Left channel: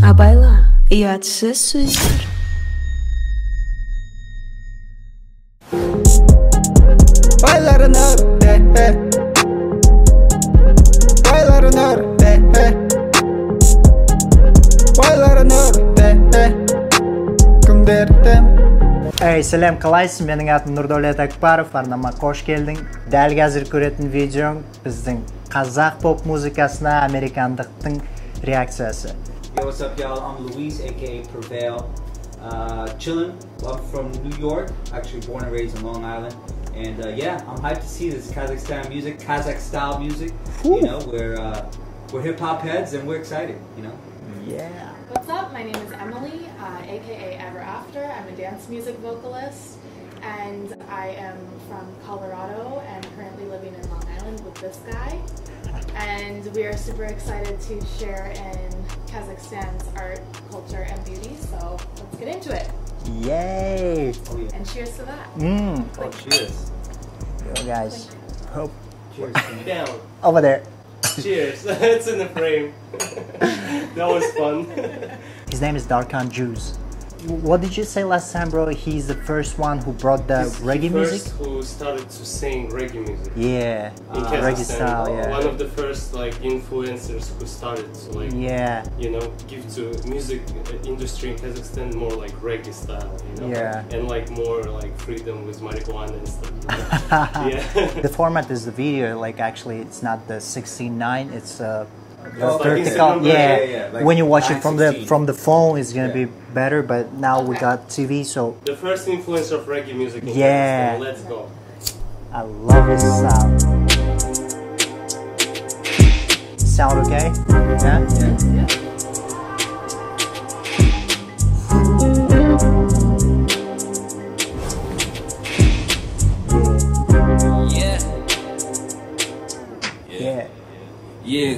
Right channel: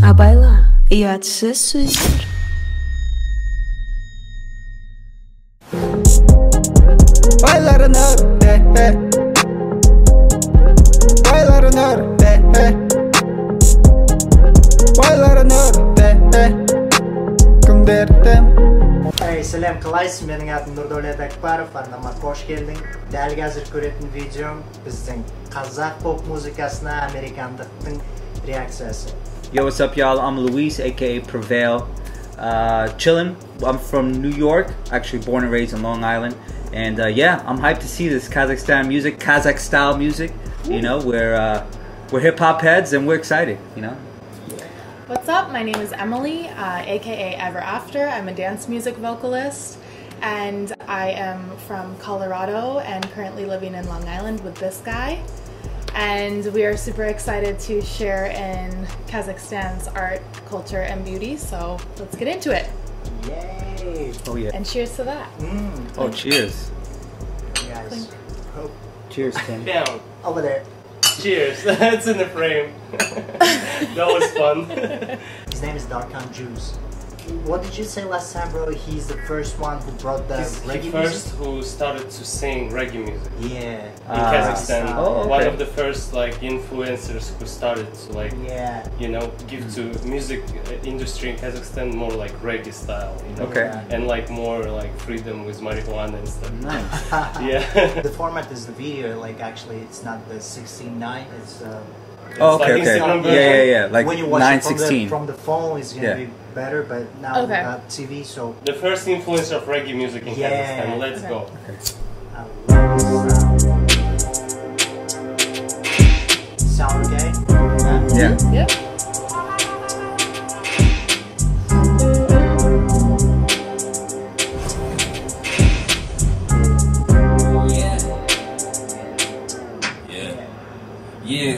Абайла, ұятсыз сөздер. Сәлем, қалайсың? Менің атым Нұрдәулет Акбаров, арнама қош келдің. Дәл қазір көретін видео біздің қазақ поп музыкасына американдықтың реакциясы. Yo, what's up, y'all? I'm Luis, aka Prevail. Chillin'. I'm from New York, actually born and raised in Long Island. And yeah, I'm hyped to see this Kazakhstan music, Kazakh style music. Ooh. You know, we're hip hop heads and we're excited, you know? Yeah. What's up? My name is Emily, aka Evarafter. I'm a dance music vocalist, and I am from Colorado and currently living in Long Island with this guy. And we are super excited to share in Kazakhstan's art, culture, and beauty. So let's get into it. Yay! Oh yeah. And cheers to that. Oh, cheers. Yeah, guys. Hope. Cheers, Tim. Down. Over there. Cheers. It's in the frame. That was fun. His name is Darkhan Juzz. What did you say last time, bro? He's the first one who brought the reggae music? First who started to sing reggae music. Yeah. In Kazakhstan. Yeah. One of the first like influencers who started to like, yeah, you know, give to music industry in Kazakhstan more like reggae style, you know? Okay. And like more like freedom with marijuana and stuff. Yeah. The format is the video, like actually it's not the 16:9, it's Oh, okay, okay. Yeah. Like when you watch it from the phone, it's gonna be better. But now we got TV, so the first influencer of reggae music in Kazakhstan. Let's go. I love this sound. Sound okay? Yeah. Yeah. Yeah.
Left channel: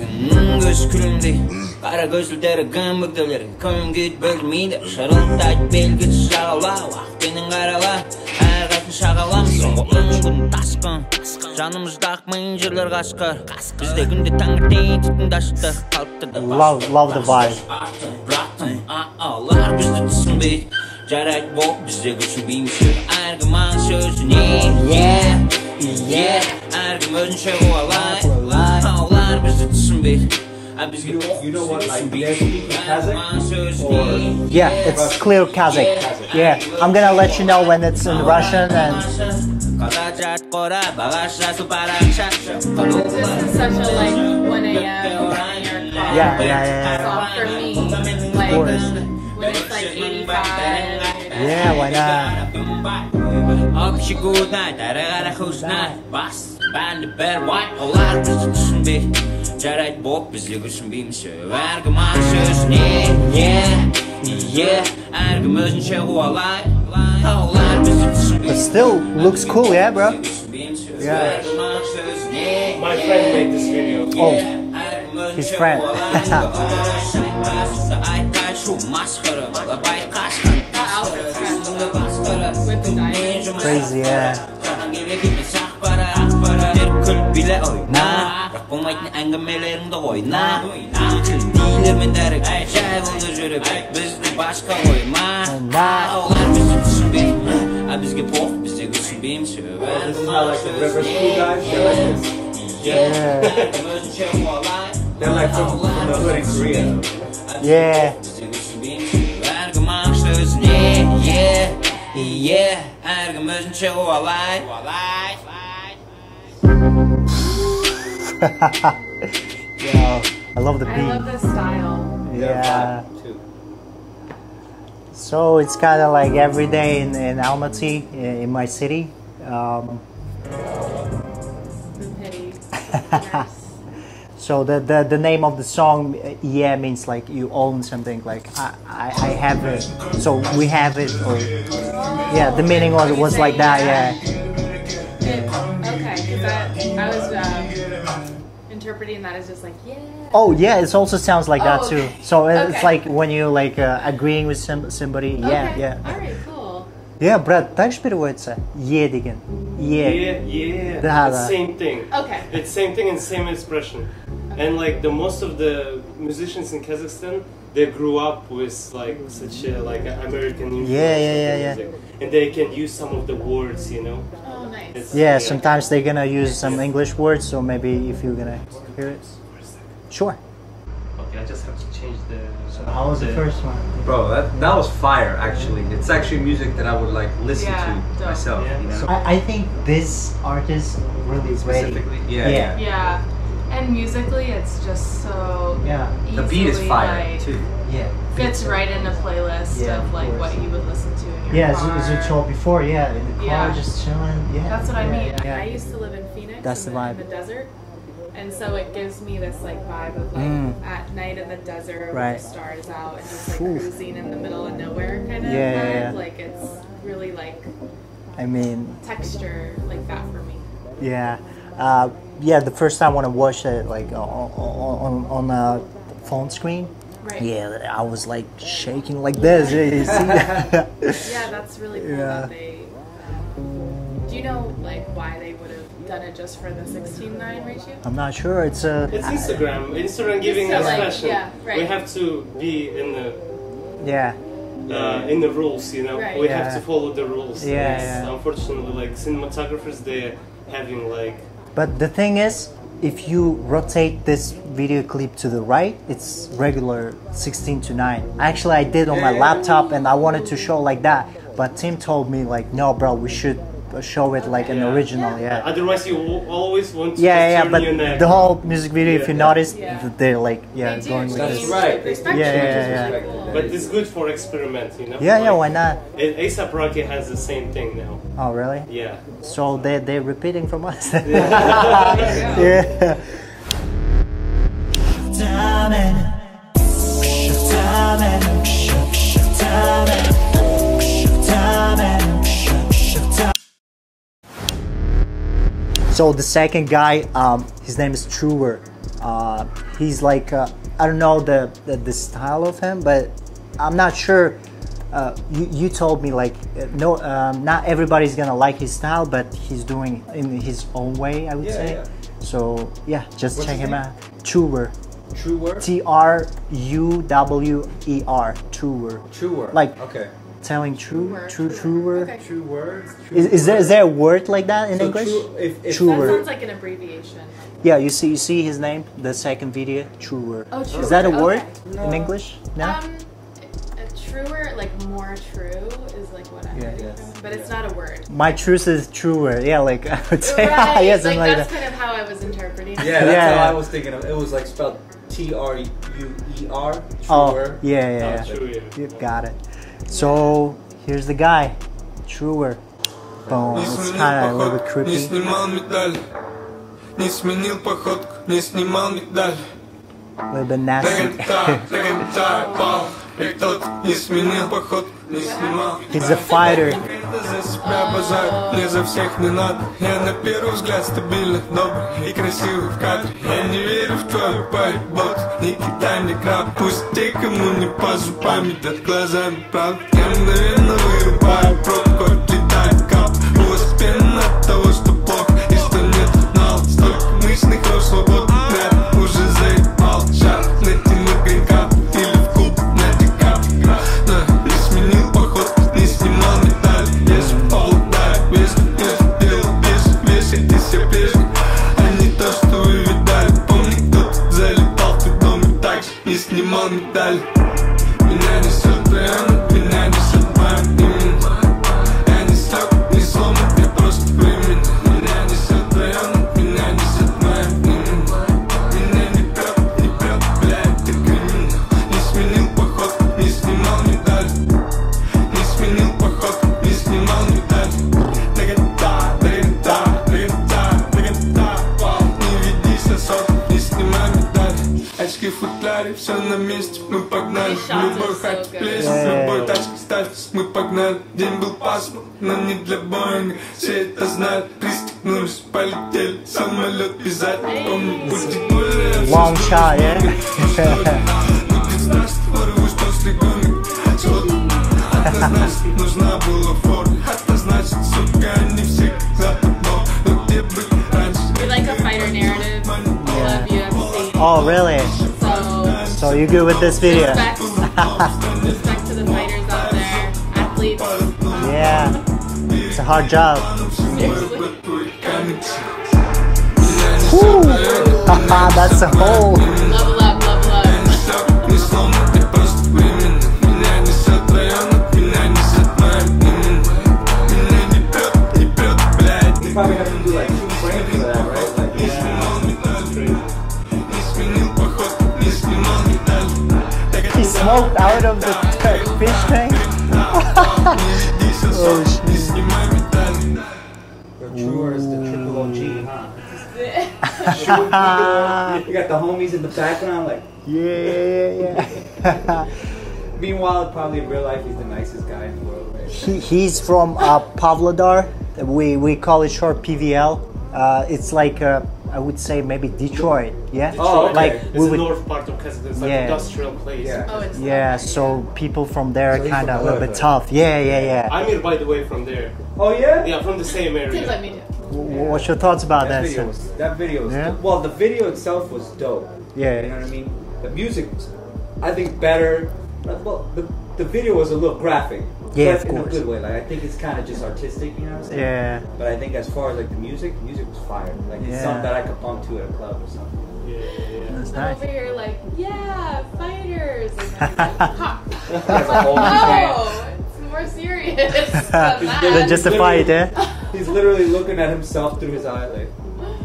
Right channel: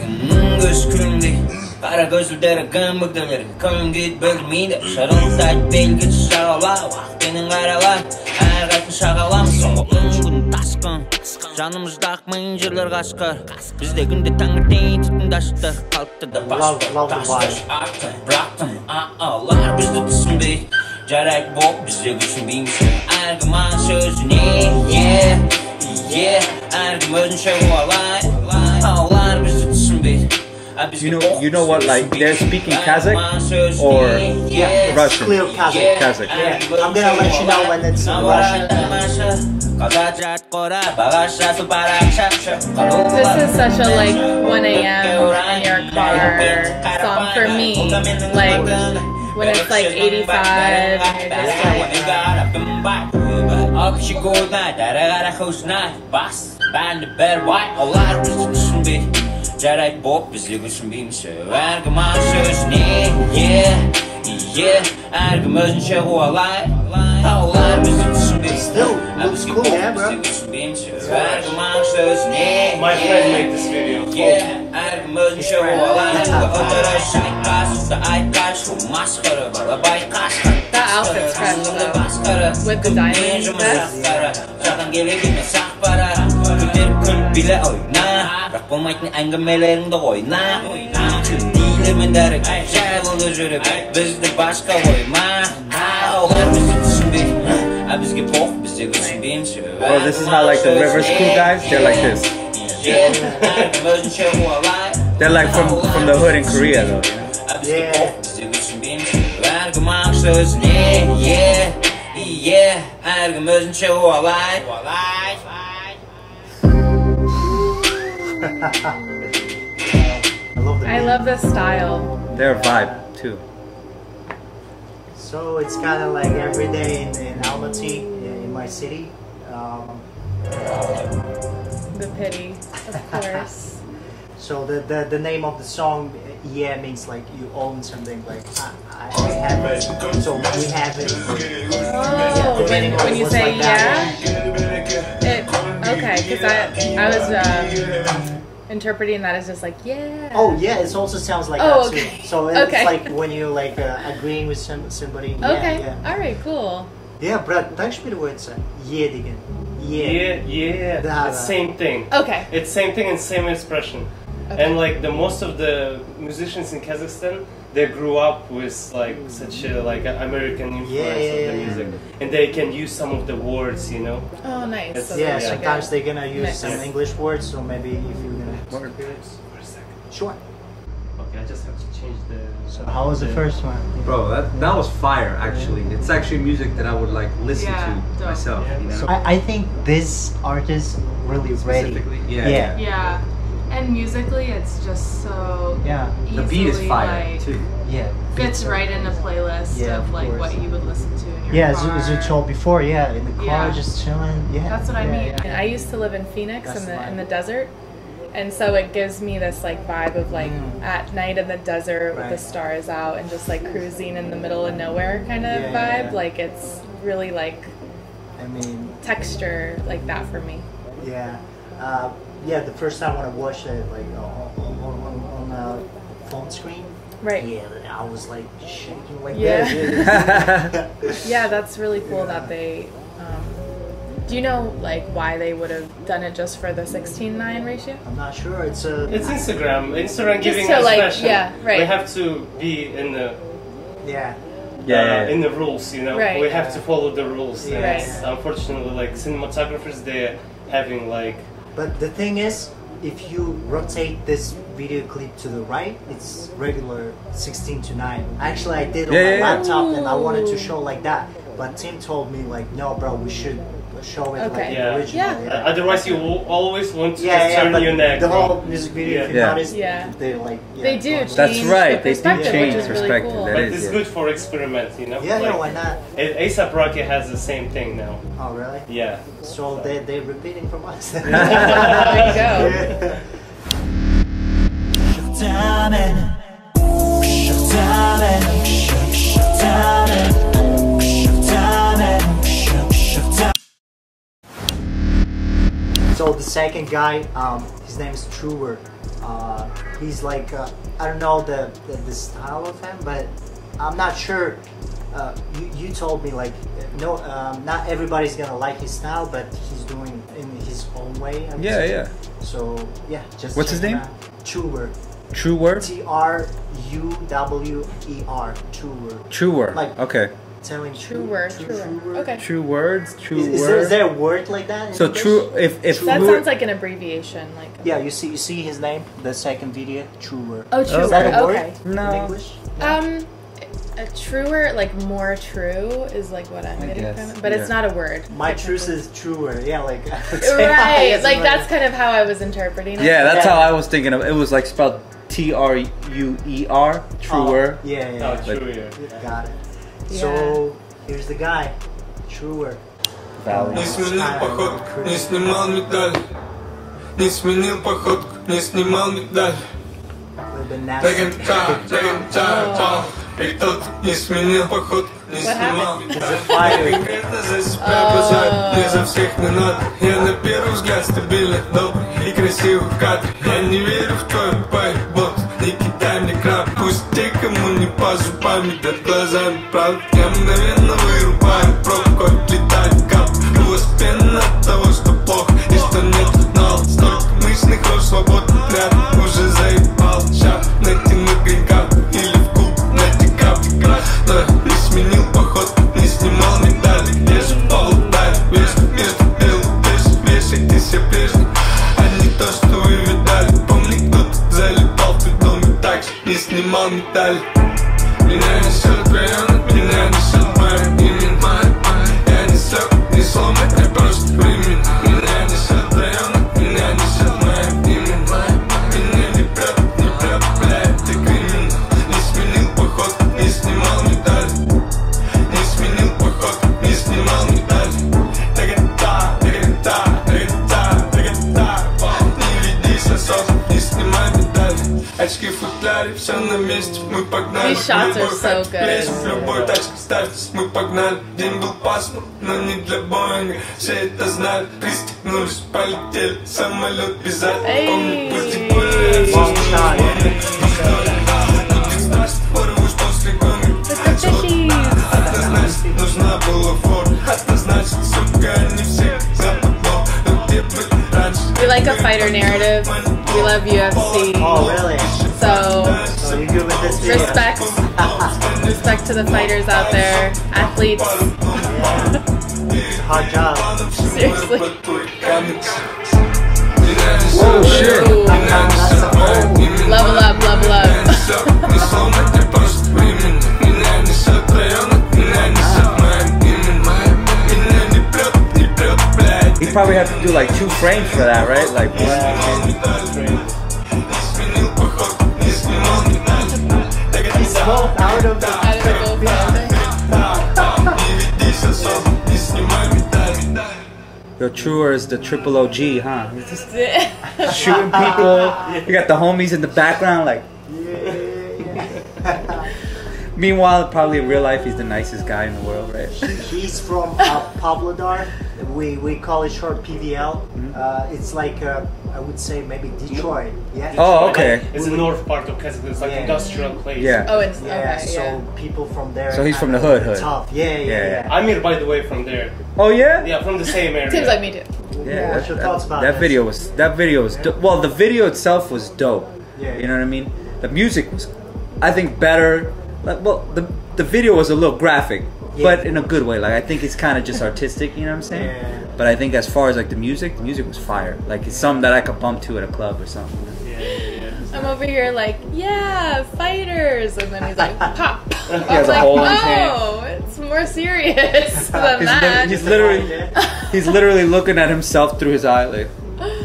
Göz külümdey Kara gözlülері güm bükdілері Küm git bölмейді Шырылдайды белгі шағала Уақытпенен қарала Әрқайсын шағалам Соңғы күн тасқын Жанымызда ақмайын жерлер қашқыр Бізде күнде таңертең түтінді ашықтыр Қалыптырды Love the vibe. Бірақтым Олар бізді түсінбейді Жарайды боп бізде күшінбейміз Әркім аң сөзіне Әркім өзінше қуалайды Олар бізді түсінбейді You know what, like, they're speaking Kazakh or it's Russian? Clear Kazakh. Kazakh. Yeah, I'm gonna let you know when it's in Russian. This is such a like 1 a.m. in your car song for me. Like when it's like 85. Жарайды боп бізде күшінбейміз Әркім аң сөзіне Әркім өзінше қуалай Олар бізді түсінбейміз Still looks cool, yeah, bro? Әркім аң сөзіне My friend made this video. Әркім өзінше қуалай Отырай айтқан шу масқыры Бала байқашқан That outfit's fresh though. With the diamonds. Жадан келек емес ақпара Көтеріп күліп биле ойна Бірақ болмайтын әңгімелеріңді ойна Тілін дейлермен дәрік Жай болды жүріп Бізді башқа қойма Олар бізді түсінбейді Бізге поқ бізде күшінбейміз Well, this is not like the river school guys. They're like this. They're like from the hood in Korea, though. Yeah. Әркім аң сөзіне Әркім өзінше қуалай I love the beat. I love the style. Their vibe too. So it's kind of like every day in Almaty, in my city. The pity, of course. So the name of the song, means like you own something. Like I have it, so we have it. Or, the meaning of it was like that. Okay, because I was interpreting that as just like Oh yeah, it also sounds like that too. Okay. So it's like when you like agreeing with somebody. Okay. All right, cool. Yeah, брат, так же переводится? Деген. Yeah. It's same thing. Okay. It's same thing and same expression. Okay. And like most of the musicians in Kazakhstan, they grew up with like such a like American influence of the music, and they can use some of the words, you know. Oh, nice. Yeah, sometimes they're gonna use some English words, so maybe if you're gonna hear it. Sure. Okay, I just have to change the. So how was the first one? Bro, that was fire actually. It's actually music that I would like listen to myself. Yeah. You know? So I think this artist really ready. Yeah. And musically, it's just so easily, the beat is fire like, too. Yeah. Fits right in a playlist of like what you would listen to in your car. As you told before, in the car, just chilling. Yeah. That's what I mean. I used to live in Phoenix in the desert. And so it gives me this like vibe of like at night in the desert with the stars out and just like cruising in the middle of nowhere kind of vibe. Like it's really like, I mean, texture like that for me. Yeah. The first time when I watched it like on a phone screen. Right. Yeah, I was like shaking like this. Yeah, that's really cool that they. Do you know like why they would have done it just for the 16:9 ratio? I'm not sure. It's Instagram. Instagram giving so us like, fashion. yeah, right. We have to be in the in the rules, you know. Right. We have to follow the rules. Yeah. Unfortunately, like cinematographers, they're having like. But the thing is, if you rotate this video clip to the right, it's regular 16:9. Actually, I did on my laptop, and I wanted to show like that. But Tim told me like, no, bro, we should show it like an original. Yeah. Otherwise, you always want to turn your neck. The whole music video, if you notice, they're like, they do. That's right. They do change the perspective. Really cool. But it's good for experiment, you know. Yeah, why not? A$AP Rocky has the same thing now. Oh, really? Yeah. So they're repeating from us. There you go. So the second guy, his name is Truer. He's like, I don't know the style of him, but I'm not sure. You told me like, no, not everybody's gonna like his style, but he's doing it in his own way, I would say. Yeah. So just what's his name? Truer. Truer? Truwer. Truer. Truer. Like, okay. Telling true words. Okay. True words. True is there a word like that in English? True. If that sounds like an abbreviation. Like. Yeah, you see his name, the second video, Truer. Oh, Truer. Is that a word in English? No? A truer, like more true, is like what I'm getting from it, but it's not a word. My truth is truer. Yeah, like I would say, right. Like that's kind of how I was interpreting it. Yeah, that's how I was thinking of. It was like spelled Truer. Truer. Oh, yeah. Got it. So here's the guy, Truer. Не сменил походку, не снимал медаль. Не сменил походку, не снимал медаль. Не сменил походку, не снимал. He's a fighter. За себя базар, мне за всех не надо. Я на первый взгляд стабильный, добрый и красивый в кадре. Я не верю в твою поебот, не кидай мне краб. Пусть те, кому не по зубам, едят глазами правда. Я мгновенно вырубаю пробку, отлетает кап. У вас пена от того, что плохо и что нет нал. Столько мышных рож, свободный ряд, уже заебал. Шар натянуть гринкап или в куб натекап. Но не сменил поход, не снимал медали. Я же полудали, вечно между делом, вешайте все прежние. А не то, что вы видали. Помни, кто-то залетал в твой дом и так же не снимал медали. Меня несет в район, меня несет в моем имени. Я не слег, не сломан, я просто временно. Меня несет в район, меня несет в моем имени. Меня не прет, блядь, ты криминал. Не сменил поход, не снимал медаль. Не сменил поход, не снимал медаль. Не веди сосок, не снимай медаль. Очки в футляре, все на месте, мы погнали. В любой хате плесень, в любой тачке ставьтесь, мы погнали. День был пасмурный, но не для Боинга. Все это знали, пристегнулись, полетели. Самолет обязательно, помни, будет больно. Long shot, Будет страшно, порвусь после гонок. Однозначно нужна была форма. Однозначно, сука, они все западал. Но где быть раньше? We like a fighter narrative. We love UFC. Oh, really? So you good with this video? respect Respect to the fighters out there, athletes. Yeah, it's a hard job. Seriously. That's a whole. Level up, level up. You probably have to do like 2 frames for that, right? Like He smoked out of the fish tank. Yo, Truer is the triple OG, huh? Shooting people. You got the homies in the background, like yeah. Meanwhile, probably in real life, he's the nicest guy in the world, right? He's from Pavlodar. We call it short PVL. It's like I would say maybe Detroit. Yeah. Oh, okay. Like, It's the north part of Kazakhstan. It's like industrial place. Yeah. Oh, it's So people from there So are he's kind from of the a hood. bit tough. Yeah. I'm here, by the way, from there. Oh yeah. Yeah, from the same area. Seems like me too. Yeah. What's your thoughts about that? That video was well, the video itself was dope. Yeah. You know what I mean? The music was, I think, better. Like, well, the video was a little graphic, but in a good way. Like, I think it's kind of just artistic, you know what I'm saying? Yeah. But I think as far as like the music was fire. Like, it's something that I could bump to at a club or something. I'm over here like, yeah, fighters, and then he's like, pop. Yeah, I'm the like, whole no, it's more serious than that. Just a fight, He's literally looking at himself through his eye, like,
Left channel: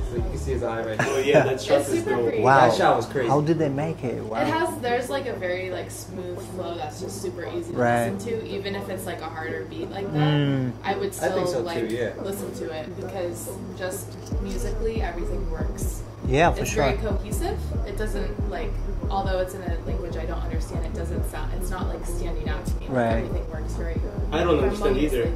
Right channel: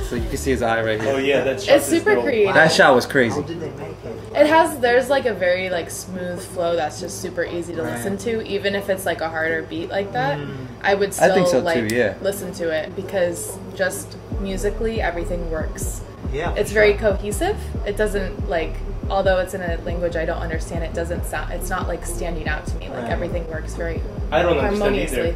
so you can see his eye right here. Oh yeah, that's It's super creative. Wow. That shot was crazy. How did they make it? Wow. There's like a very like smooth flow that's just super easy to Right. listen to, even if it's like a harder beat like that. I would still think so, like too, yeah. listen to it because just musically everything works. Yeah, for It's sure. very cohesive. It doesn't like, although it's in a language I don't understand, it doesn't sound, it's not like standing out to me. Like Right. everything works very I don't understand harmoniously. either.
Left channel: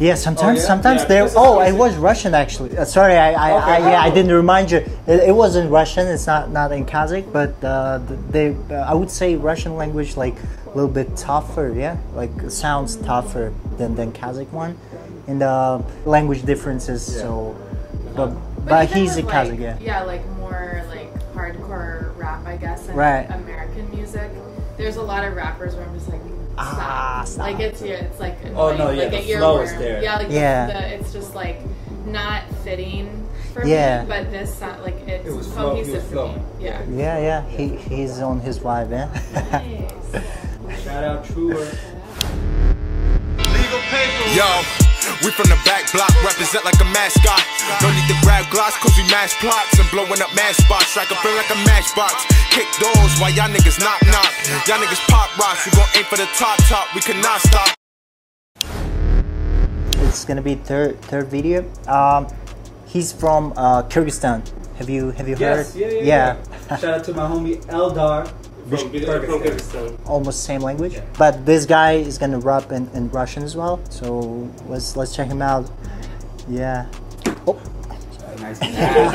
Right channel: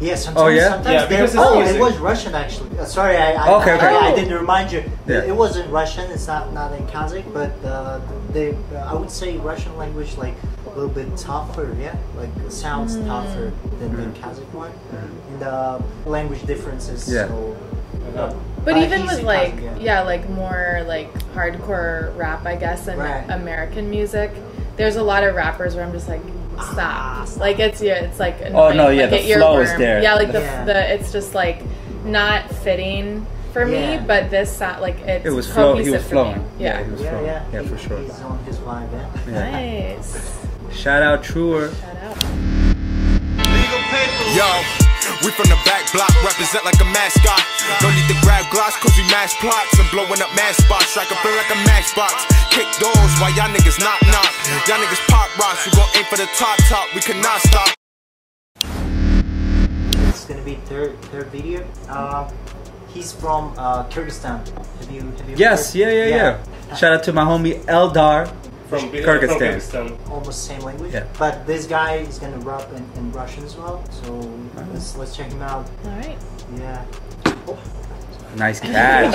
Yeah, sometimes yeah? sometimes Yeah, they're. because it's Oh, music. it was Russian actually. Sorry, I didn't remind you. It wasn't Russian. It's not in Kazakh, but I would say Russian language like a little bit tougher. Yeah, like sounds tougher than Kazakh one, and language differences. Yeah. So, But even he's with in like, Kazakh, like more like hardcore rap, I guess, and Right. American music, there's a lot of rappers where I'm just like, stop. Stop. Like it's like Oh, no, annoying. yeah, Like, the it flow is earworm. there. Yeah, like Yeah. it's just like not fitting for Yeah. me, but this like it's It was cohesive he was for me. flowing. Yeah. He was Yeah, flowing. yeah. For sure. He's on his vibe, yeah. Nice. Shout out Truer. Yo, we from the back block, represent like a mascot. No need to grab glass, cause we mash plots and blowing up mass spots. Strike a feel like a matchbox. Kick doors while y'all niggas knock. Y'all niggas pop rocks, we gon' aim for the top, we cannot stop. It's gonna be third video. He's from Kyrgyzstan. Have you Yes, heard? yeah. Shout out to my homie Eldar From Kyrgyzstan. Kyrgyzstan. Almost same language. Yeah. But this guy is gonna rap in Russian as well. So let's check him out. All right. Yeah. Oh. Nice catch.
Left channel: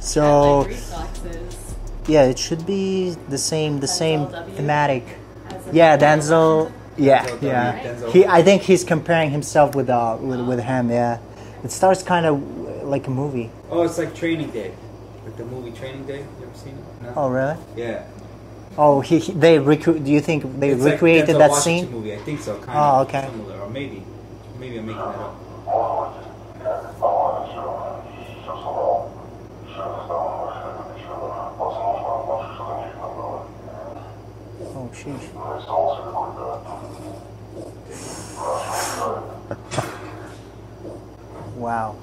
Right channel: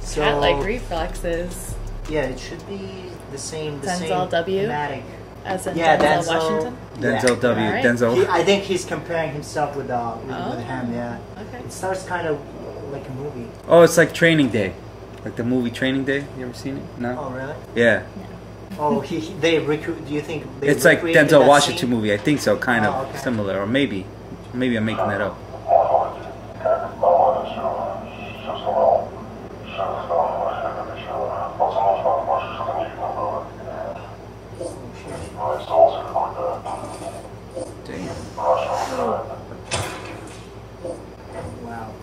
So Cat like reflexes. yeah, it should be the same Denzel W? thematic. As in Yeah, Denzel Denzel. Washington? Denzel W. Yeah. Right. Denzel. I think he's comparing himself with him. Yeah. Okay. It starts kind of like a movie. Oh, it's like Training Day. Like the movie Training Day. You ever seen it? No? Oh really? Yeah. Oh, they recruit. Do you think they It's like recreated Denzel that Washington scene? movie. I think so. Kind Oh, of okay. similar. Or maybe I'm making that up. Oh shit. Wow.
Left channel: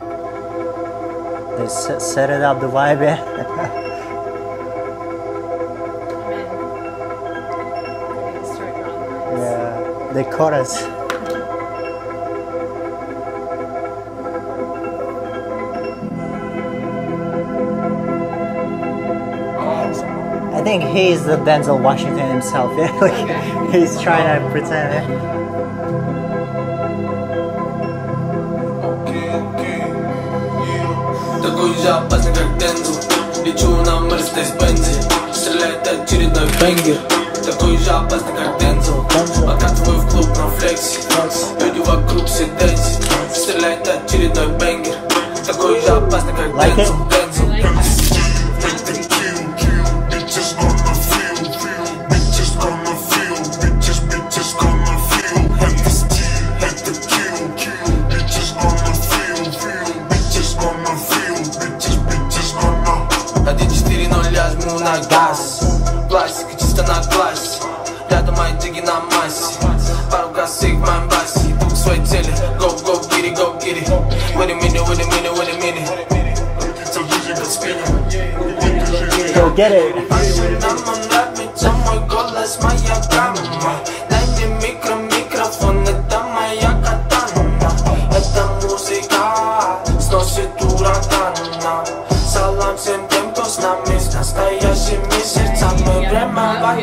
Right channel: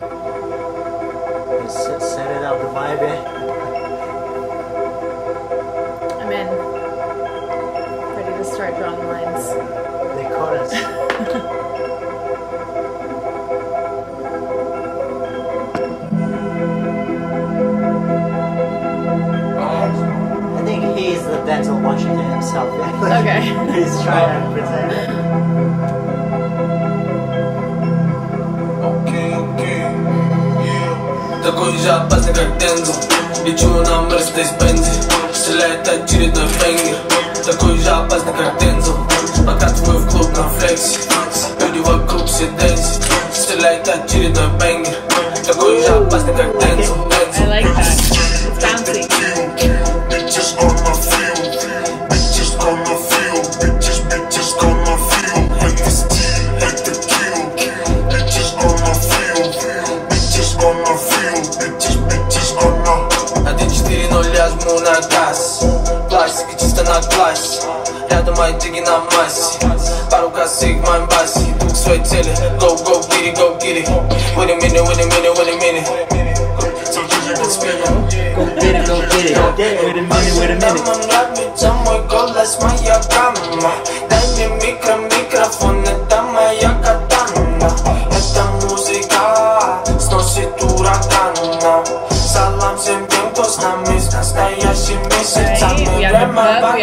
They set it up the vibe, yeah. I'm in. Ready to start drawing lines. The chorus. I think he's the Denzel Washington himself. Yeah? Like, Okay. He's trying to pretend. Такой же опасный, как Дензел. Лечу на Мерседес-Бензе. Стреляет очередной бенгер. Такой же опасный, как Дензел. Подкатываю в клуб на флексе. Люди вокруг все дэнсят. стреляет очередной бенгер. Такой же опасный, как Дензел. I like that. It's bouncy. Bitches gonna feel, bitches gonna feel, bitches gonna feel. Had the steal, had the kill. Bitches gonna feel, bitches gonna feel, bitches gonna. 1-4-0 я жму на газ. Пластика чисто на классе. Рядом мои диги на массе. Пару косых в моем басе. Иду к своей цели. Go, go, get it, go, get it. Wait a minute, wait a minute, wait a minute. Go get it. Нам нравится мой голос, моя гамма. Дай мне микрофон, это моя катана. Эта музыка сносит урагана. Салам всем тем, кто с нами с настоящими сердцами. Время вода,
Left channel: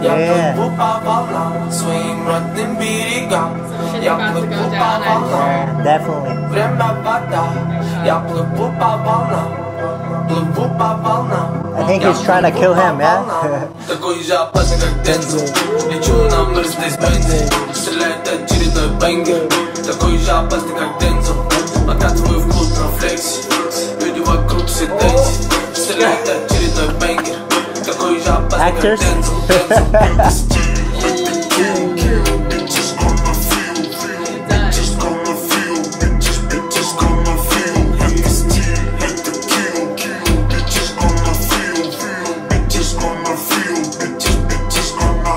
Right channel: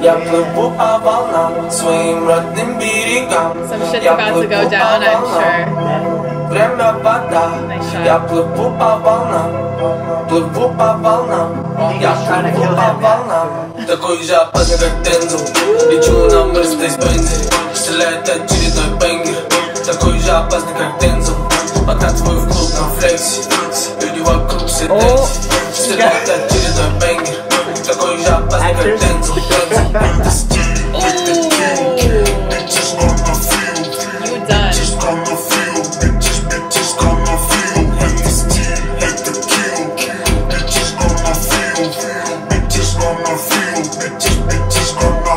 я плыву по волнам, своим родным берегам. Я плыву по волнам. Время вода, я плыву по волнам. Плыву по волнам. Я плыву по волнам. Такой же опасный, как Дензел. Лечу на Мерседес-Бензе. Стреляет очередной бенгер. Такой же опасный, как Дензел. Подкатываю в клуб на флексе. Люди вокруг все дэнси. Стреляет очередной бенгер. Такой же опасный, как Дензел. Bitches gonna feel, bitches gonna feel, bitches gonna feel. Had the steal, had the kill. Bitches gonna feel, bitches gonna feel, bitches gonna.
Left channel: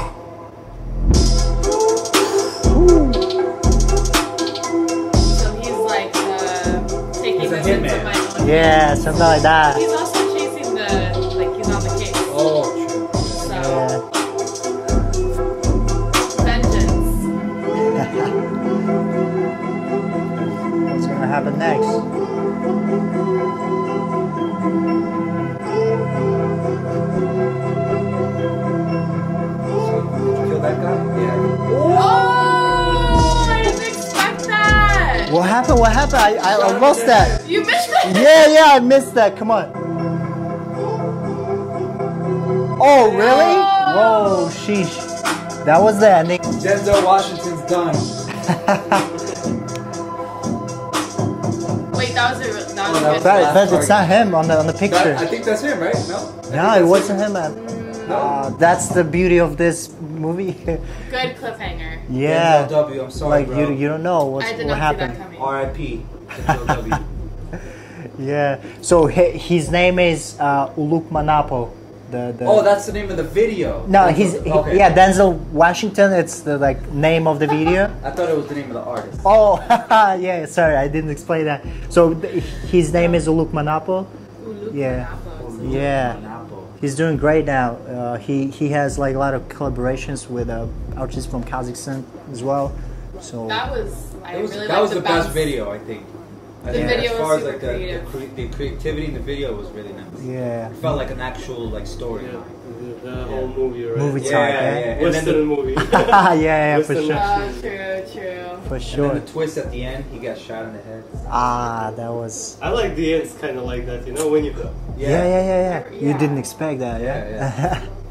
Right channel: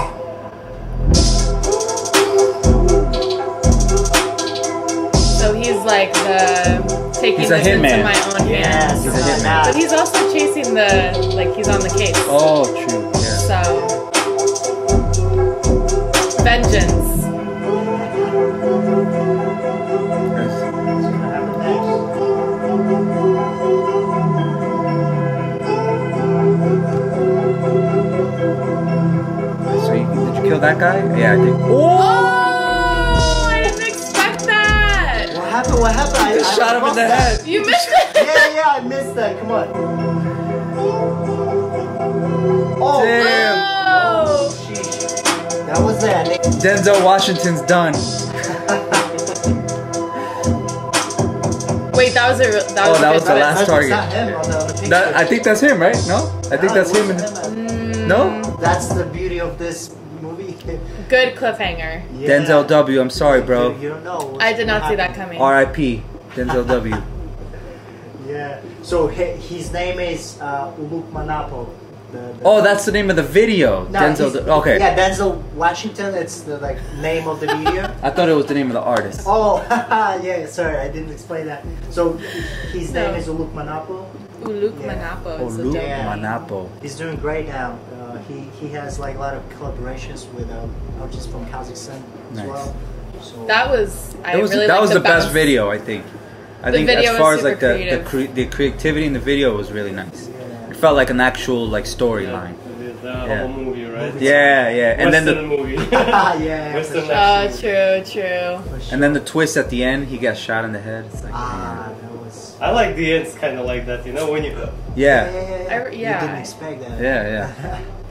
So he's like taking He's a this into hitman. my own Yeah, hands. something like that. But he's also chasing he's on the case. Oh, true. Yeah. So, vengeance. What's gonna happen next? So did you kill that guy? Yeah, I did. Oh, I didn't expect that. What happened? What happened? I lost that. You missed it. Yeah, I missed that. Come on. Oh, really? Whoa, sheesh. That was the ending. Denzel Washington's done. Wait, that was a good the last That's target. not him on the picture. I think that's him, right? No? I think No, it that's wasn't him. him. No? That's the beauty of this movie. Good cliffhanger. Yeah. Denzel W, I'm sorry, Like, bro. You don't know. I did not see that coming. R.I.P. Denzel W. Yeah. So his name is Uluk Manapo. Oh, that's the name of the video. No, okay. Yeah, Denzel Washington. It's the name of the video. I thought it was the name of the artist. Oh, yeah. Sorry, I didn't explain that. So his name is Uluk Manapo. Uluk Manapo. It's Uluk Yeah. Manapo. He's doing great now. He has like a lot of collaborations with artists from Kazakhstan as well. So That was That was the best video, I think. I think video as far was as like super the creativity in the video was really nice. Yeah. It felt like an actual like storyline. The whole movie, right? Movie Yeah. And then Western movie. yeah, for Western sure. Oh, true. For sure. and then the twist at the end, he got shot in the head. It's like, that was. I like the ends kind of like that, you know, when you... yeah. You didn't expect that. Yeah.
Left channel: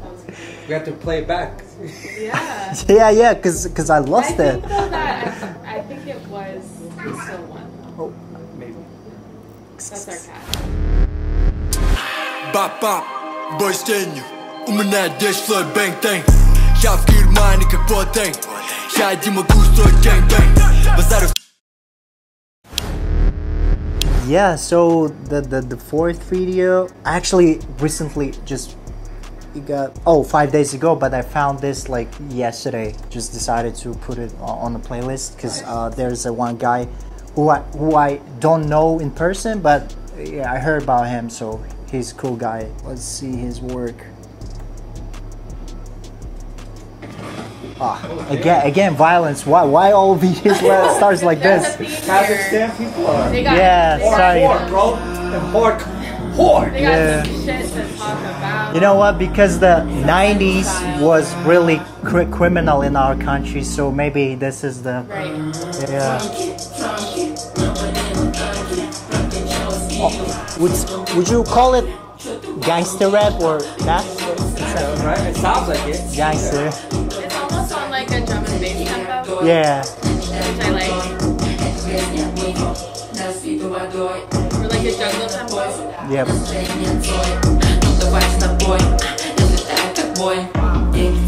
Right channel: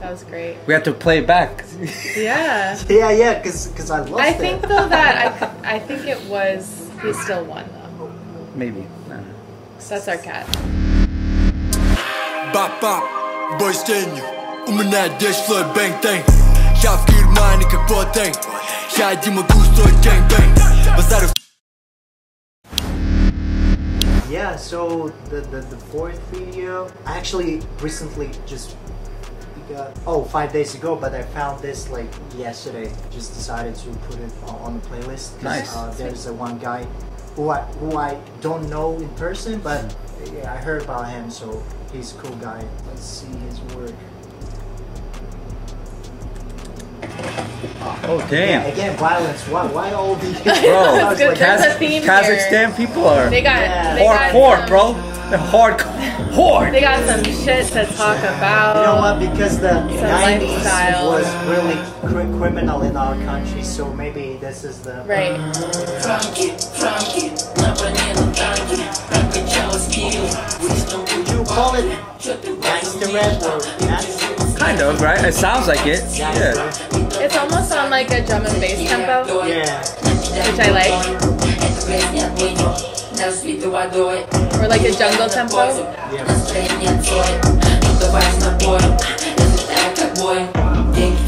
That was great. We had to play it back. Yeah. yeah, because I lost I it. think though that I think it was he still won though. Maybe. That's our cat. Бап-бап, бой с тенью. У меня здесь свой бэнг-тэнг. Я в Германии как Ботэнг. Я не могу строить гэнг-бэнг. Базарю. Yeah, so the fourth video, I actually recently just got 5 days ago, but I found this like yesterday. Just decided to put it on the playlist because there's one guy who I don't know in person, but yeah, I heard about him, so he's a cool guy. Let's see his work. Again, violence. Why all these stars like this? Kazakhstan people are hardcore, bro. They're hardcore. They got some shit to talk about. You know what? Because the Some 90s lifestyle. was really criminal in our country, so maybe this is the Right. Would you call it gangster rap or rap? Kind of, right? It sounds like it. Gangster. It's almost on like a drum and bass tempo. Yeah. Which I like. Or like a jungle tempo. Yeah.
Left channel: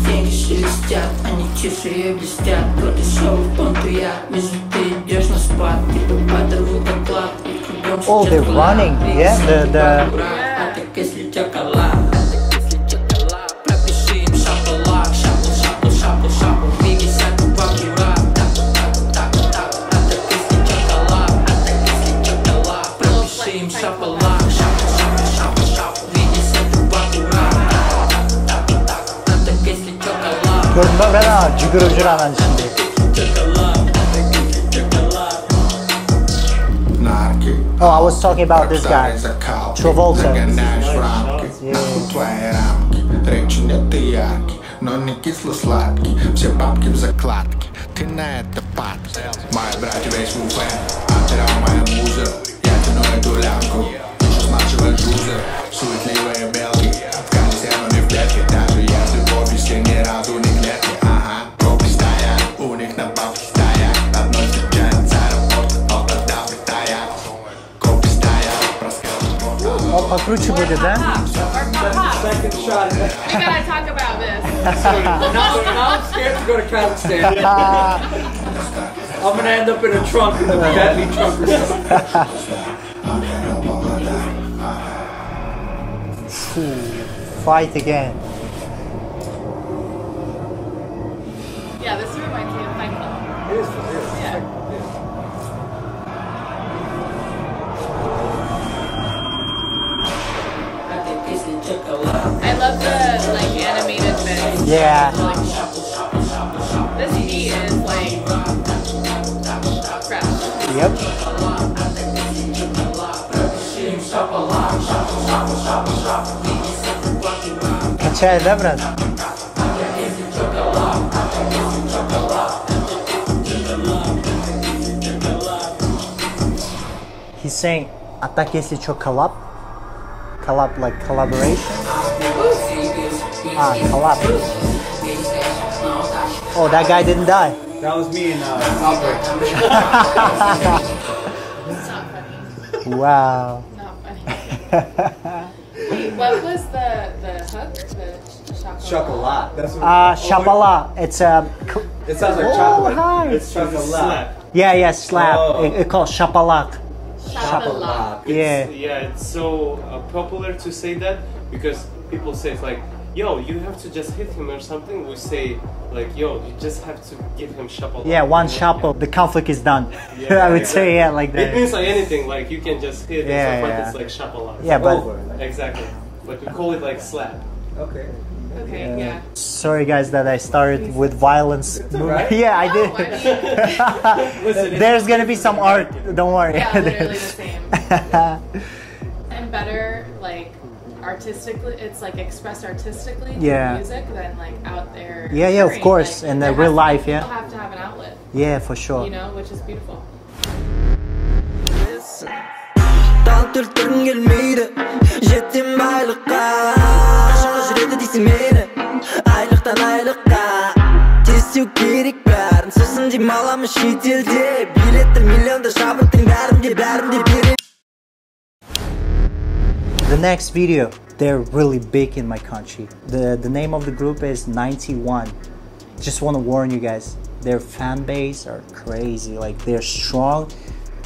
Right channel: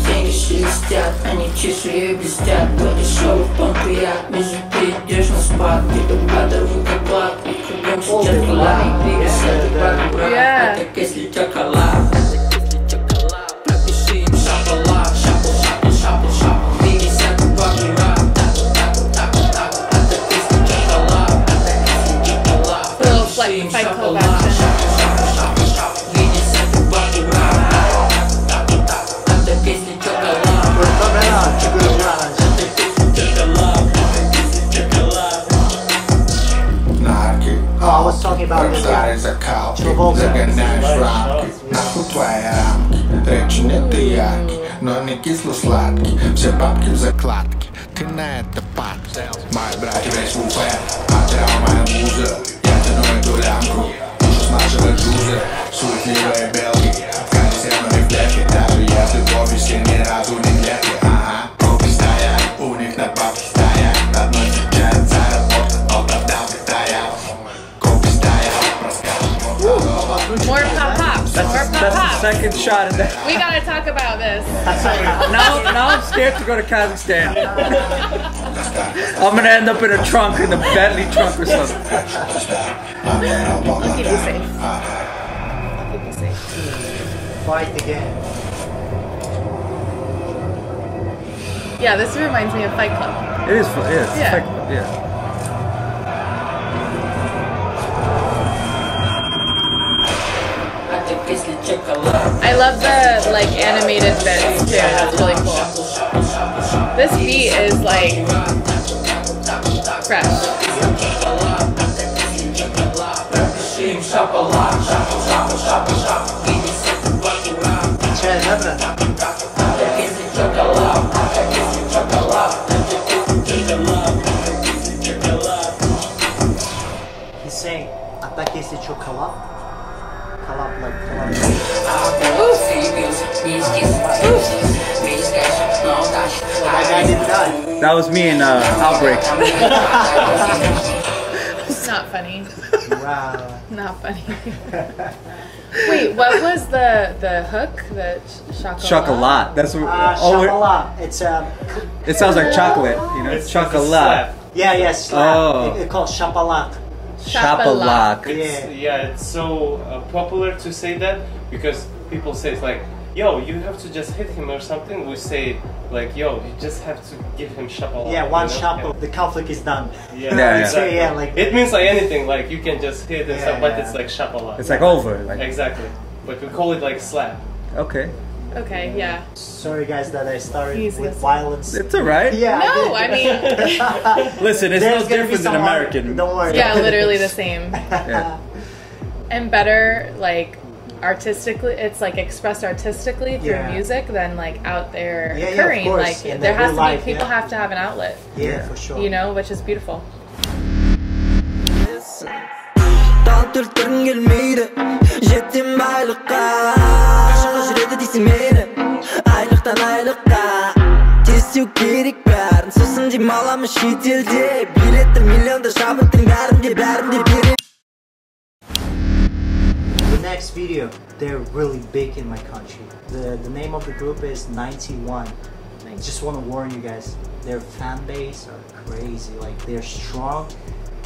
Деньги шелестят, они чешуей блестят. Подешевый понтуят, между ты идешь на спад. Типа подорвут оклад, и кругом сейчас план. Двигайся, брат, так если чоколад. Пропиши им шапалак, шапл, шапл, шапл, шапл. Двигайся, ты покура. А так если чоколад, пропиши им шапалак. Oh, I was talking about this guy. Загоняешь в рамки, нахуй твои рамки. Речи нет и яркий, но не кисло-сладкий. Все бабки в закладке, ты на это падки. Мои братья весь в уфе, а ты моя муза. Я тяну эту лямку, еще с нашего джуза. Суетливые белки, в колесе, но не в клетке. Даже если в офисе ни разу не клетки. Ага, копи стоят, у них на бабки стоят. Одной встречается аэропорт, оправдал Китая. Копи стоят, More pop-pop. That's the second shot of that. We gotta talk about this. Now I'm scared to go to Kazakhstan. I'm gonna end up in a trunk, in a Bentley trunk or something. Keep you safe. Keep you safe. Fight again. Yeah, this reminds me of Fight Club. It is fun, yeah. Yeah. Yeah. I love the like animated bits. Yeah. It's really cool. This beat is like fresh. He's saying, "А так если чё collab, collab like collaboration." Collab. Oh, that guy didn't die. That was me in Outbreak. It's not funny. Wow. Not funny. Wait, what was the hook? The chocolate? Chocolate. That's what. Chocolate. It's It sounds like chocolate. You know, It's chocolate. yeah, slap. Oh. It's called chocolate. Chocolate. Yeah. It's so popular to say that because people say it's like, yo, you have to just hit him or something. We say like, yo, you just have to give him shapal. Yeah, one you know? chapo. The conflict is done. Yeah, I would say like that. It means like anything, like you can just hit and stuff, but yeah. it's like shapala. It's like over. Like, Exactly. But we call it like slap. okay. Okay, yeah. Sorry guys that I started with violence. It's alright. Yeah, I did. No, I mean, Listen, it's There's no gonna be different some than art. American. Don't worry. yeah, literally the same. Yeah. And better, like, artistically, it's like expressed artistically through Yeah. music than like out there. Yeah, of occurring. course, Like, in there the real has to be- life, people yeah. have to have an outlet, Yeah, for sure. you know, which is beautiful. Тал түртірін келмейді Жеттім байлыққа Қашанға жүреді дейсің мені Айлықтан айлыққа Тестеу керек бәрін Сосын демаламын шетелде Билеттер миллионда шабыттың бәрінде береді The next video, they're really big in my country. The name of the group is 91. Just want to warn you guys, their fan base are crazy. Like they're strong,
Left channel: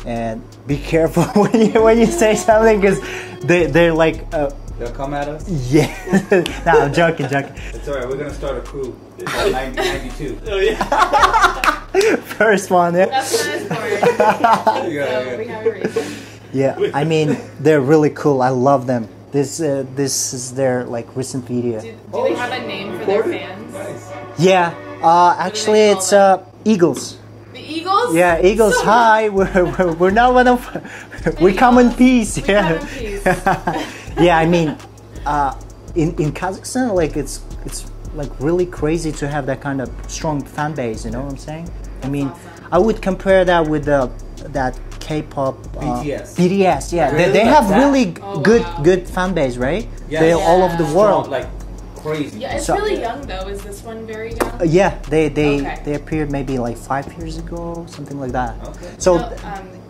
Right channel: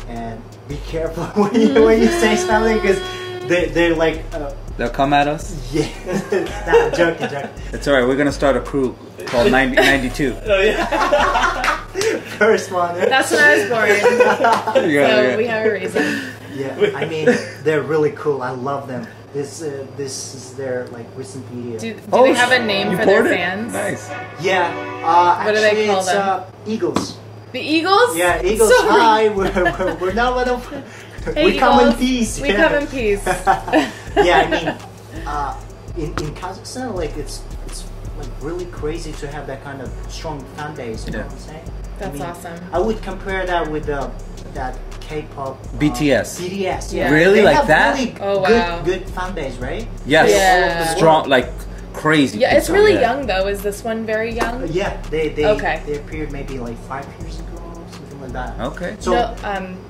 and be careful when you say something because they're like. They'll come at us? Yeah. Nah, I'm joking. It's alright, we're gonna start a crew called 92. Oh yeah. First one. Yeah. That's when I was born. Yeah. So we have a reason. Yeah, I mean they're really cool. I love them. This is their like recent video. Do they have a name for their fans? Nice. Yeah, What do they actually call it's them? Eagles. The Eagles? Yeah, Eagles. Sorry. Hi, we're not one of. We come in Eagles, peace. We Yeah. come in peace. Yeah, I mean, in Kazakhstan, like it's like really crazy to have that kind of strong fan base. You know what I'm saying? That's I mean, awesome. I would compare that with that K-pop BTS. BTS, yeah, Really? they Like have that? really Oh, good wow. good fan base, right? Yes. They're all over the Strong, world. like crazy. Yeah, it's really young though. Is this one very young? Yeah, they appeared maybe like 5 years ago, something like that. Okay. So no,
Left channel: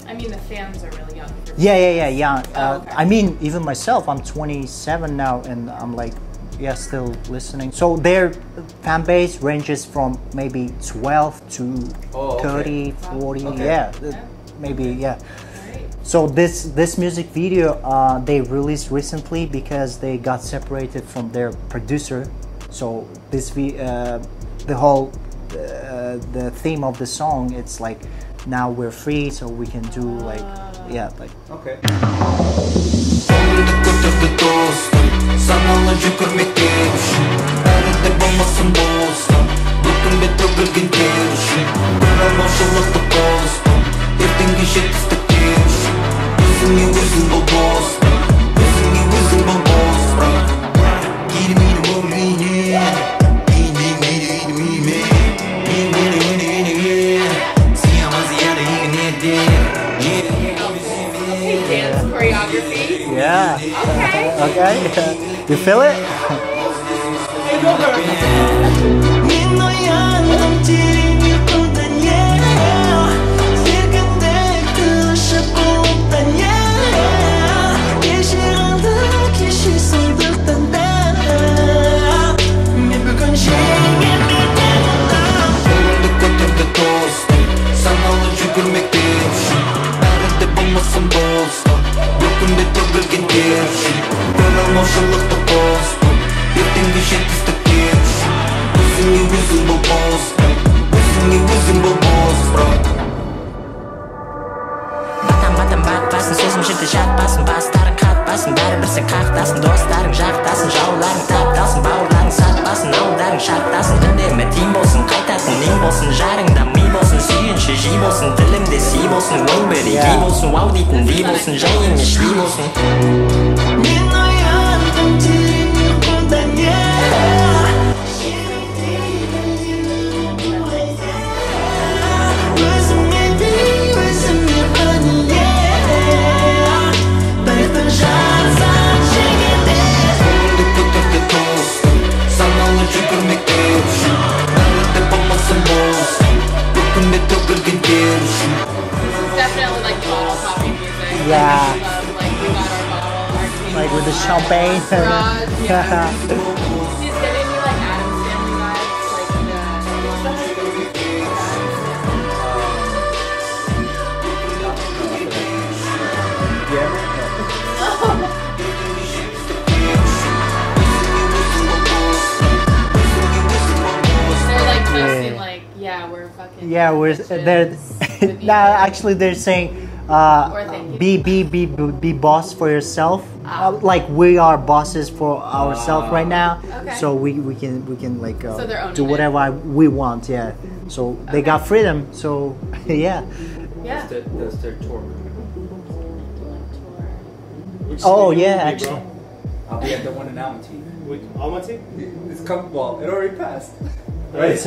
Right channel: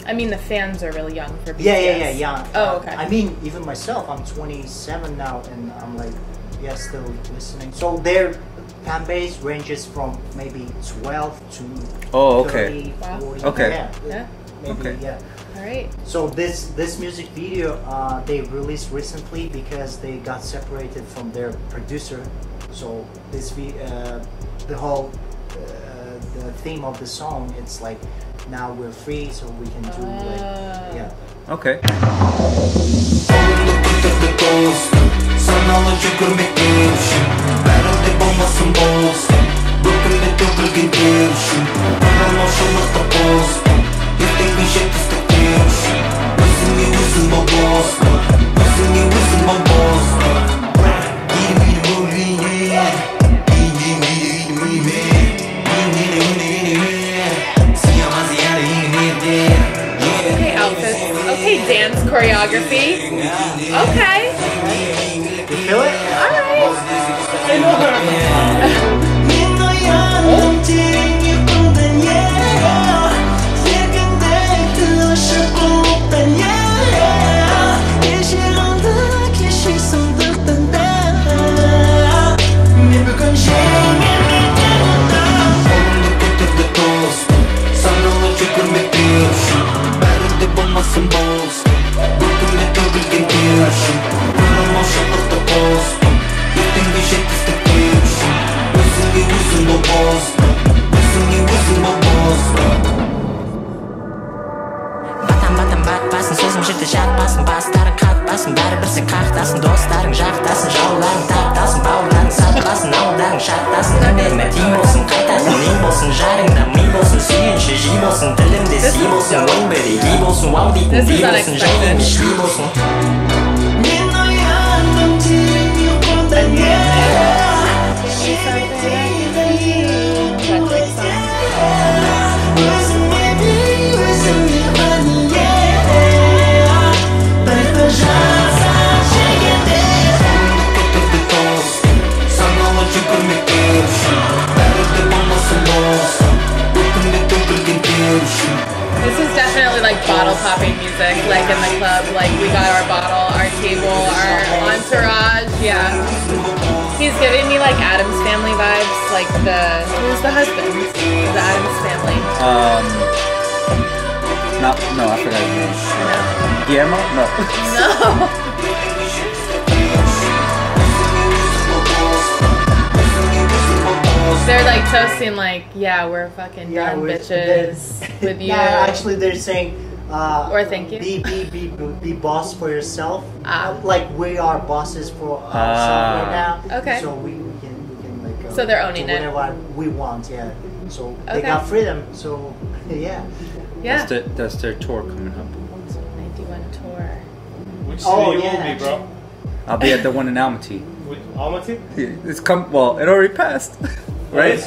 I mean the fans are really young for yeah. Oh, okay. I mean, even myself, I'm 27 now, and I'm like, yeah, still listening. So their fan base ranges from maybe 12 to 30, 40. Okay. Yeah, maybe yeah. Alright. So this music video they released recently because they got separated from their producer. So this the whole the theme of the song, it's like now we're free, so we can do like Okay. Okay, dance choreography. yeah. Okay. Okay, you feel it? Батпасын сөзім жерде жатпасын, бастарың қатпасын, бәрібір сен қақтасын, достарың жақтасын, жауларың таптасын, бауырларың сатпасын, ауылдарың шаттасын, үнемі тиім болсын, қайтатын нең болсын, жарыңда ми болсын, сүйінші жи болсын, тілімде си болсын, ойың бірегей болсын, вау дейтін дей болсын, жай емес шли болсын. Мен ояндым терең ұйқыдан, This is definitely like bottle popping music, like in the club. Like we got our bottle, our table, our entourage. Yeah. He's giving me like Addams Family vibes, like who's the husband? The Addams Family. No, I forgot. Guillermo? No. No. They're like toasting, like, yeah, we're fucking we're bitches with you. Actually, they're saying, or thank you. Be boss for yourself. Like we are bosses for ourselves right now. Okay. So we can like so they're owning do whatever we want. Yeah. So they got freedom. So yeah. Yeah. That's their tour coming up. They do a tour. Which Oh city yeah. will be, bro? I'll be at the one in Almaty. With Almaty? Well, it already passed. Right?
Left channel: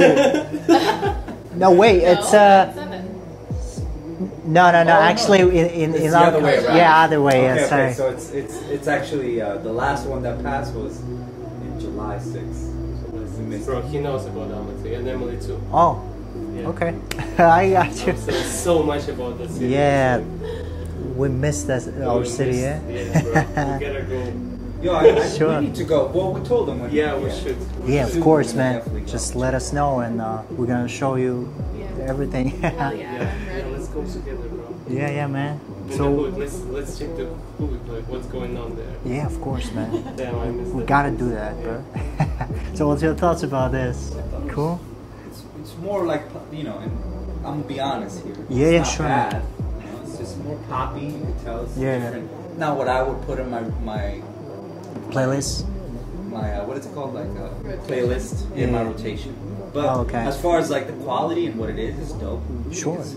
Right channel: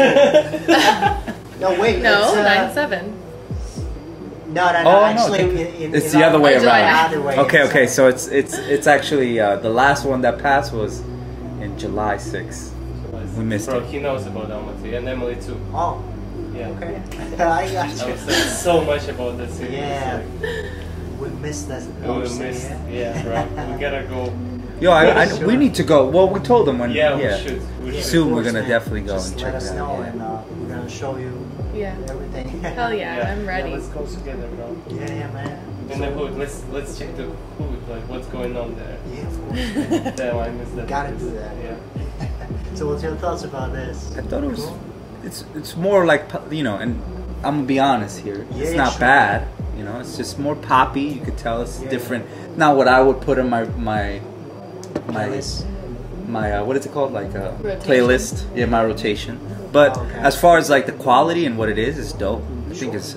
No, wait. No, it's 9/7. No. Actually, it's the other way around. Yeah, other way. Okay. So it's actually the last one that passed was in July 6th. We missed Bro, it. he knows about Almaty and Emily too. Oh. Yeah. Okay. I got you. So much about the city. Yeah. We missed that our city. Yeah, bro. We gotta go. Yo, Sure. we need to go. Well, we told them when. We should. Yeah, soon of course, we're gonna man. definitely go. Just let us know, and we're gonna show you everything. Hell yeah, I'm ready. Let's go together, bro. Yeah, man. In the hood, let's check the food, like what's going on there. Yeah, of course, man. Damn, I missed We that. gotta do that, bro. So, what's your thoughts about this? I thought it was cool. It's more like, and I'm gonna be honest here. Yeah, it's not sure. bad. It's just more poppy. You could tell it's different. Not what I would put in my Playlist. My what is it called? Like a playlist in my rotation. But as far as like the quality and what it is, it's dope. I think it's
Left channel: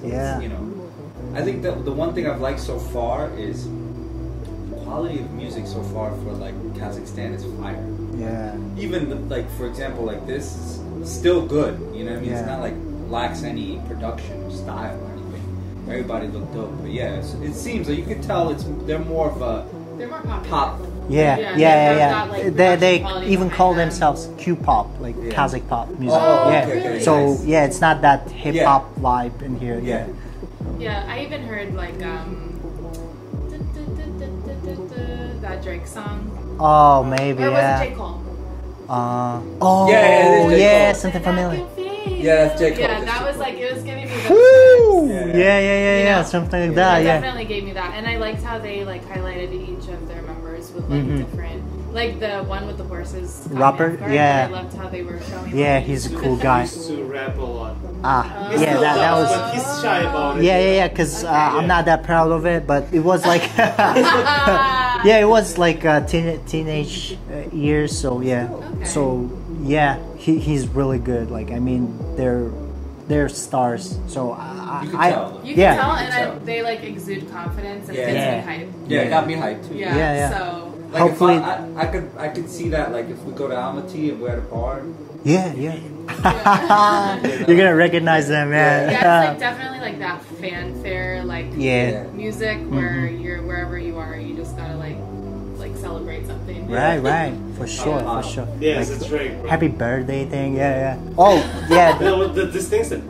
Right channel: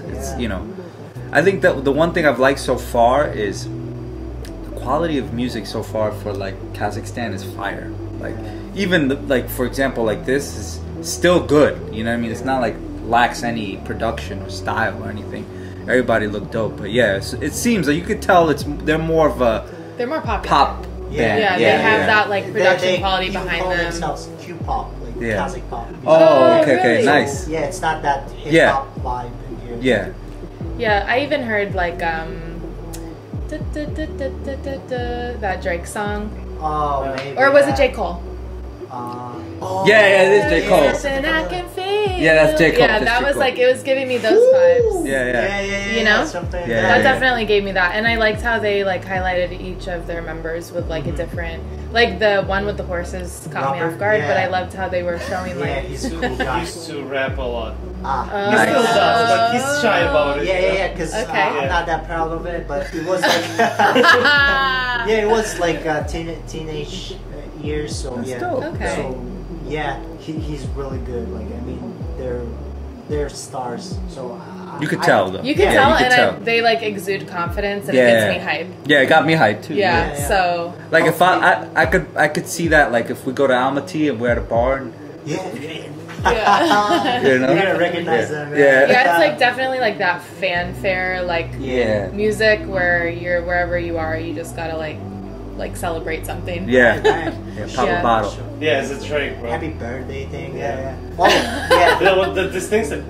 I think that the one thing I've liked so far is the quality of music so far for like Kazakhstan is fire. Like even like for example like this is still good. You know what I mean? It's not like lacks any production or style or anything. Everybody looked dope. But yeah, it seems like you could tell they're more of a they're more popular. pop They have that like production they quality even behind call them. themselves Q-pop, like Kazakh pop music. Oh, okay, So, nice. yeah, it's not that hip hop vibe in here. Yeah. Yeah, I even heard like that Drake song. Oh, maybe. Or was it J. Cole? Oh, yeah, it is J. Cole. Something familiar. Yeah, that's J. Cole. Yeah, that was like, it was giving me those vibes. Yeah, You know? something like That that. definitely gave me that. And I liked how they like highlighted each of their members with like a different, like the one with the horses caught me off guard, but I loved how they were showing like... he's a cool guy. He used to rap a lot. He still does, but he's shy about it. Yeah, because I'm not that proud of it, but it was like... it was like teenage years, so So, he's really good. Like, I mean, they're stars, so... You could tell, though. You can tell, and they like exude confidence, and it gets me hyped. Yeah, it got me hyped too. Yeah. So like if I could see that, like if we go to Almaty and we're at a bar. Yeah. You know? You're gonna recognize them, Yeah, it's like definitely like that fanfare, like music where you're wherever you are, you just gotta like celebrate something. Right. Top of bottle. Yeah, it's a Drake. Bro. Happy birthday thing. Yeah. Oh, yeah. This thing's like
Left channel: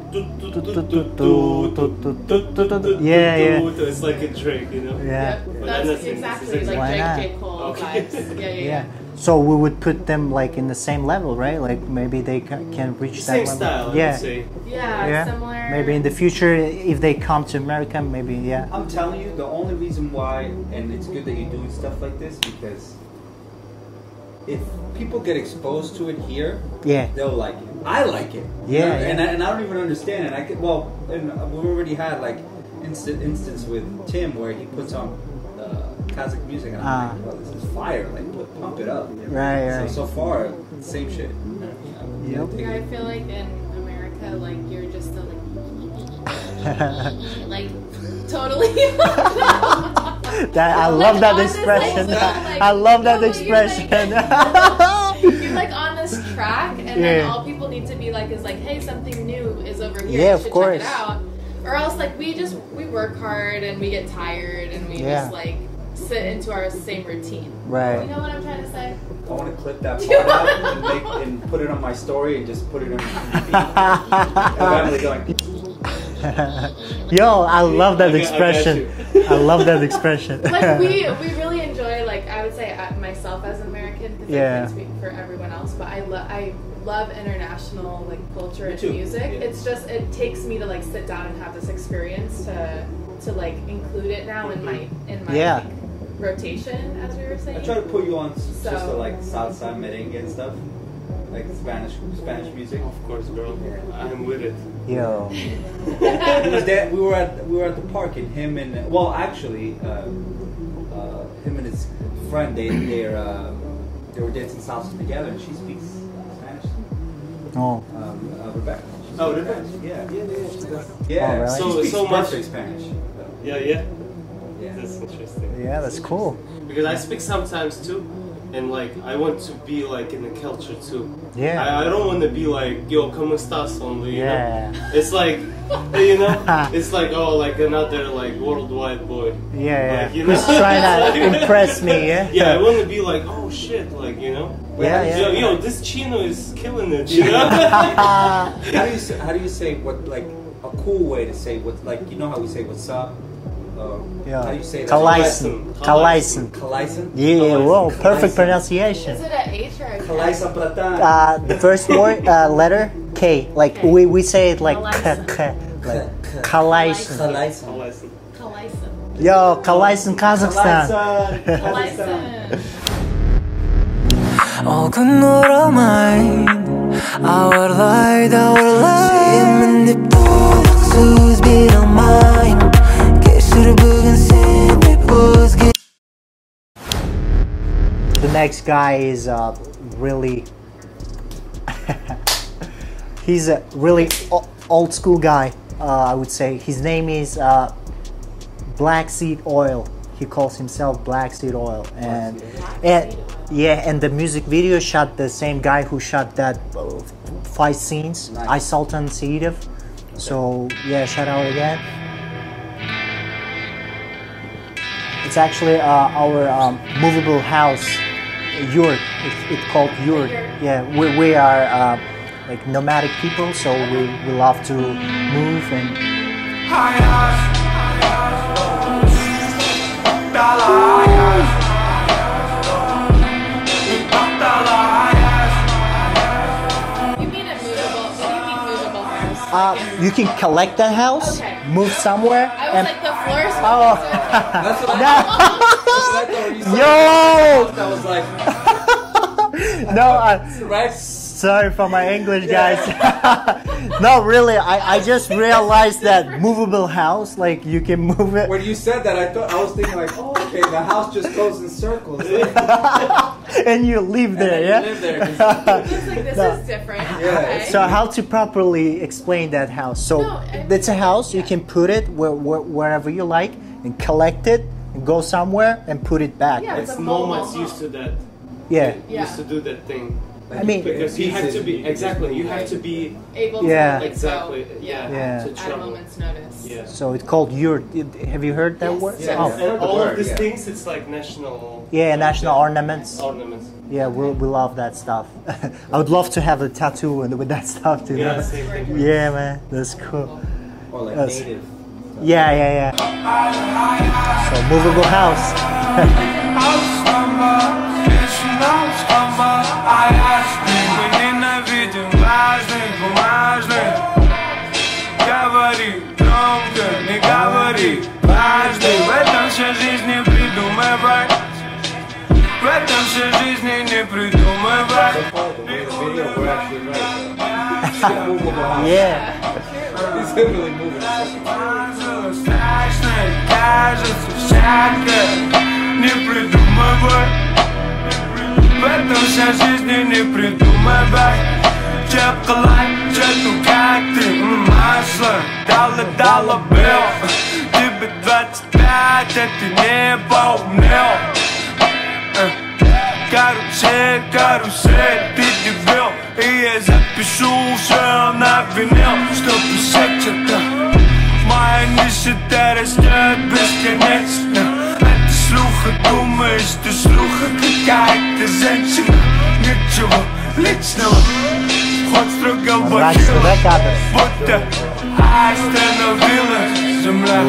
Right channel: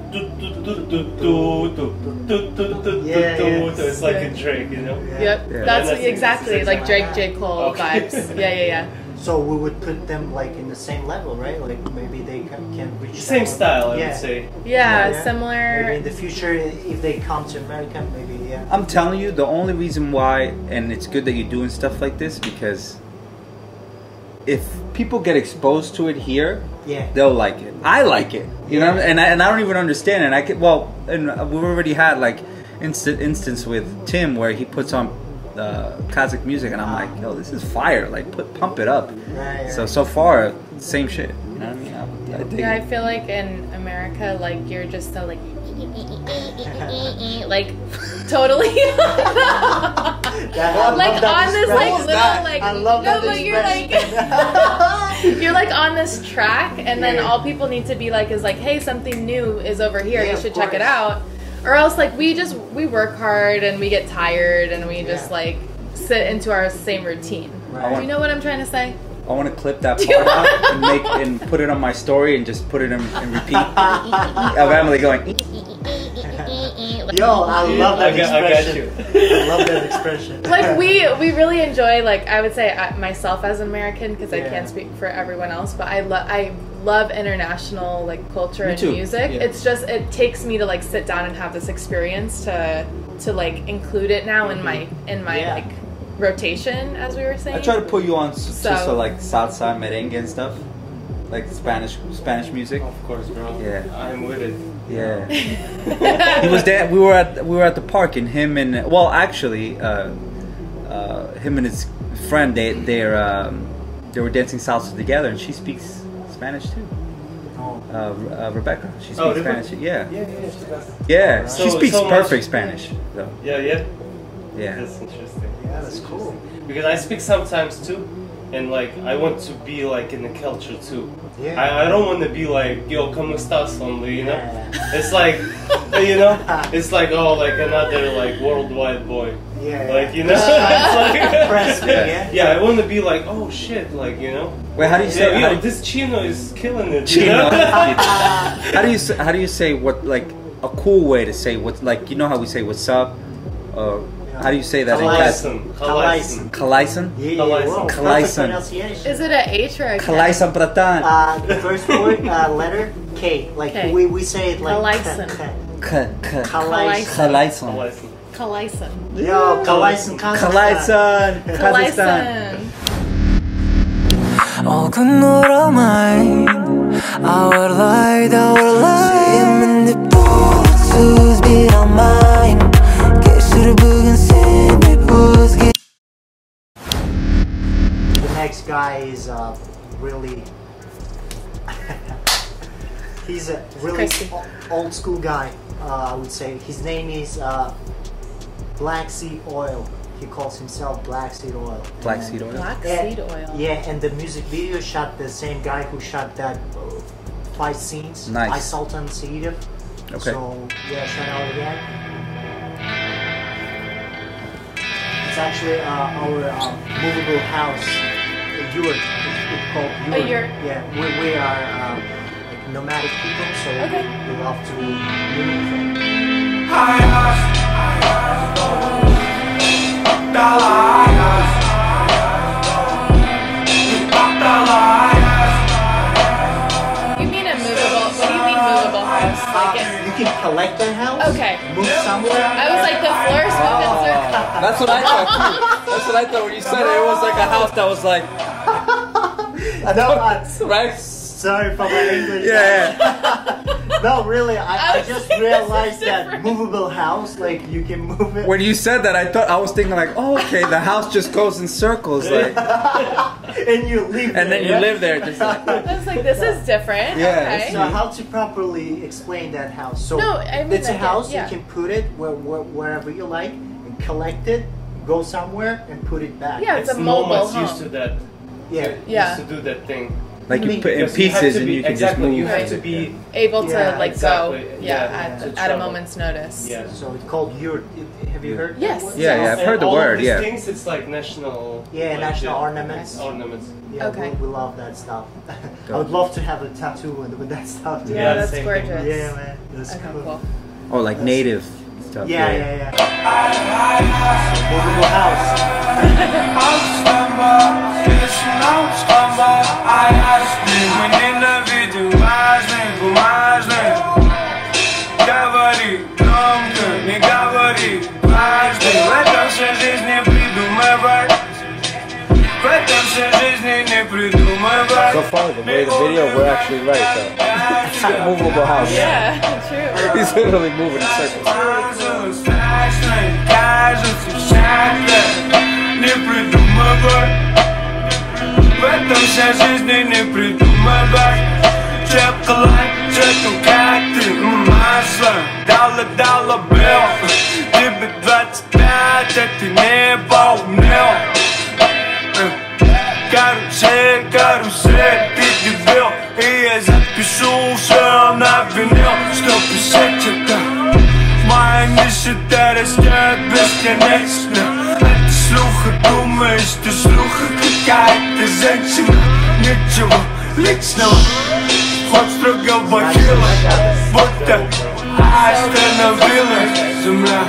it's like a Drake, you know. Yep, that's exactly like Drake, J. Cole vibes. Yeah. So we would put them like in the same level, right? Like maybe they can reach same that style, level. I would say. Yeah, similar. Maybe in the future, if they come to America, maybe I'm telling you, the only reason why, and it's good that you're doing stuff like this, because if people get exposed to it here, they'll like it. I like it, you know, and I don't even understand it. And we already had like instance with Tim where he puts on Kazakh music, and I'm like, yo, this is fire! Like, pump it up. Right. So far, same shit. You know what I mean? I feel like in America, like you're just so like, like totally. I love that expression. I love that expression. You're like on this track, and then all people need to be like is like, hey, something new is over here. You should check it out. Or else, like, we work hard and we get tired and we just like sit into our same routine. Right. You know what I'm trying to say? I want to clip that part out and put it on my story and just put it in repeat. Of Emily going. Yo, I love that expression. I love that expression. Like we really enjoy, like I would say myself as an American, because I can't speak for everyone else, but I love international like culture and music. It's just, it takes me to like sit down and have this experience to like include it now in my like rotation, as we were saying. I try to put you on so like salsa, merengue and stuff, like Spanish music. Of course, bro. Yeah, I'm with it. Yeah. He was there. We were at the park, and him and him and his friend they were dancing salsa together, and she speaks Spanish too. Oh. Rebecca. She speaks Spanish. Yeah. Right. She speaks perfect Spanish. Though. Yeah. That's interesting. Yeah, that's cool. Because I speak sometimes too, and like I want to be like in the culture too. Yeah. I don't want to be like, yo, como estás only, you know? It's like, you know, it's like, oh, like another like worldwide boy. Yeah. Like, you know, just trying to impress me. Yeah, I want to be like, oh shit, like, you know. Wait, how do you say? Yo, this Chino is killing it. Chino. How do you say what, like a cool way to say what, like, you know how we say what's up? How do you say that? Kalaisan. Yeah, well, perfect pronunciation. Is it a H or a K? Kalaisan pratan. The first word, letter K. Like we say it like Kalaisan. Yo, Kalaisan, Kazakhstan. Kazakhstan. All күн оралмайын, ауырлайды сүйемін деп толық сөз бере алмайын, кешір бүгін сен деп өзге. The next guy is really he's a really old school guy, I would say. His name is Black Seed Oil. He calls himself Black Seed Oil. Black Seed Oil. Yeah, and the music video shot the same guy who shot that 5 scenes. Nice. I Sultan Seedov. Okay. So yeah, shout out again. It's actually our movable house, yurt. It's called yurt. Yeah, we are like nomadic people, so we love to move and. You can collect the house, move somewhere. I was like, the floor smoke. That's what I thought. That's what I thought when you said it. It was like a house that was like. No, right? Sorry for my English, guys. No, really, I just realized that movable house, like you can move it. When you said that, I was thinking like, oh, okay, the house just goes in circles, like. And you live there. And then you live there. Just I was like, this is different. Yeah. Okay. So how to properly explain that house? So it's a house. You can put it wherever you like and collect it, and go somewhere and put it back. Yeah, it's a mobile nomads home. used to that. Yeah. Used to do that thing. Like you put in pieces and you can just move. You have to be able to like go. Yeah. At a moment's notice. Yeah. So it's called yurt. Have you heard that word? Yeah, I've heard the all word. Of these Yeah. things, it's like national. Yeah, like national ornaments. Ornaments. Yeah, we love that stuff. I would love to have a tattoo with that stuff too. Yeah, that's gorgeous. Yeah, man, that's cool. Oh, like native stuff. Yeah. So movable house. Мы ненавидим важных, бумажных. Говори громко, не говори дважды. В этом вся жизнь не придумывай. В этом вся жизнь не придумывай. So far, the way the video, we're actually right though. It's a movable house. Yeah, true. He's literally moving in circles. Страшно кажется всякое. Не придумывай. В этом вся жизнь не придумывай. Че қылай, че как ты, масло. Дала бел. Тебе 25, а ты не поумнел. Карусель, ты дебил. И я запишу все на винил. Что писать это? Моя нищета растет бесконечно. Это слуха, думаешь, ты слуха какая-то женщина. Ничего личного, хоть строго в бахилах. Будто остановилась земля.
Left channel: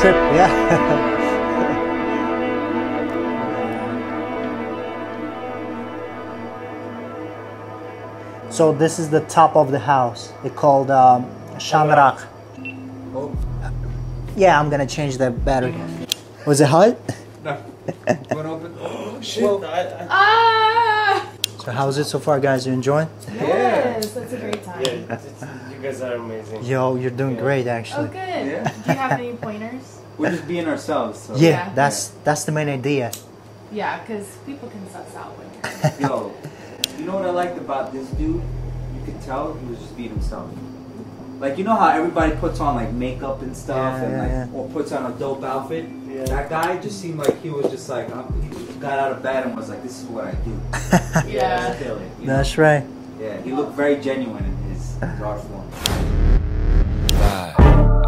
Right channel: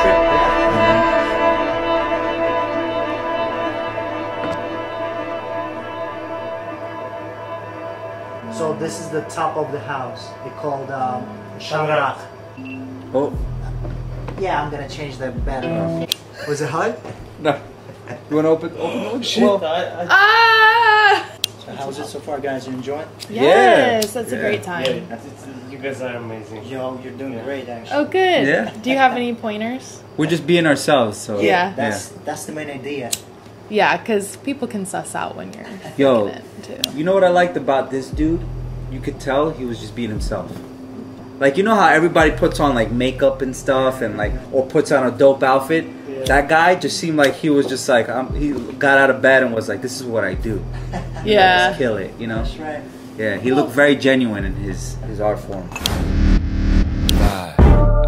Trip, yeah. So this is the top of the house. It's called Shamrak. Oh. Yeah, I'm gonna change that better. Was it hot? No. You wanna open Shit. So how's it so far, guys? You enjoying? Yes, that's a great time. You guys are amazing. Yo, you're doing great, actually. Oh, good. Yeah. Do you have any pointers? We're just being ourselves. So. Yeah, that's the main idea. Yeah, because people can suss out when you're. Yo, you know what I liked about this dude? You could tell he was just being himself. Like, you know how everybody puts on like makeup and stuff and like or puts on a dope outfit? That guy just seemed like he was just like he got out of bed and was like, this is what I do. Yeah. Just kill it, you know? That's right. Yeah, he looked very genuine in his art form.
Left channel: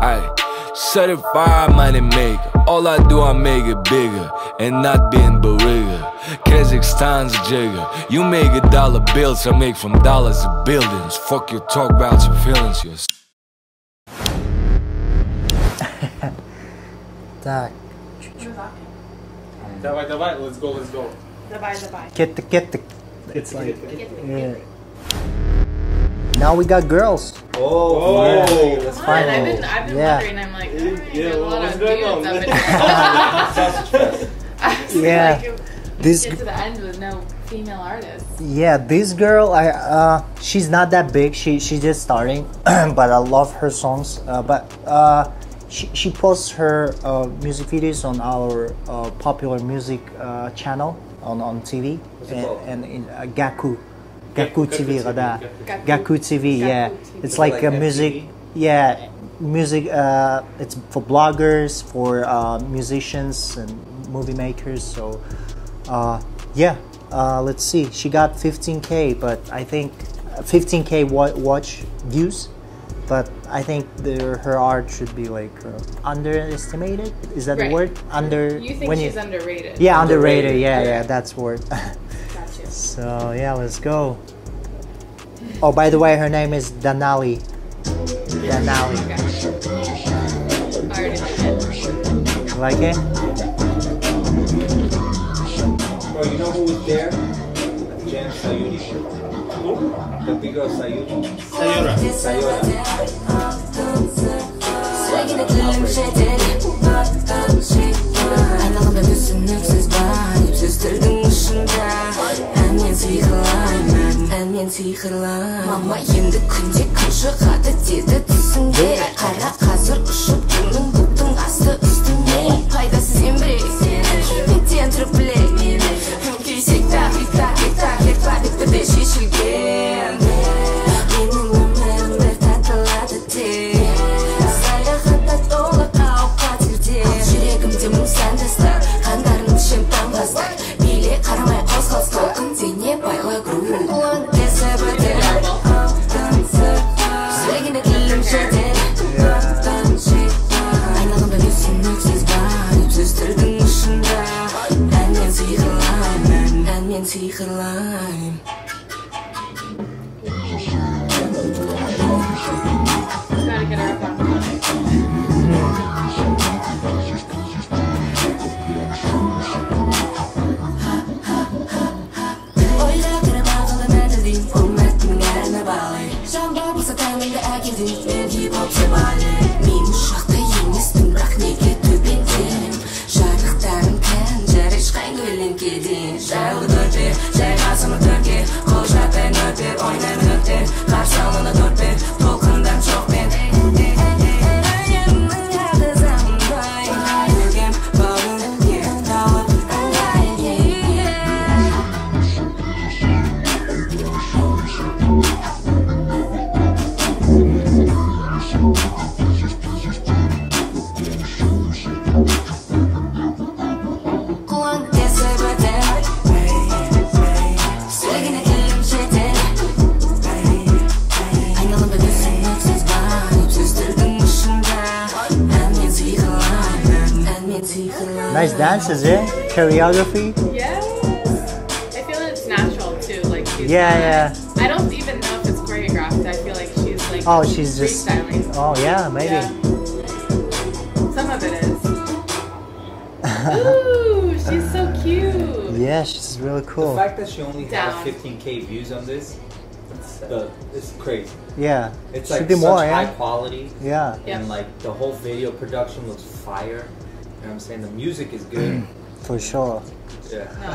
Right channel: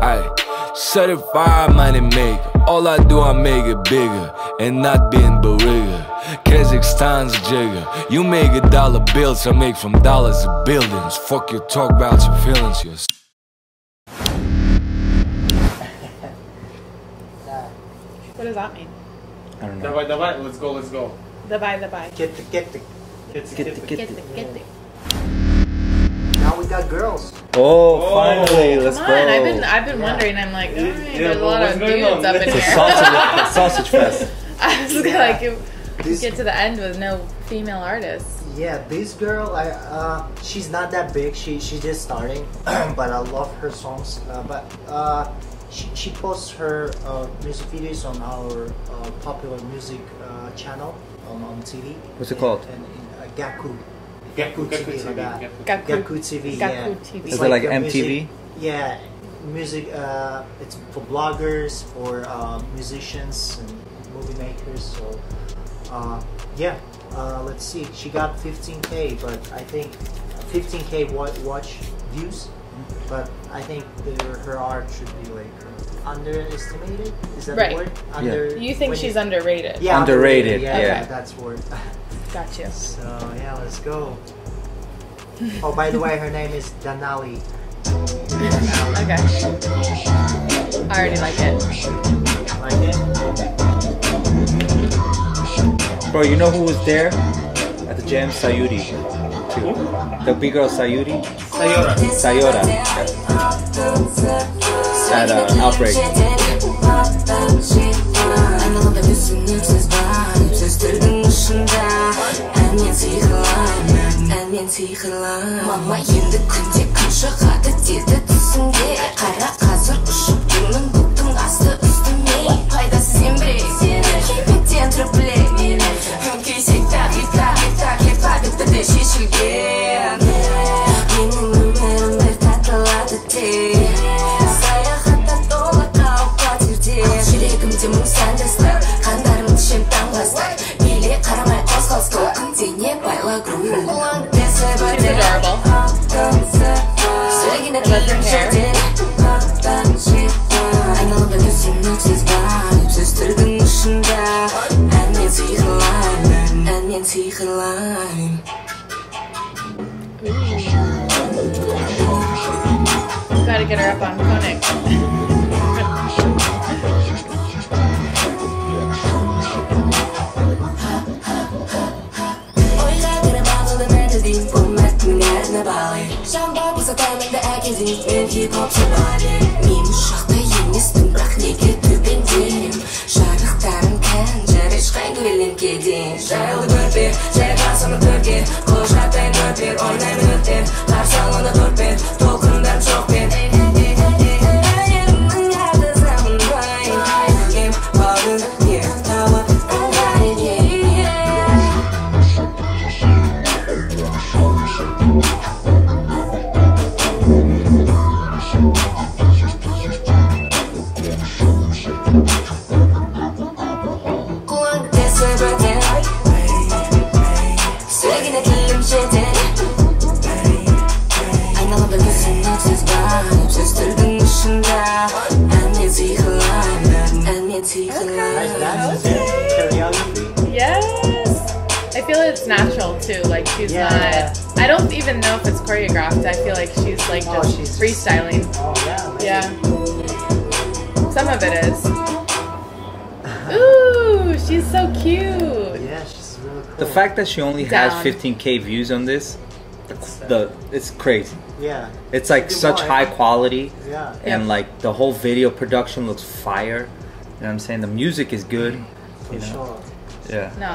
Aye. Certified money maker. All I do, I make it bigger and not being barriga. Kazakhstan's a jigger. You make $1 bills, I make from dollars to buildings. Fuck you, talk about your feelings. Так. What does that mean? Давай, let's go. Давай. Kettik. Kettik. Now we got girls. Oh, finally, let's Come go. on, I've been wondering. I'm like, there's a lot of dudes up in here. Sausage fest. I was like, you get to the end with no female artists. Yeah, this girl, she's not that big. She's just starting, but I love her songs. She posts her music videos on our popular music channel on TV. What's it called? And in Gaku. Gaku TV kada. Gaku TV, yeah. It's Is it like a MTV? music, yeah, music. It's for bloggers, for musicians and movie makers. So, yeah. Let's see. She got 15K, but I think 15K watch views. But I think her art should be like underestimated. Is that Right. the word? You think she's underrated? Yeah, underrated. Underrated, Yeah, yeah. yeah, that's word. Gotcha. So yeah, let's go. Oh, by the way, her name is Danali. Danali. Okay. I already like it. You like it? Bro, you know who was there at the jam? Sayuri. The big girl Sayuri. Sayora. At Outbreak. Айналамда түсініксіз байып сөздердің ұшында әнмен сиқырлаймын, әнмен сиқырлаймын. Мама енді күнде күн шығады деді түсіңде. Қара қазір ұшып жүрмін бұлттың асты үстіне. Пайдасыз еңбек кеметтен тұрып білек кейсек тақ де шешілген. Менің өмірім бір татылады тек саяхатта толы қауіп-қатерде. Жүрегімде мың сәндістік, қандарым ішем таңғастық. Биле қарамай қозғалыс толқын дене байла грув. Сөйлеген тілім жерден айналамда түсініксіз байып сөздердің ұшында әнмен сиқырлаймын, әнмен сиқырлаймын. Gotta get her up on Koenig. Ойға кіріп ағылым әділдейін бұл мәтіннің әріне балы. Жамбар болса тәнімді әкелдейін мен хип-хоп сабалы. Мен ұшақта емеспін бірақ неге төбендейім. Жарықтарым кән жар ешқайғы өлеңкеден. Жайлы көрпе жайғасымын төрге құжатпен өтер ойнаймын өтер қарсы алуына торпен толқындан жоқпен. Nice dances, yeah. Choreography. Yes. I feel it's natural too. Like she's Yeah. not. I don't even know if it's choreographed. I feel like she's like just she's just freestyling. Oh yeah, maybe. Yeah. Some of it is. Ooh, she's so cute. Yeah, she's really cool. The fact that she only has Down. 15K views on this, it's crazy. Yeah. It's like Should be such more, high yeah. quality. Yeah. And like the whole video production looks fire. You know what I'm saying? The music is good. For sure. Yeah. No,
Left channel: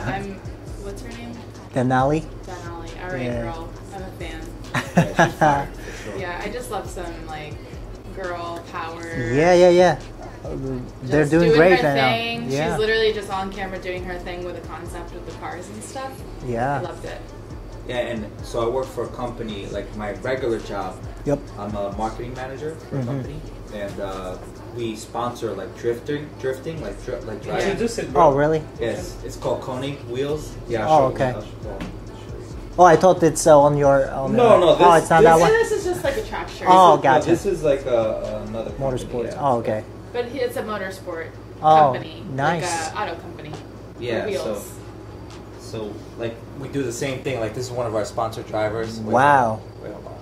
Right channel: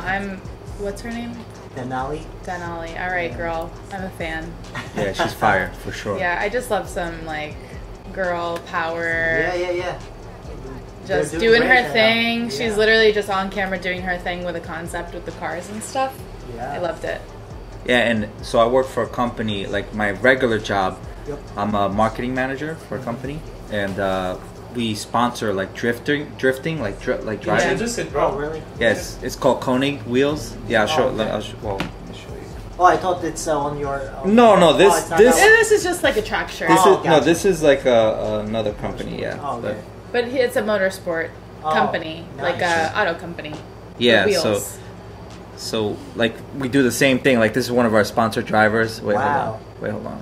what's her name? Denali. Denali. All right, Yeah. girl. I'm a fan. Yeah, she's fire for sure. Yeah, I just love some like girl power. Yeah. They're Just doing doing great her right thing. now. Yeah. She's literally just on camera doing her thing with a concept with the cars and stuff. Yeah. I loved it. Yeah, and so I work for a company, like my regular job. Yep. I'm a marketing manager for a company, and we sponsor like drifting, like driving. Yeah, just it, bro. Oh really? Yes, it's called Koenig Wheels. Yeah, I'll show. okay. I'll show you. Oh, I thought it's on your. No, this- it's not this- that And one? this is just like a track shirt. Oh, No, gotcha. this is like another company. Motorsport. Yeah. Oh, okay. But it's a motorsport Oh, company, like nice. a auto company. Yeah. With So, wheels. so like we do the same thing. Like this is one of our sponsored drivers. Wait, Wow. Hold on.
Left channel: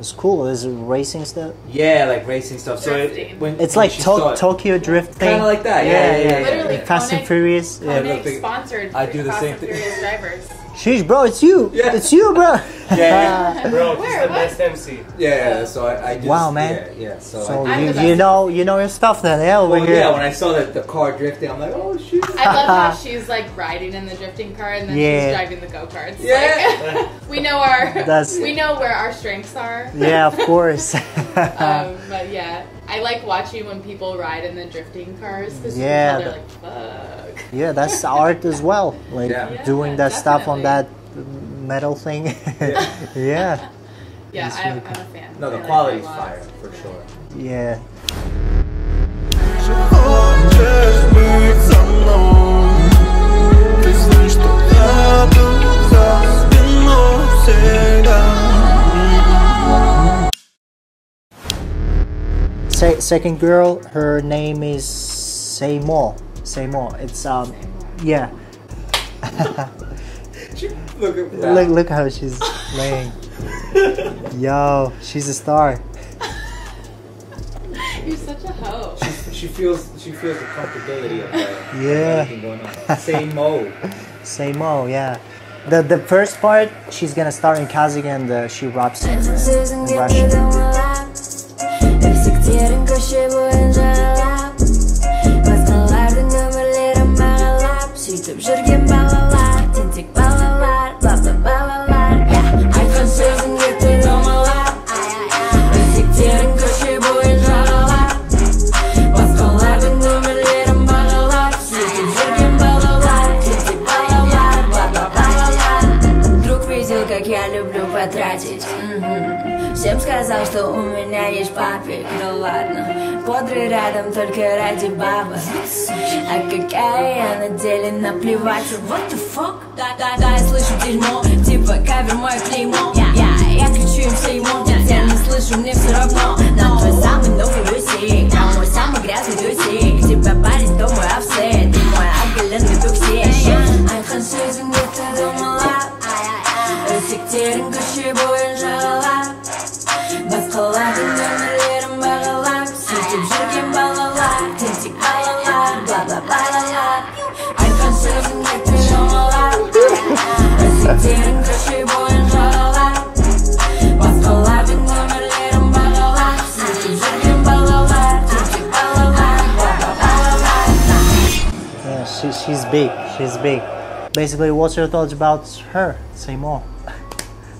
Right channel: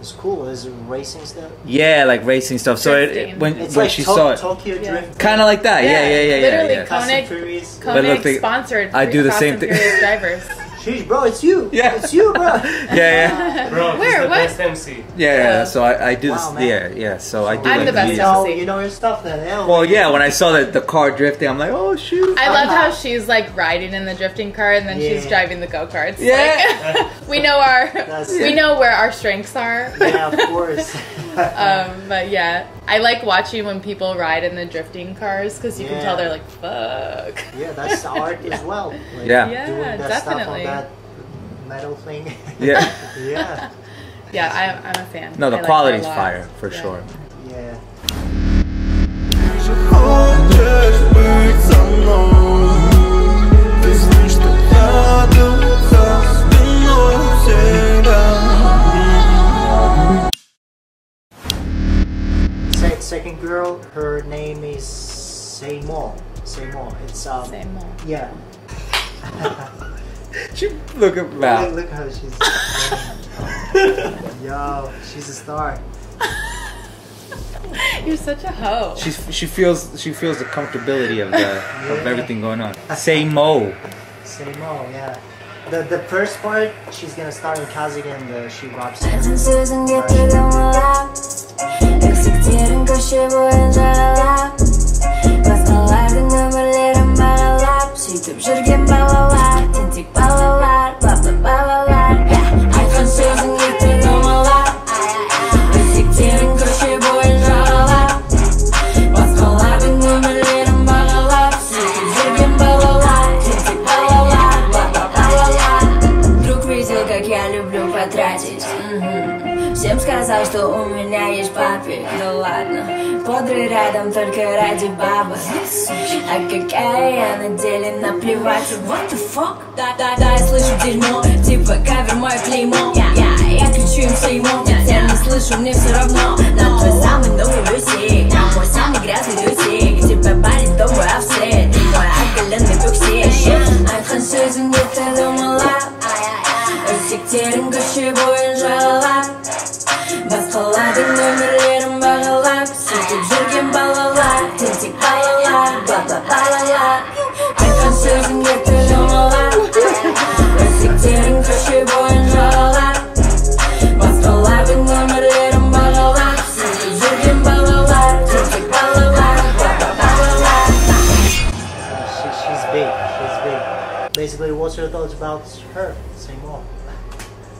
It's cool. Is it racing stuff? Yeah, like racing stuff. So Drifting. when It's when like she saw it, Tokyo Drift. kind of like that. Yeah. Literally, Fast and Koenig- Furious. Koenig look, sponsored. I do the Fast same and thing. Furious drivers. Sheesh, bro, it's you. Yeah. It's you, bro. Yeah. Bro, Where? this is the What? best MC. Yeah, so I do Wow, this. man. Yeah. So So I do. I'm the this. best. you know your stuff then, yeah. Well, over yeah. here. When I saw the car drifting, I'm like, oh shoot. I love how she's like riding in the drifting car and then Yeah. she's driving the go-karts. Yeah. Like, we know we know where our strengths are. Yeah, of course. But yeah, I like watching when people ride in the drifting cars because you Yeah. can tell they're like, fuck. Yeah, that's art as well. Like Yeah. doing that stuff on definitely. that metal thing. Yeah. Yeah. Yeah, I'm a fan. No, the I like quality's her a lot. fire for Yeah. sure. Yeah. Хочешь быть со мной? Ты знаешь, что я тут за спиной всегда. Second girl, her name is Seymour. It's Seymour. yeah. Look at that. Look how she's playing. Yo, she's a star. You're such a hoe. She feels the comfortability of of everything going on. Seymour. Seymour, yeah. The first part, she's gonna start in Kazakh and she raps. Еркектерін көше бойын жаралап басқалардың өмірлерін бағалап сөйтіп жүрген балалар тентек балалар балалар айтқан сөзің ерте домалап еркектерін көше бойын жаралап басқалардың өмірлерін бағалап сөйтіп жүрген балалар тентек балалар Друг видел, как я люблю потратить Всем сказал, что у меня есть папик, ну ладно Подры рядом только ради бабы А какая я на деле наплевать What the fuck? Да, я слышу дерьмо Типа кавер мое клеймо Я кричу им Сеймо Я не слышу, мне все равно На твой самый новый бюсик На мой самый грязный тусик Тебя парень, то мой офсет Ты мой оголенный токсик Айтқан сөзің ерте домалап Еркектерін көше бойын жаралап басқалардың өмірлерін бағалап сөйтіп жүрген балалар тентек балалар балалар айтқан сөзің ерте домалап еркектерін көше бойын жаралап басқалардың өмірлерін бағалап сөйтіп жүрген балалар тентек балалар She's big. Basically, what's your thoughts about her? Say more.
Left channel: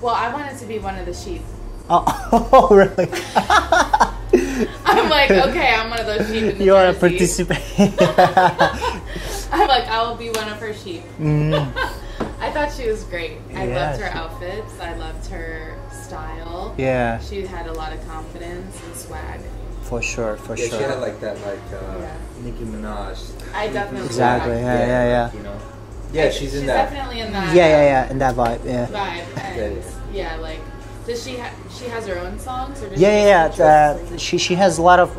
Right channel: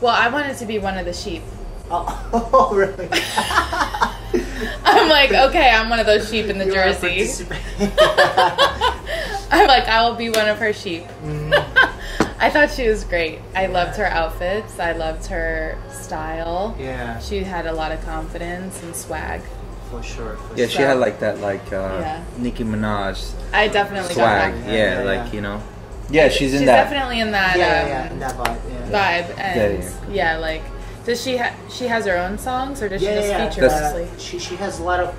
Well, I wanted to be one of the sheep. Oh, really? I'm like, okay, I'm one of those sheep in the You are jersey. participating. I'm like, I will be one of her sheep. I thought she was great. I loved her outfits. I loved her style. Yeah. She had a lot of confidence and swag. For sure. Yeah, she had like that, Nicki Minaj. I definitely got swag. that. Yeah, you know. Yeah, she's in She's that. definitely in that. Yeah, in that vibe. Yeah. Vibe and yeah, like, does she has her own songs or does she just feature mostly? She has a lot of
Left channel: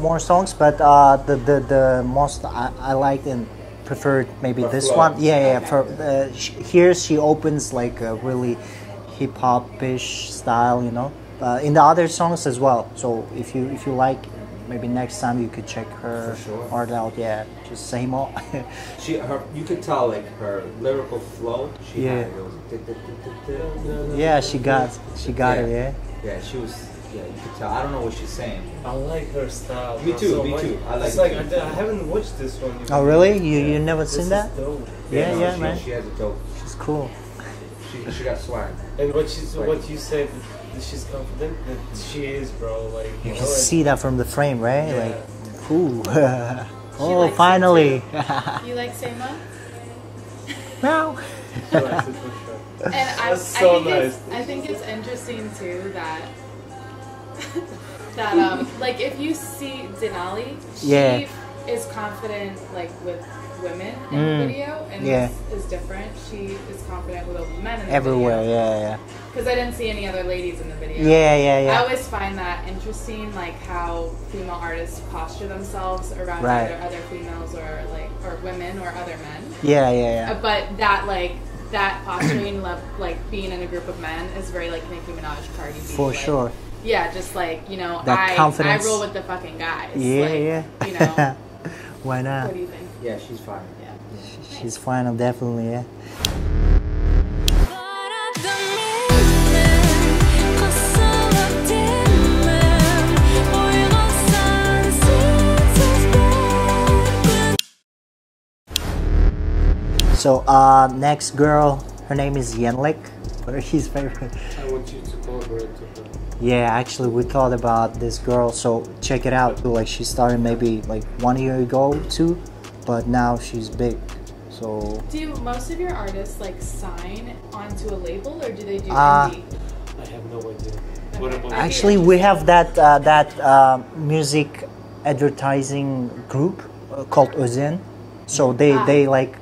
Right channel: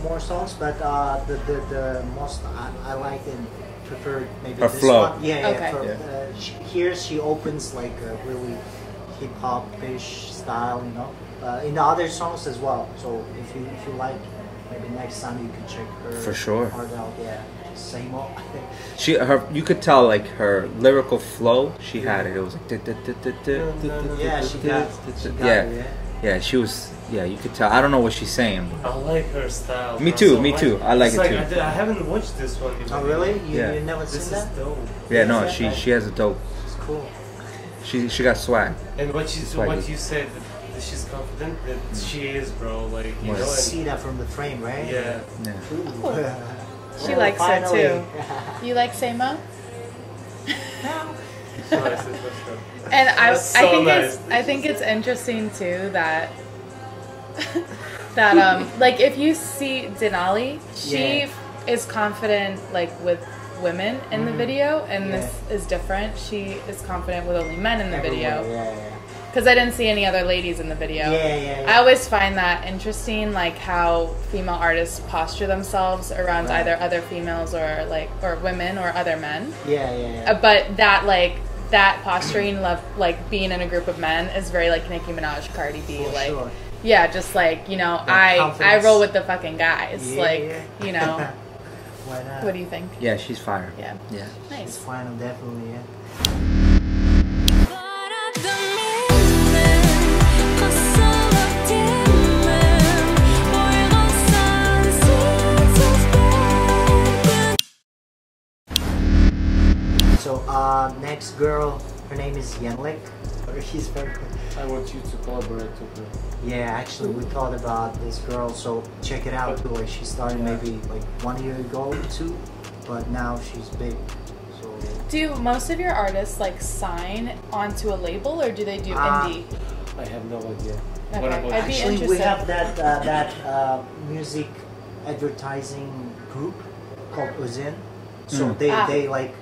more songs, but the most I like and preferred maybe her this flow. one. Yeah. Here she opens like a really hip hop-ish style, you know. In the other songs as well. So if you like, maybe next time you could check her For sure. art out. Yeah, just same old. You could tell like her lyrical flow. She had it. It was like. Yeah, she got it. Yeah. Yeah, she was. Yeah, you could tell. I don't know what she's saying. I like her style. Me too. I like it too. I haven't watched this one. Oh really? You never seen that? Yeah, no. She has a dope. She's cool. She got swag. And what you said. She's confident that she is, bro. Like you know, see that from the frame, right? Yeah. Like, ooh. She likes finally. it too. You like Seymour? No. she likes it for sure. And That's I think it's interesting too that like if you see Denali, she is confident like with women in the video, and this is different. She is confident with only men in the Everywhere, video. yeah. Because I didn't see any other ladies in the video. Yeah. I always find that interesting, like how female artists posture themselves around either other females or women or other men. Yeah. But that posturing, like being in a group of men, is very like Nicki Minaj, Cardi B. For sure. Yeah, just like, you know, That I roll with the fucking guys. Yeah. You know. Why not? What do you think? Yeah, she's fire. Yeah. Nice. She's fine, definitely, yeah. So, next girl, her name is Yenlik. He's very good. I want you to collaborate with her. Yeah, actually, we thought about this girl, so check it out. Like, she started maybe like 1 year ago, too, but now she's big. So do most of your artists like sign onto a label, or do they do indie? I have no idea. Okay. What about actually, we have that music advertising group called Özen. So they like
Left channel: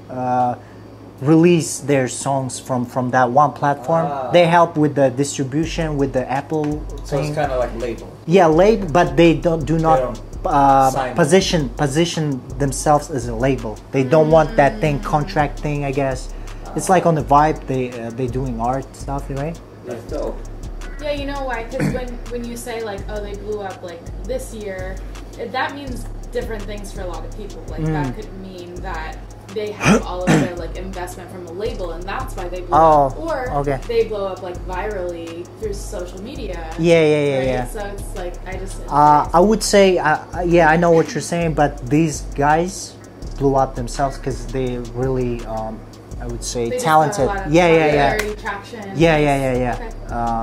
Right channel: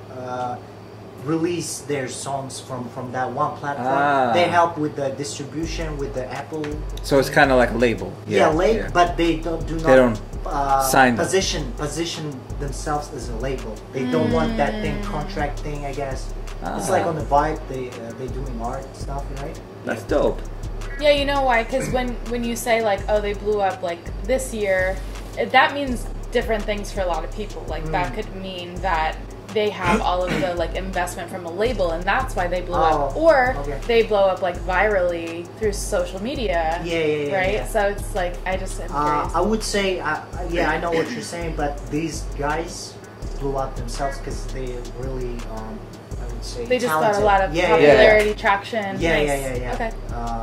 release their songs from that one platform. They help with the distribution with the Apple. So it's kind of like a label. Yeah, label, but they do not position themselves as a label. They don't want that thing, contract thing, I guess. It's like on the vibe. They doing art stuff, right? That's dope. Yeah, you know why? Because when you say like, oh, they blew up like this year, that means different things for a lot of people. Like that could mean that they have all of the like investment from a label, and that's why they blow up. Or they blow up like virally through social media. Yeah. Right. So it's like I would say yeah, I know what you're saying, but these guys blew up themselves because they really I would say they talented. Just got a lot of popularity, traction. Yeah.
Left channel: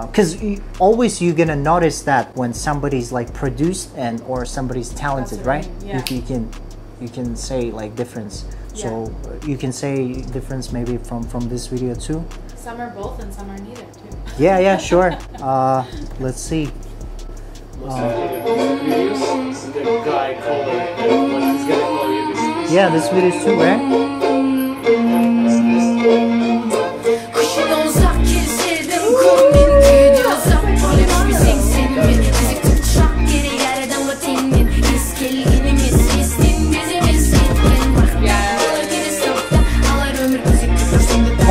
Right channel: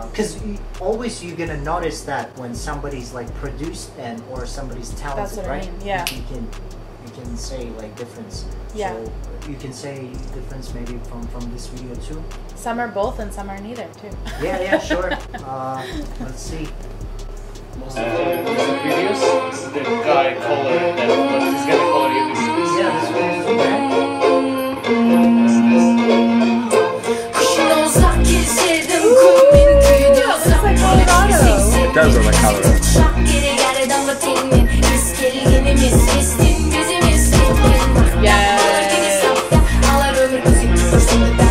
Because always you're gonna notice that when somebody's like produced or somebody's talented, right? I mean. Yeah. You can say like difference. So you can say difference maybe from this video too. Some are both and some are neither too. Yeah, sure. Let's see. Yeah, this video is too, man.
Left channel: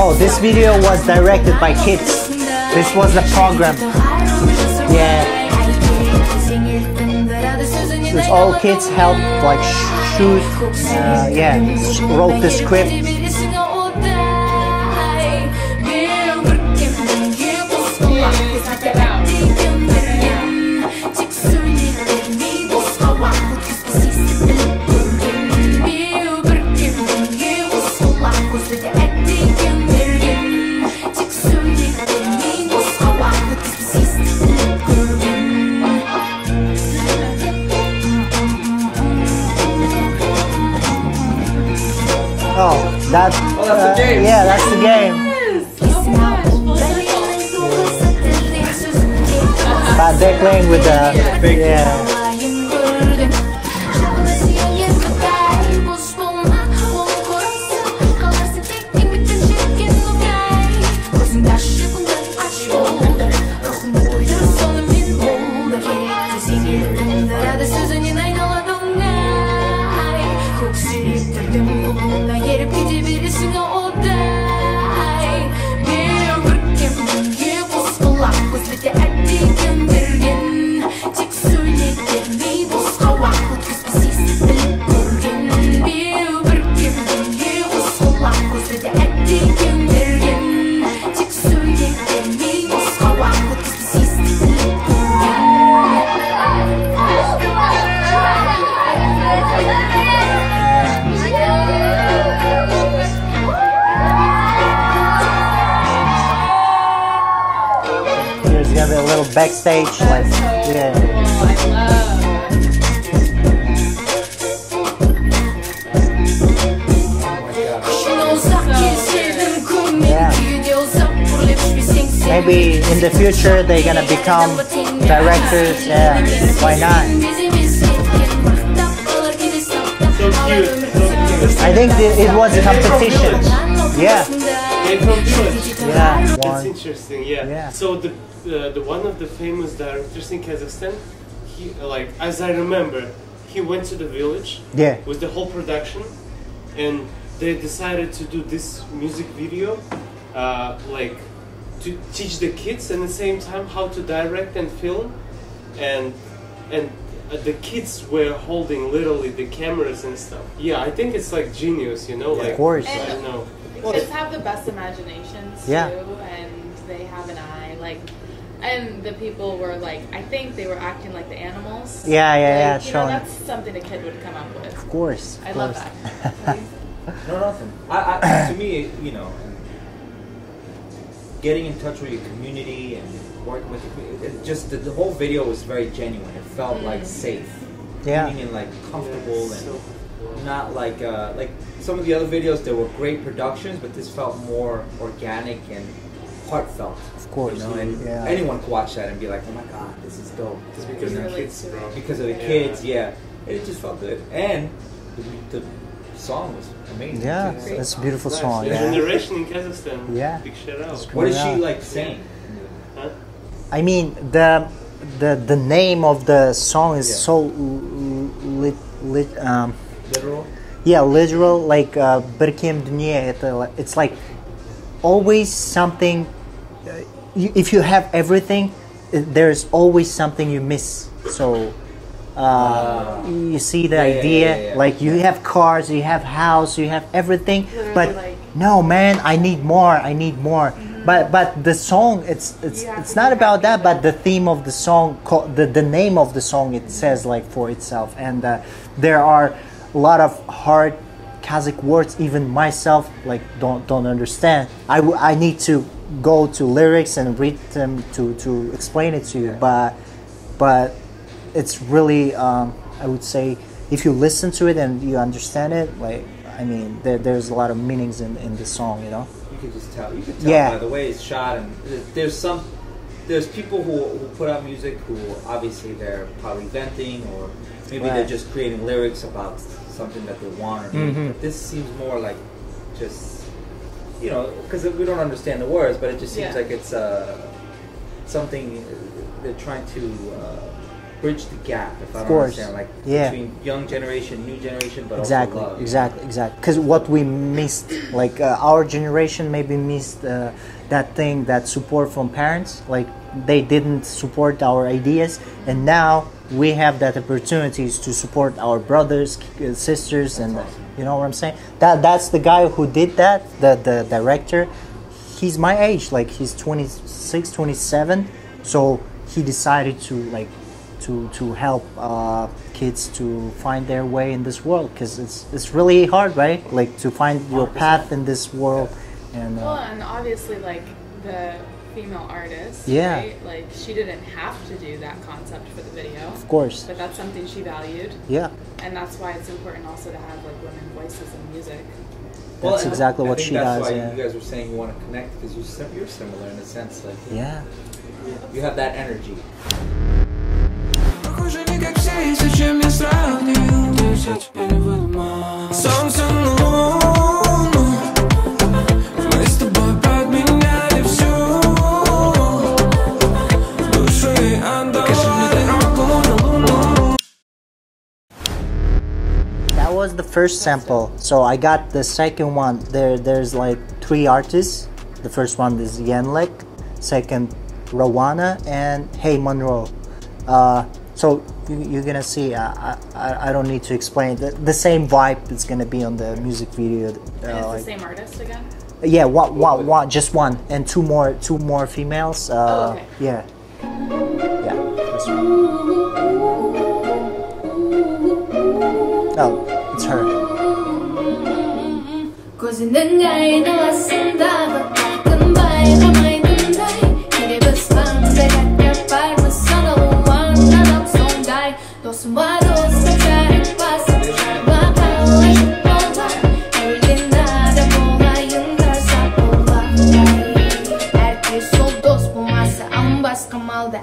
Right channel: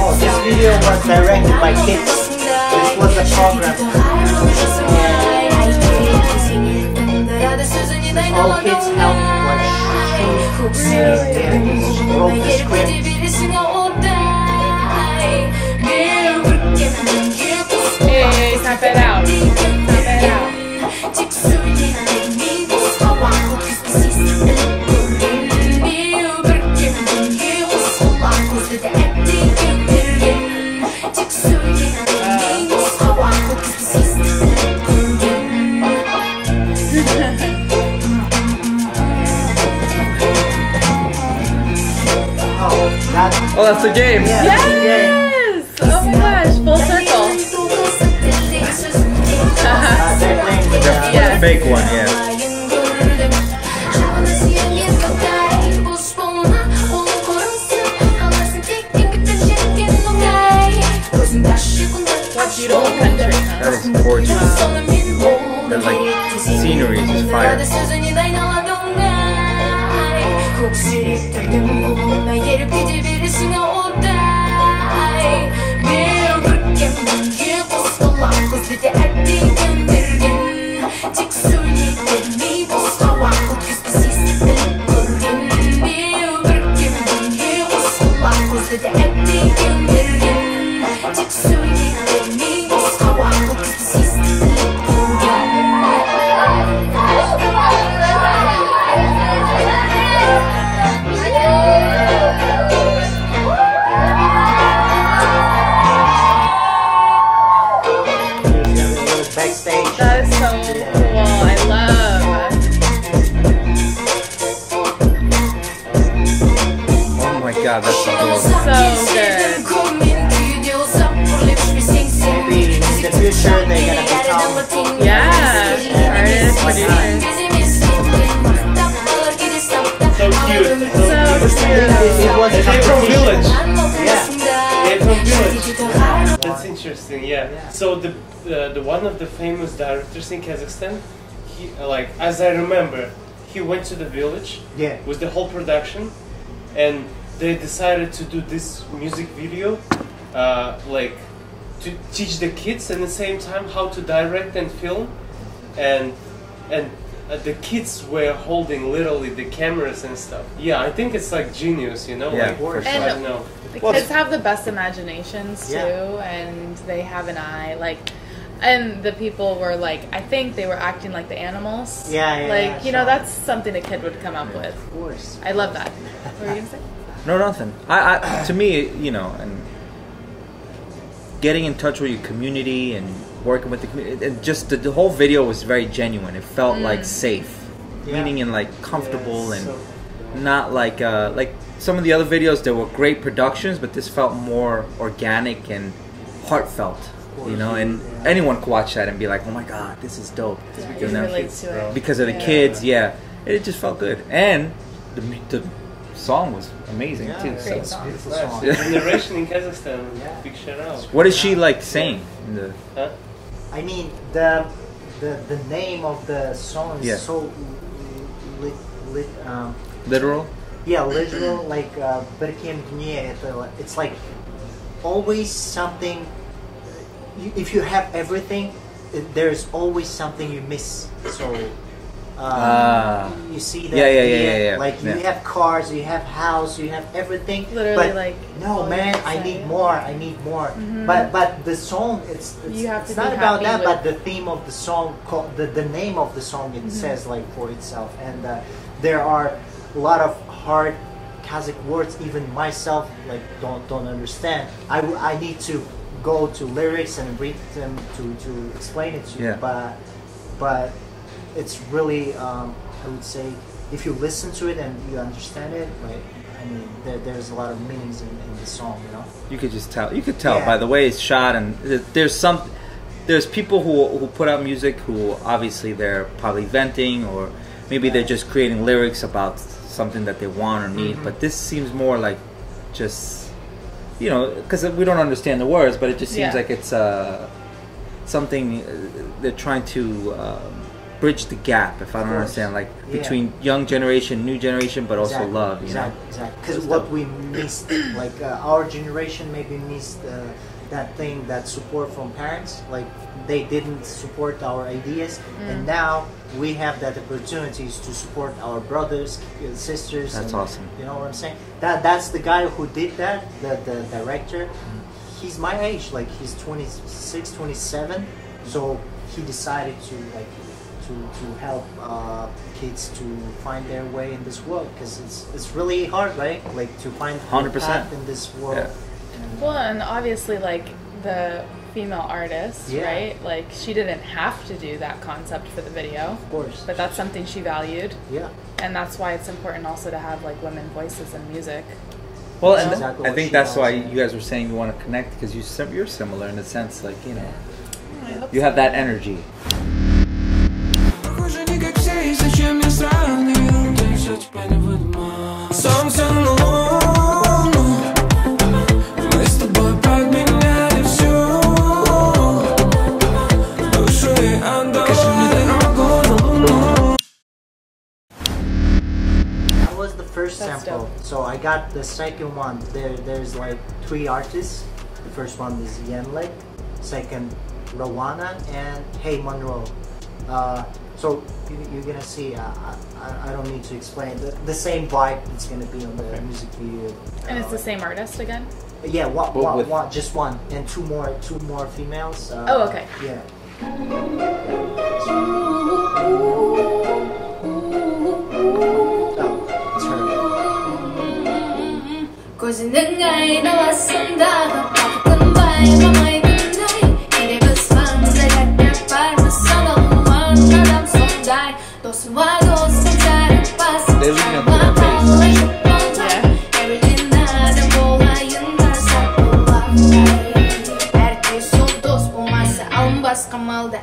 Oh, this video was directed by kids. This was the program. Because all kids helped like shoot, wrote the script. Check that out. That's the game. Yeah, that's the game. Oh my gosh, full circle. They're playing with the big one. Yeah. Scenery is fire. Backstage. That's so cool. I love. Oh my god, that's so good. Maybe in the future they're gonna become directors. Why not? I think it was a competition. That's interesting. Yeah. So the one of the famous directors in Kazakhstan, he like as I remember, he went to the village with the whole production, and they decided to do this music video, like to teach the kids at the same time how to direct and film, and the kids were holding literally the cameras and stuff. Yeah, I think it's like genius, you know. Yeah, like, of course. I don't know. The kids have the best imaginations too, and they have an eye. Like, and the people were like, I think they were acting like the animals. Yeah. You know, that's something a kid would come up with. Of course. I love that. What were you saying? No, nothing. I to me, you know, and getting in touch with your community and working with the community, and just the whole video was very genuine. It felt like safe, meaning and like comfortable, and not like some of the other videos, there were great productions, but this felt more organic and heartfelt. Of course, you know, and anyone could watch that and be like, "Oh my God, this is dope." Because of the kids, it just felt good, and the song was amazing too. So it's a beautiful song. The narration in Kazakhstan. Big shout out. What is she like saying? I mean, the name of the song is so literal. Yeah, literal. Like bir-екі dünya. It's like always something. If you have everything, there's always something you miss. So you see the idea. Like you have cars, you have house, you have everything. Literally, but like, no, man, I need more. I need more. But the song, it's not about that. But the theme of the song, the name of the song, it says like for itself. And there are a lot of hard Kazakh words. Even myself like don't understand. I need to go to lyrics and read them to explain it to you. But it's really I would say if you listen to it and you understand it, like I mean there's a lot of meanings in the song, you know. You could just tell. You could tell by the way it's shot, and there's people who put out music who obviously they're probably venting, or maybe they're just creating lyrics about something that they want or need. But this seems more like just, you know, because we don't understand the words, but it just seems like it's something they're trying to bridge the gap, if I don't understand, like between young generation, new generation, but also love. Exactly. Because what we missed, like our generation maybe missed that thing, that support from parents. Like they didn't support our ideas, and now we have that opportunities to support our brothers, sisters. That's awesome. You know what I'm saying? That's the guy who did that, the director. He's my age, like he's 26, 27. So he decided to like to help kids to find their way in this world, because it's really hard, right? Like to find your path in this world. And, and obviously like the female artist, right? Like she didn't have to do that concept for the video. Of course. But that's something she valued. Yeah. And that's why it's important also to have like women voices in music. Well, that's exactly what I think that's why you guys were saying you want to connect, because you're similar in a sense, like you know, you have that energy. That was the first sample. So I got the second one. There's like 3 artists. The first one is Yenlik, second Rawana, and Hey Monroe. So you're gonna see. I don't need to explain the same vibe that's gonna be on the music video. And it's the same artist again? Yeah, just one, and two more females. Oh, okay. Yeah. Oh, it's her.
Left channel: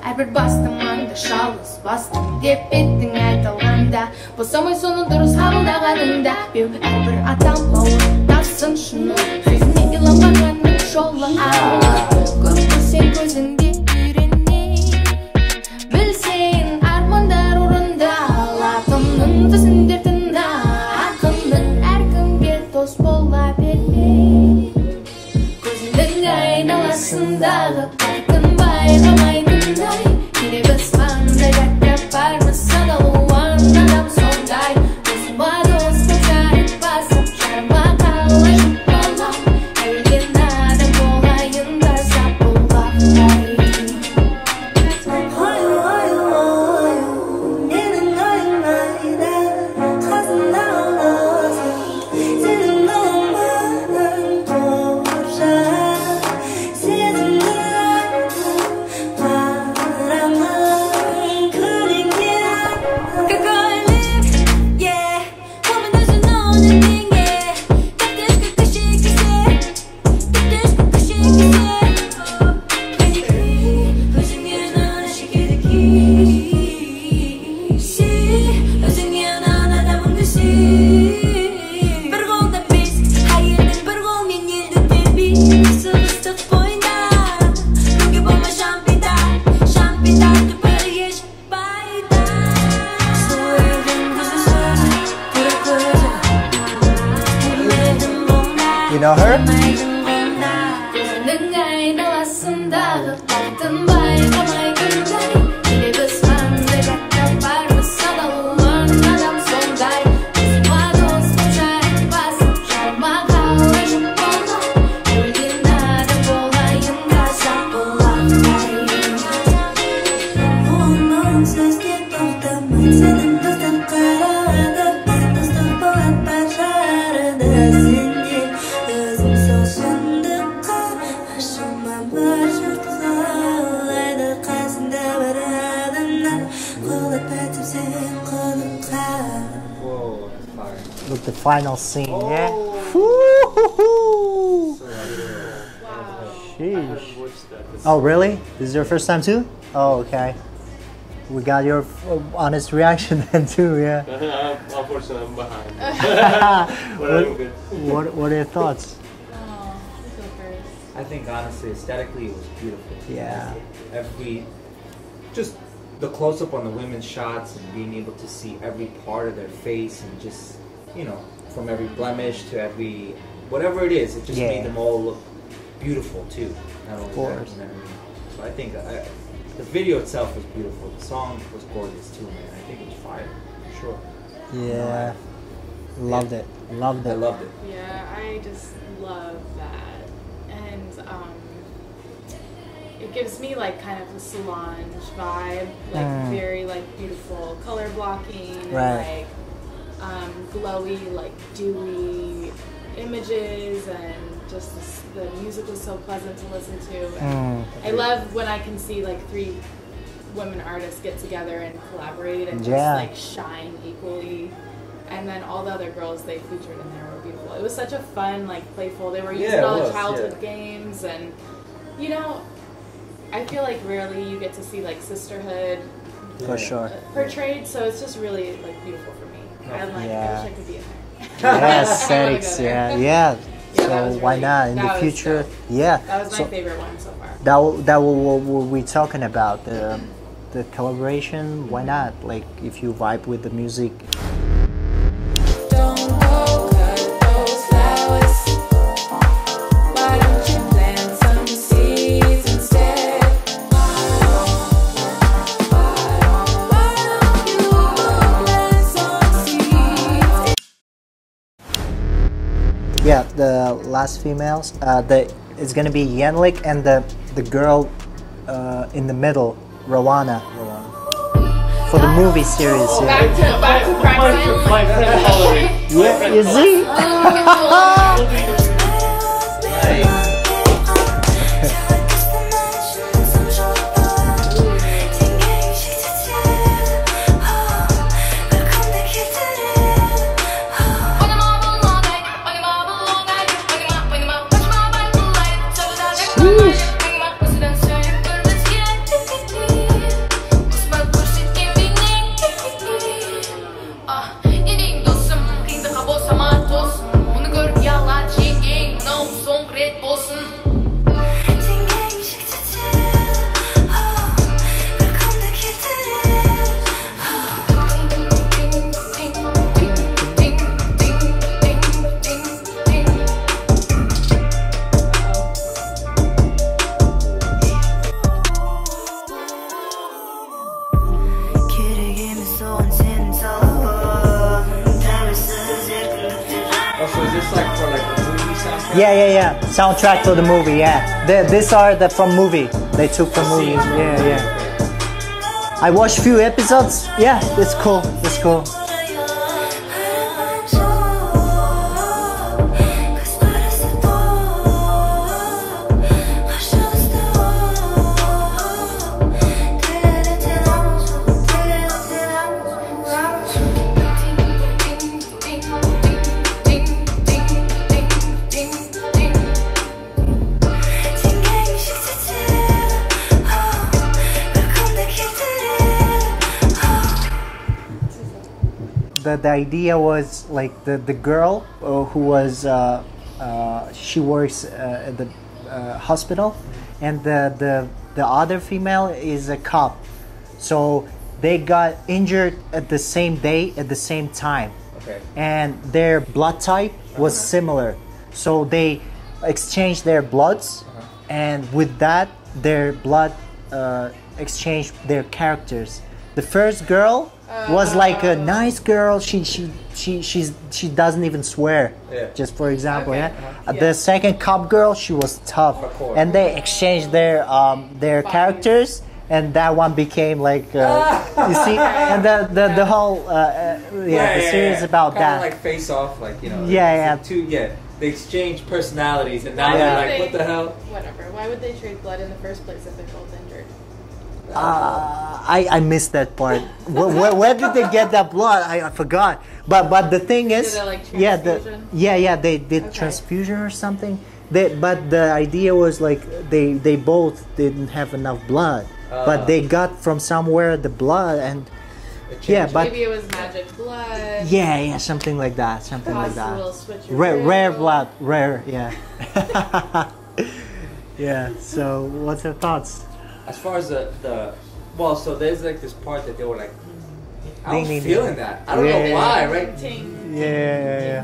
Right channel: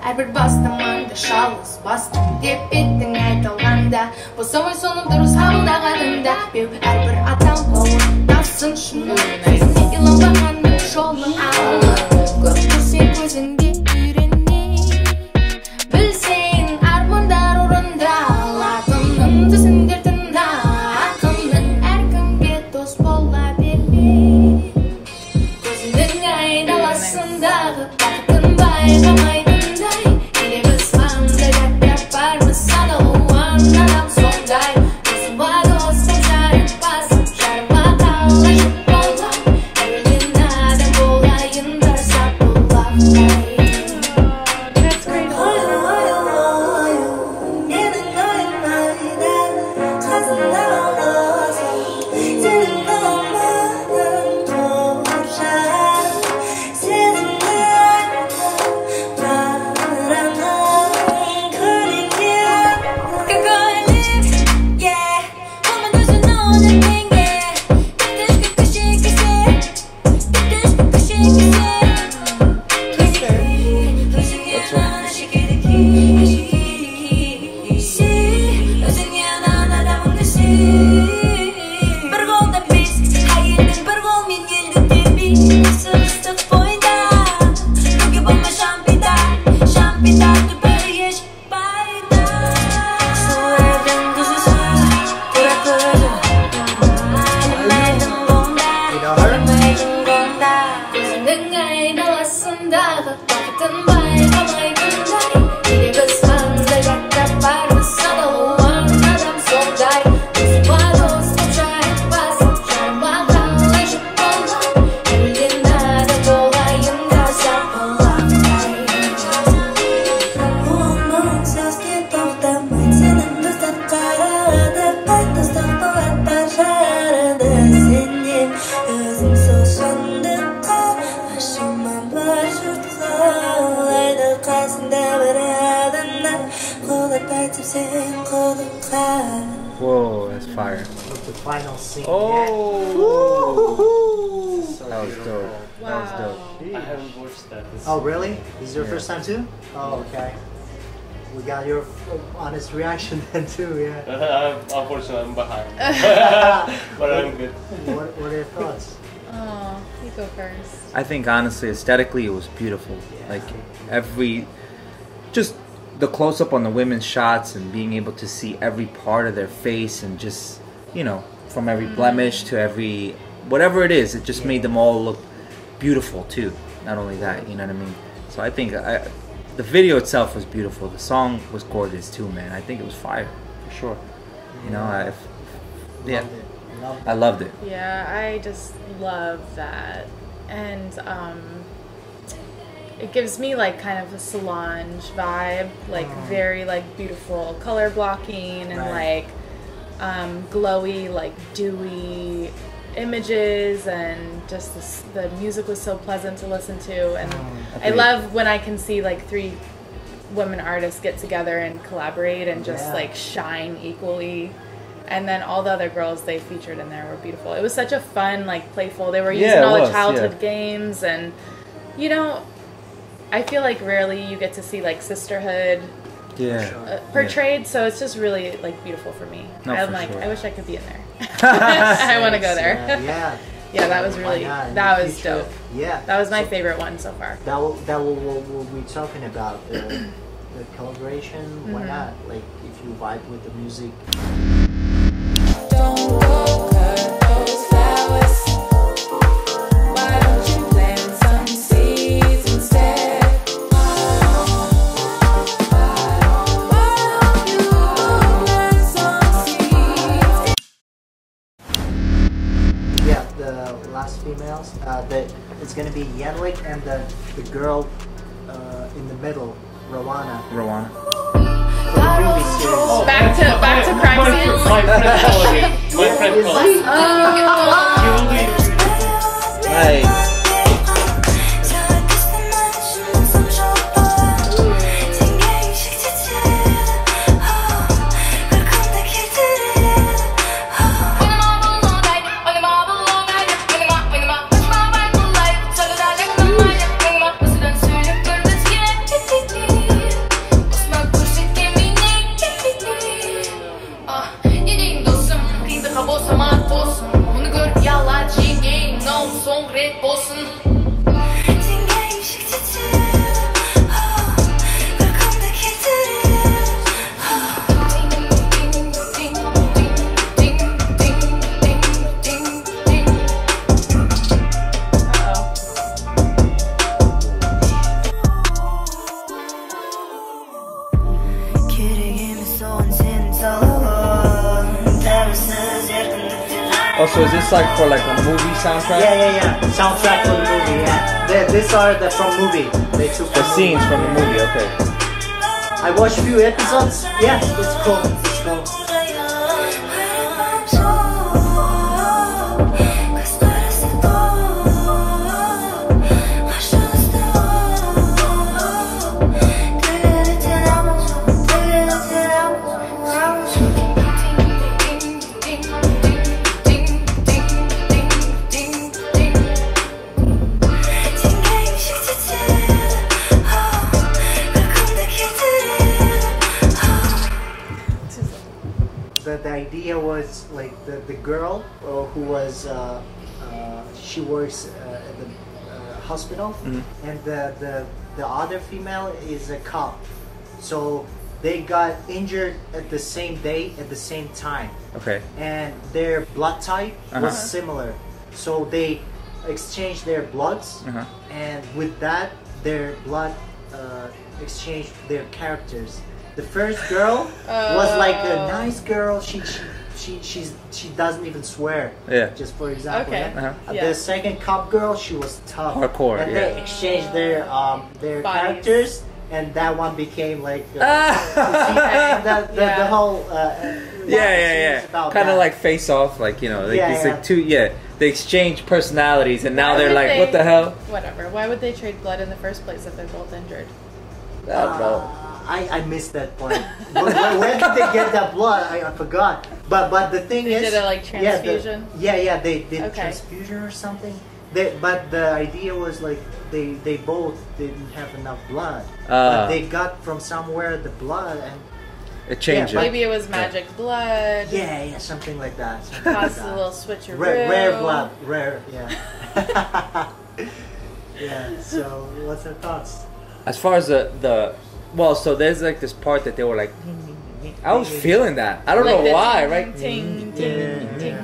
Әрбір бастамаңды шалыс бастым деп еттің айтылғанда, босамай соны дұрыс қабылдағаныңда, беу әрбір атам бауырдасын шыны, сөзіне иланбағанның жолы ауыр. Көп көрсең көзіңде үйрене, білсең армандар орындалатынын, түсіндер тына ақынның, әркімге дос бола берме. Көзіңнің айналасындағы бақытын байқамайды. know her? Whoa, that's fire. With the final scene, oh. Yeah? That was dope. Wow. That was dope. I haven't watched that. Oh, really? This is your first time too? Oh, okay. We got your honest reaction then too, yeah. Unfortunately, I'm behind. But I'm good. What are your thoughts? Oh, you go first. I think honestly, aesthetically, it was beautiful. Yeah. Like just the close up on the women's shots and being able to see every part of their face and just, you know, from every blemish to every whatever it is, it just made them all look beautiful too. Not only that, you know what I mean? So I think the video itself was beautiful. The song was gorgeous too, man. I think it was fire. Sure. Yeah. You know, Loved it. Loved it. I loved it. Yeah, I just love that. And it gives me like kind of a Solange vibe, like very like beautiful color blocking and like glowy, like dewy images, and just the music was so pleasant to listen to. And I love when I can see like 3 women artists get together and collaborate and just like shine equally. And then all the other girls they featured in there were beautiful. It was such a fun, like playful. They were using all the childhood games, and you know, I feel like rarely you get to see like sisterhood portrayed. So it's just really like beautiful for me. I'm like, I wish I could be in there. I want to go there. Yeah. Yeah, that was really. Why not? In that the was future, dope. yeah. That was my favorite one so far. That what we're talking about, the collaboration. Why not? Like if you vibe with the music. Don't go cut those flowers. Why don't you plant some seeds instead? Why don't you plant some seeds? Yeah, the last females. It's gonna be Yenlik and the girl in the middle, Rowana. For the movie series. Oh, back to crime So is this like for like a movie soundtrack? Yeah. Soundtrack for the movie, yeah. These are from movie. They took the scenes from the movie, okay. I watched a few episodes. Yeah, it's cool. It's cool. The idea was like the girl who was she works at the hospital, and the other female is a cop, so they got injured at the same day at the same time. Okay. And their blood type was similar, So they exchange their bloods, and with that, their blood exchanged their characters. The first girl was like a nice girl. She doesn't even swear. Yeah. Just for example. Okay. Yeah. The second cop girl, she was tough. Hardcore. And they exchanged their characters, and that one became like you see, and the whole the series about kind that. of like Face Off, like you know. They exchange personalities, and now they're like, what the hell? Whatever. Why would they trade blood in the first place if they're both injured? I missed that part. Where did they get that blood? I forgot. But the thing is, did a, like, transfusion? They did transfusion or something. But the idea was like they both didn't have enough blood, but they got from somewhere the blood and. It changed. Maybe it was magic blood. Yeah, something like that. Something like that. A little switcheroo. Rare blood, rare. Yeah. Yeah. So, what's your thoughts? As far as so there's like this part that they were like, I was feeling that. I don't know why, right? Ting, yeah.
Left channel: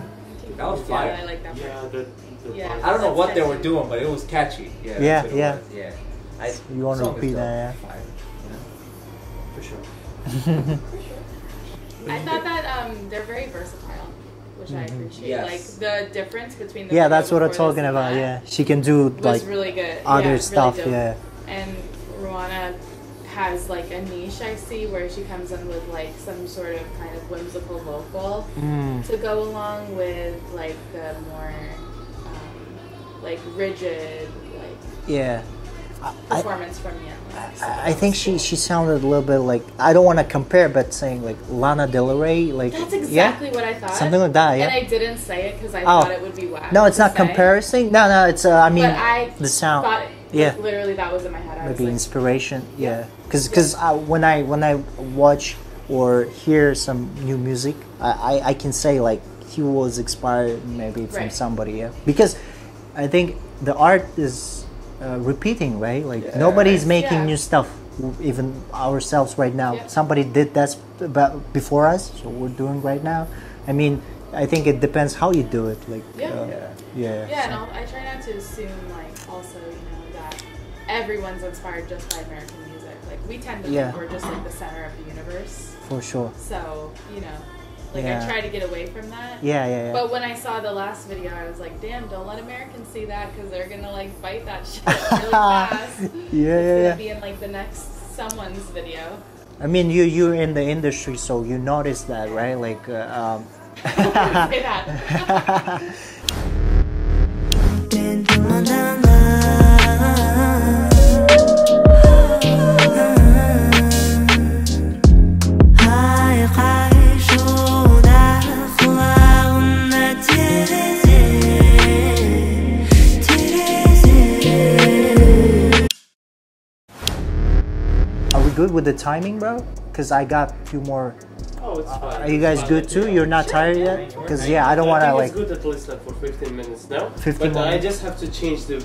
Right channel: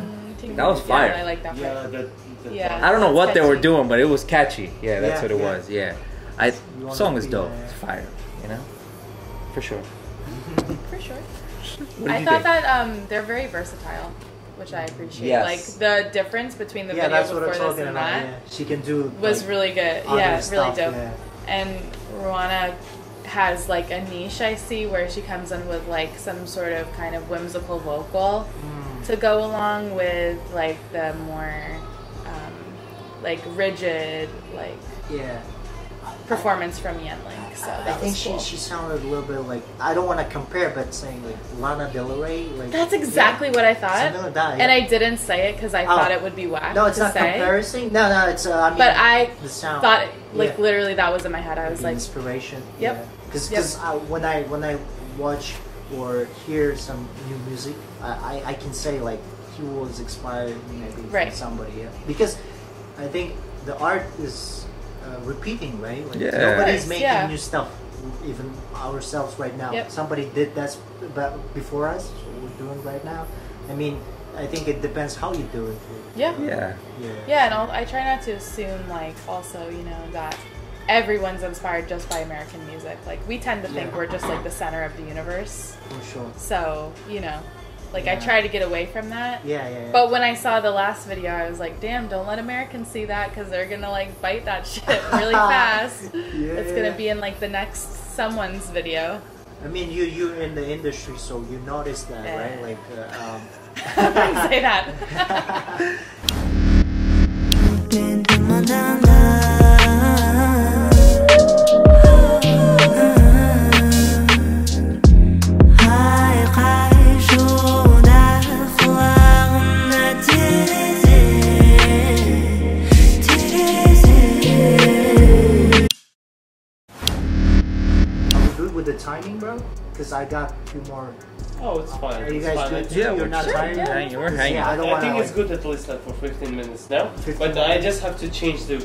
That was fire. I like that part. I don't know what they were doing, but it was catchy. Yeah, that's what it was. Yeah. The song is dope. It's fire. You know? For sure. For sure. I thought that they're very versatile, which I appreciate. Yes. Like the difference between the video that's what I'm before talking this about. and Yeah, she can do was like really good. Other stuff. Really dope. Yeah. And Ruana has like a niche I see where she comes in with like some sort of kind of whimsical vocal to go along with like the more like rigid performance from Yenlik. So I think she sounded a little bit like, I don't want to compare, but saying like Lana Del Rey, like that's exactly what I thought. Something like that, yeah. And I didn't say it because I thought it would be whack. No, it's not comparison. No, it's I mean, but I the sound. Thought like, literally that was in my head. I was maybe like inspiration. Yeah, because when I watch or hear some new music, I can say like he was inspired maybe from somebody. Yeah, because I think the art is. Repeating, right? Like nobody's making new stuff, even ourselves right now. Somebody did that before us, so we're doing right now. I mean, I think it depends how you do it. Like no, I try not to assume like also that everyone's inspired just by American music. Like we tend to think we're just like the center of the universe. For sure. So like I try to get away from that. Yeah. But when I saw the last video, I was like, damn, don't let Americans see that because they're gonna like bite that shit really fast. It's gonna be in like the next someone's video. I mean, you're in the industry, so you notice that, right? Like, say that. With the timing, bro, because I got a few more. Oh, it's fine. Are you guys good too? You're not tired yet? I don't want to like. I think it's good at least like for 15 minutes now. 15 but I just have to change the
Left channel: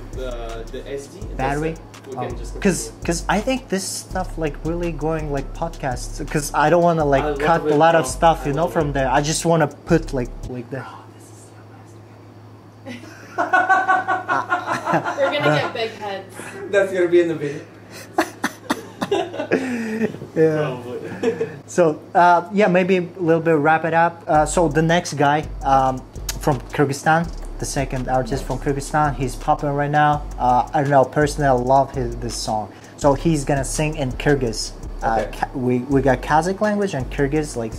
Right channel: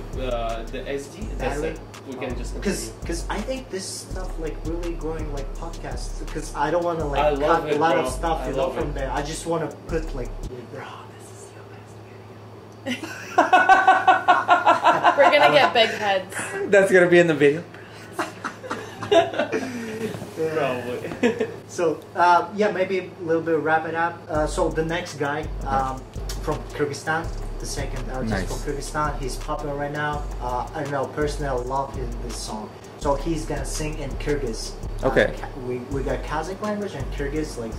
SD battery. We can just because I think this stuff like really going like podcasts because I don't want to like cut a lot of stuff from there. I just want to put like the. We're gonna get big heads. That's gonna be in the video. Probably. So maybe a little bit wrap it up. So the next guy from Kyrgyzstan, the second artist from Kyrgyzstan, he's popular right now. I don't know, personally I love this song. So he's gonna sing in Kyrgyz. Okay. We got Kazakh language and Kyrgyz, like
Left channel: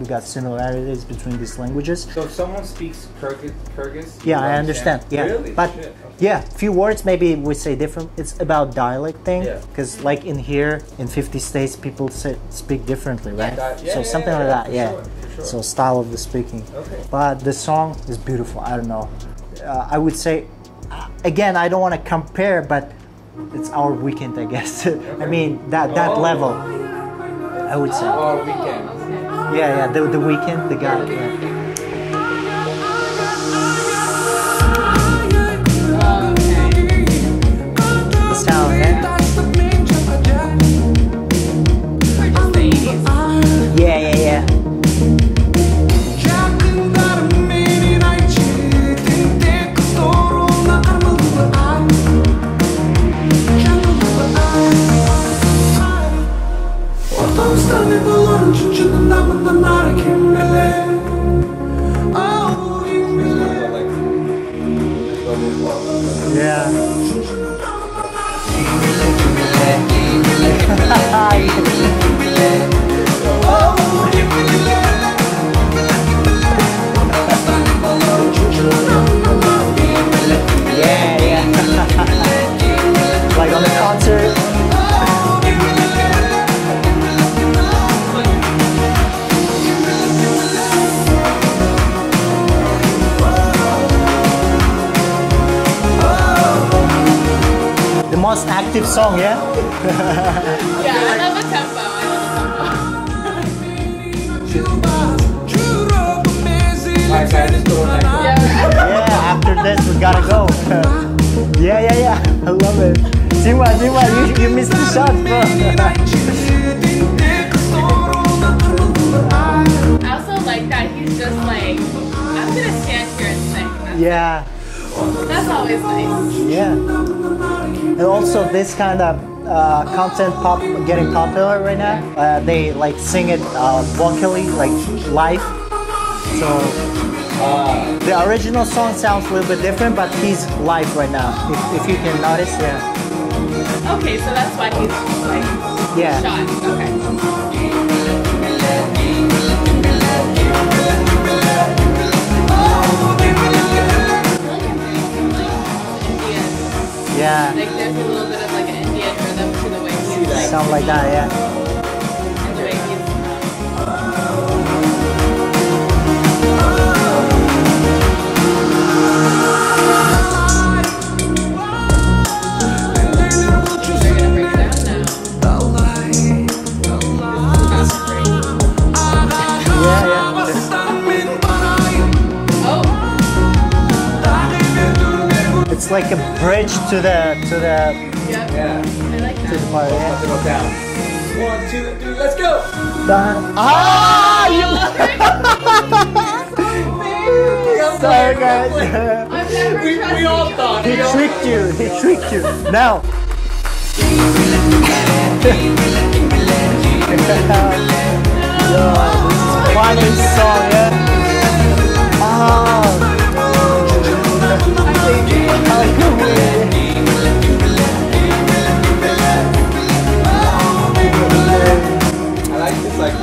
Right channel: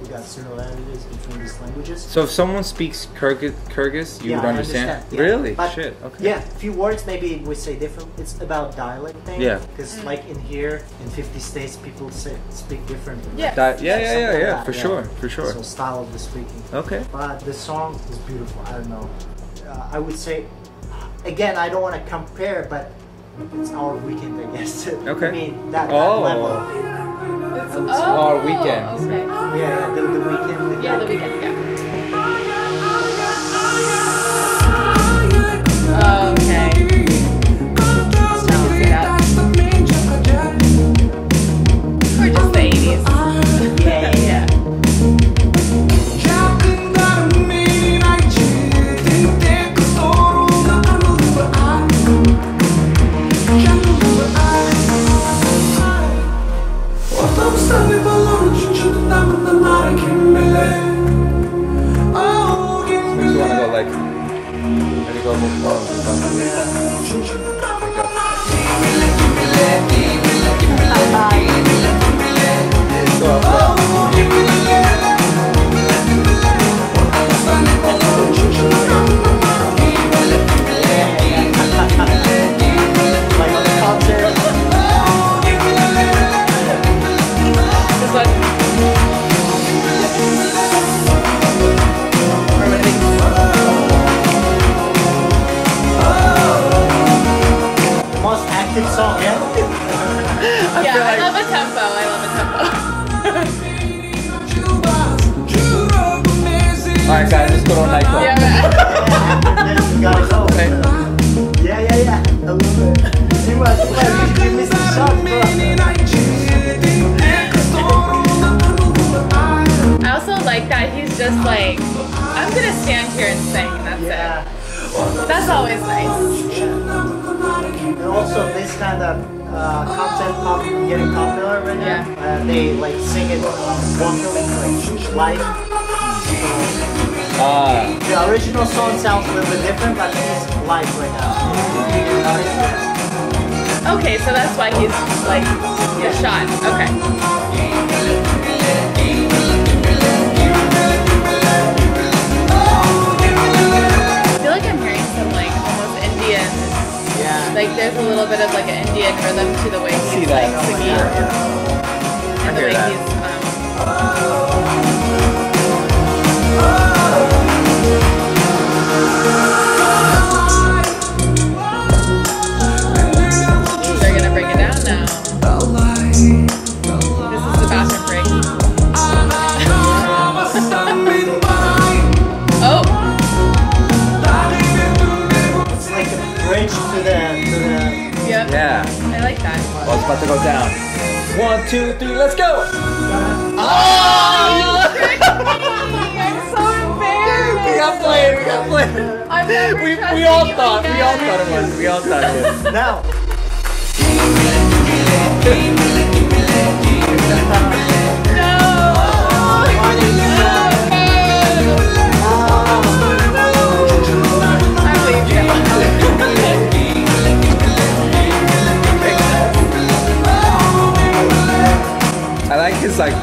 we got similarities between these languages. So if someone speaks Kyrgyz, you I understand. Yeah. Really? But shit. Okay. Yeah, few words maybe we say different. It's about dialect thing. Yeah. Because like in here, in 50 states, people speak differently, right? For sure. So style of the speaking. Okay. But the song is beautiful. I don't know. I would say, again, I don't want to compare, but it's our weekend, I guess. Okay. I mean that level. I would say. Our weekend. Okay. Yeah, the weekend, the gathering. Yeah. Song, yeah? Yeah, I love the tempo. Alright guys, let's go to nightclub. Yeah, after this we gotta go. Yeah. I love it. Tima, you missed the shot, bro. I also like that he's just like, I'm gonna stand here and sing. That's it. That's always nice. Yeah. And also this kind of content getting popular right now. They like sing it vocally, like live. So the original song sounds a little bit different, but he's live right now. If you can notice, yeah. Okay, so that's why he's like shot. Okay. Like there's a little bit of like an Indian rhythm to the way he's see that, something like that, yeah. And the way he's they're gonna bring it down now. It's like a bridge to the Yep. Yeah. I like that. Well, it's about to go down. 1, 2, 3, let's go! Oh! We all thought it was. Now. Like,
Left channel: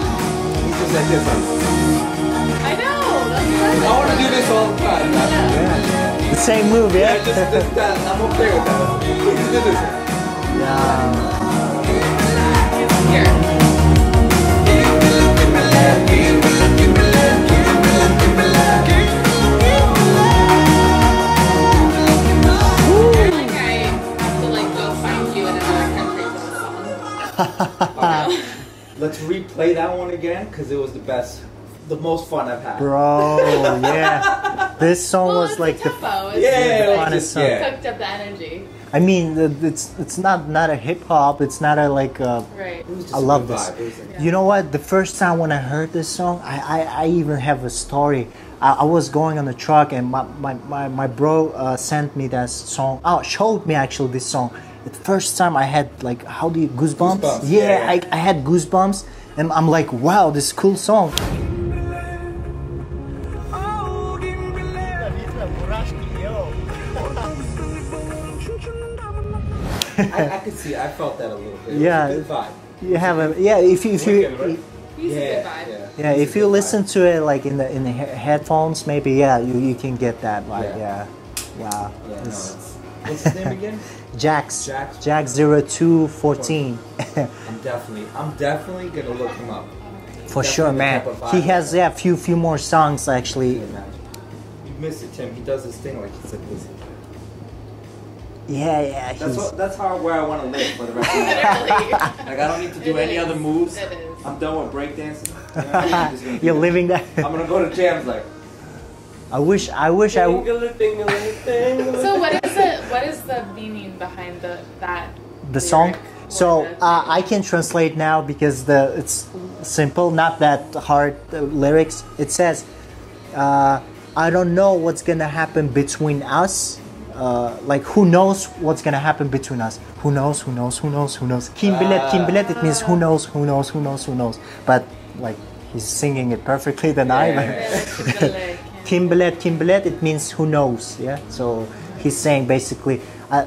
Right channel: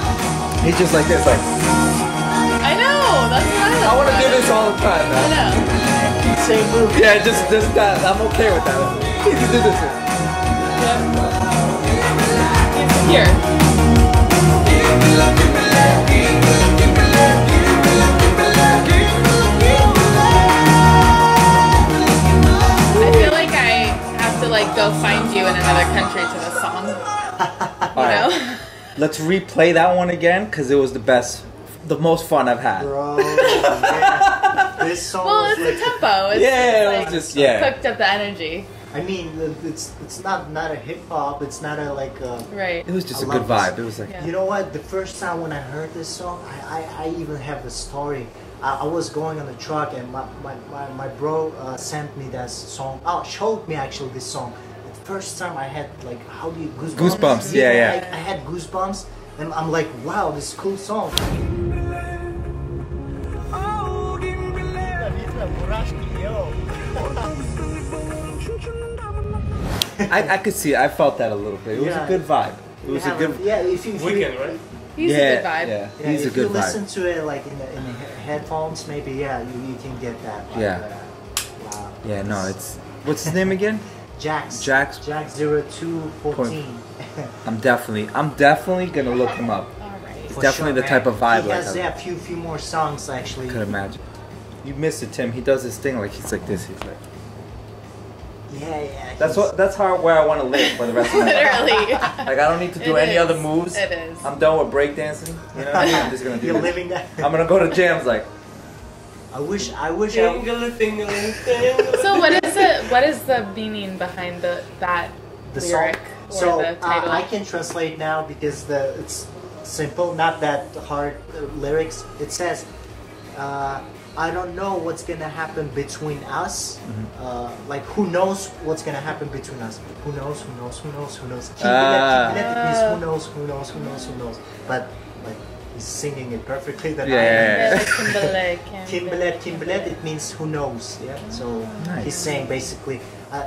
he's just like this, like. I know, that's what I want to do this all the time, man. The same move. Yeah, just that. I'm okay with that. You can do this. Here. I feel like I have to like go find you in another country to this song. You know? Let's replay that one again because it was the best, the most fun I've had. Bro, yeah. This song was like the tempo. it was just cooked up the energy. I mean, it's not a hip hop. It's not a like. Right. It was just a good vibe. It was like. You know what? The first time when I heard this song, I even have a story. I was going on the truck and my bro sent me that song. Oh, showed me actually this song. The first time I had like, how do you goosebumps? Goosebumps. Yeah. I had goosebumps, and I'm like, wow, this is a cool song. I could see. I felt that a little bit. It was a good vibe. If you He's a good vibe. Yeah, if you listen to it like in the headphones, maybe you can get that vibe. Yeah. No, it's what's his name again? Jax 0214. I'm definitely gonna look him up. For definitely sure, the man. type of vibe He has few more songs actually. I could imagine. You missed it, Tim. He does this thing like he's like this. He's like. Yeah. That's where I want to live for the rest of my life. Like I don't need to do any other moves. It is. I'm done with breakdancing. You know what I mean? I'm just gonna You're living that. I'm gonna go to jams like. I wish I. So what is the meaning behind the song? So I can translate now because it's simple, not that hard lyrics. It says, I don't know what's gonna happen between us. Like who knows what's gonna happen between us? Who knows? Kim bilet, it means who knows. But like he's singing it perfectly than I am. Kim bilet, it means who knows, yeah? So he's saying basically,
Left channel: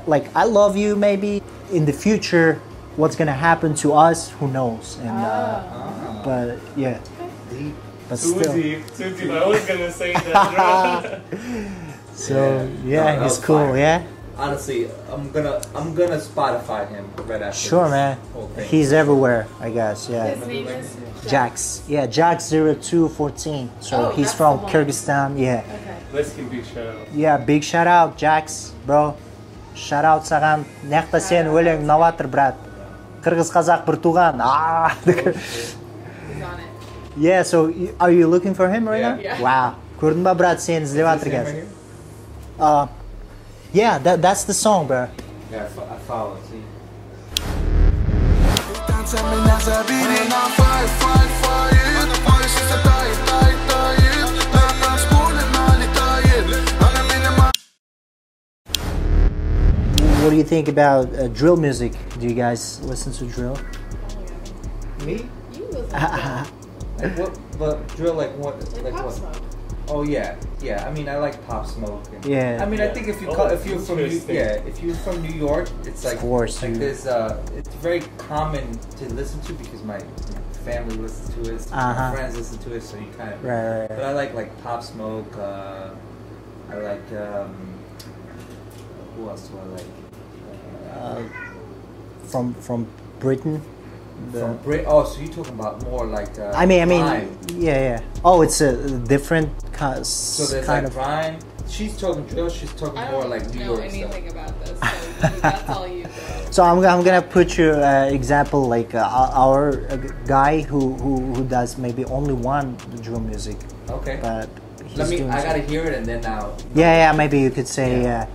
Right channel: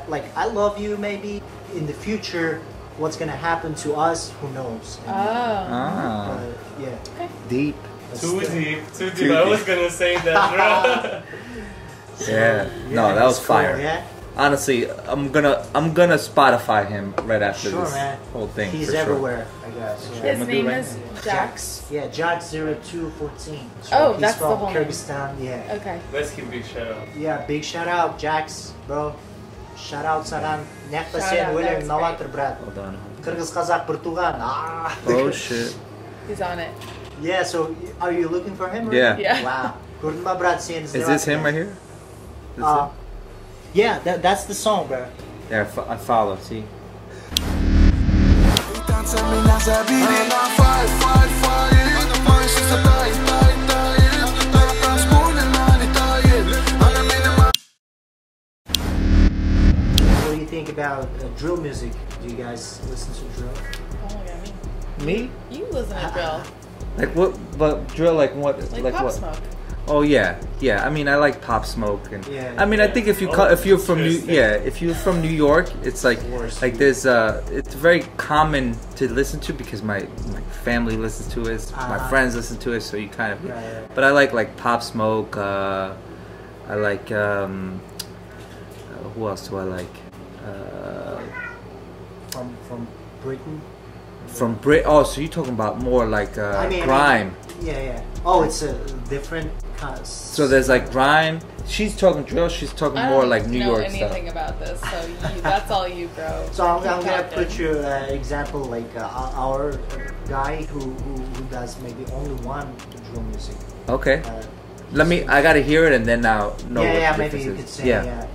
like, I love you, maybe in the future, what's gonna happen to us, who knows? And, but yeah, deep. Too deep. I was gonna say that. So, yeah, no, that was cool, fire. Yeah. Honestly, I'm gonna Spotify him right after this whole thing. He's everywhere, I guess. Yeah. His name is Jax. Yeah, Jax0214. So he's from Kyrgyzstan. Yeah. Okay. Let's give big shout out. Yeah, big shout out, Jax, bro. Shout out саған. Нақта сен өлең новатор, брат. Кыргыз қазақ бір туған. Oh shit. He's on it. Yeah, so are you looking for him right now? Yeah. Wow. Көрдің ба, брат, сен іздеп жатыр. Is this him right here? Yeah, that's the song, bro. Yeah, I follow. See. What do you think about drill music? Do you guys listen to drill? Me? You listen to drill. Like what? But drill like what? Like Pop what? Smoke. Oh yeah. I mean, I like Pop Smoke. And, I mean, I think if you're from if you're from New York, it's like there's it's very common to listen to because my family listens to it, my friends listen to it, so you kind of. But I like Pop Smoke. I like who else do I like? From Britain. From Brit. Oh, so you're talking about more like I mean, grime. Yeah. Oh, it's a different. So there's like grime. She's talking drill. She's talking more like New York stuff. I don't know anything about this, so that's all you go. So I'm gonna put you example like our guy who does maybe only one drill music. Okay. I gotta hear it and then now. Yeah. Maybe you could say yeah.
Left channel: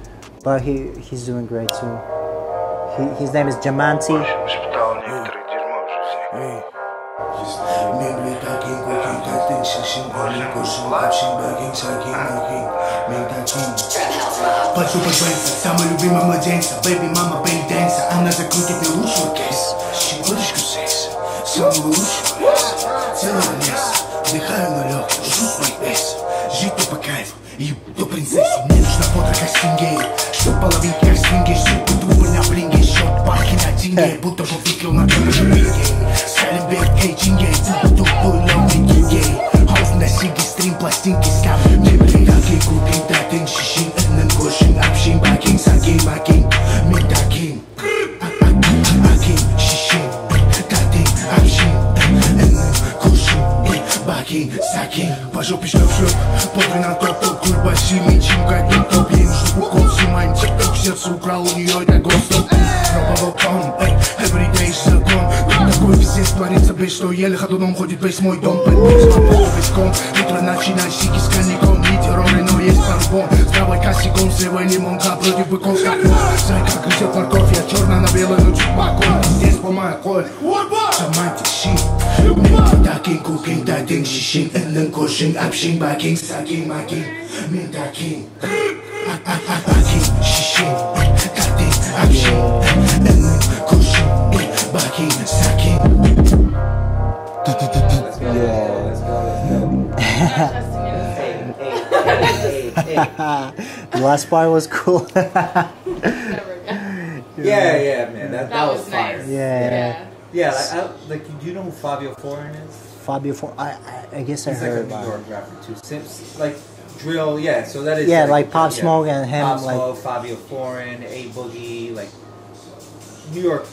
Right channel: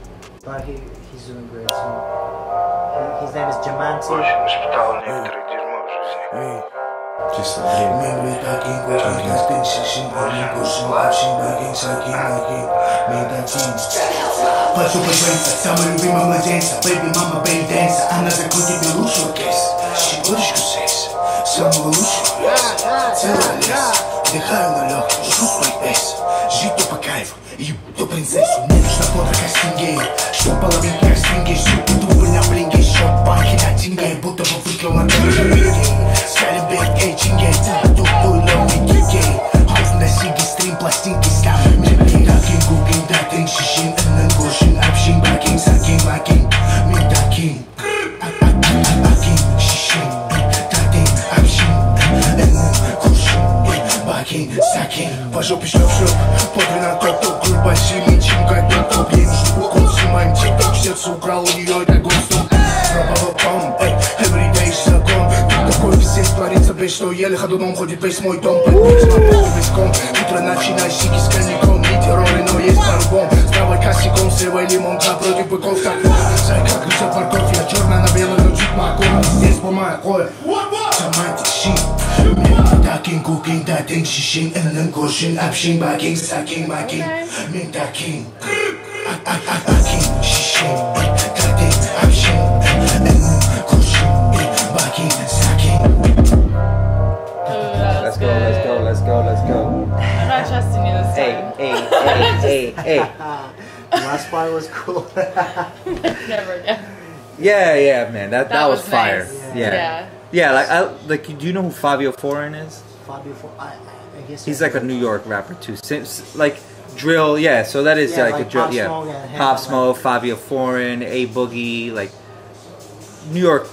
But he's doing great too. His name is Jaman T. Самый любимый младенца, baby мама belly dancer. Она закрутит мне лучший оркестр. Щекоточку секс, самого лучшего. Целый лес, вдыхаю на легкий, чувствую вес. Жить то по кайфу, и то принцессу. Мне нужна подра как стингей, чтоб половинки как стрингей. Сука, дубль на блинге, счет банки на деньги. Будто бы выклал на камере вингей. Скалим бег, эй, чингей, туй, лов, ми гигей. Хаус на сиги, стрим, пластинки, скам. Мне пригакин, кукин, датин, шишин, энэн, кошин, апшин, бакин, сакин, бакин. Ми дакин, акин, шишин, датин, апшин, энэн, кошин, бакин, сакин. По жопе шлеп, подвин на топ, куль большими, чем как топ. Ей нужен укол, снимаем тик-ток, сердце украл у нее, это гостом. Пробовал пом, эй, everyday закон. Тут такой пиздец творится, без что еле ходуном ходит весь мой дом. Подмить весь ком, утро начинай сики с коньяком. Не терроры, но есть пару-бом. С правой косяком, с левой лимонка против быков, как вон. Зайка грызет морковь, я черная на белой, но чуть маком. Здесь по моей Jaman T shit. Min dakin, cooking, dating, shishin, энэн, кошин, апшин, бакин, сакин, макин. Min dakin, акин, шишин, датин, апшин, энэн, кошин, бакин, сакин. Let's go. I'm not trusting you this time. Hey. The last part was cool. Never again. Yeah, man. That was fire. Nice. Yeah, do you know who Fabio Foreign is? Fabio Foreign, I guess he's like a New York rapper too. Like drill, yeah. So that is like Pop Smoke and him. Pop Smoke, Fabio Foreign, A Boogie, like New York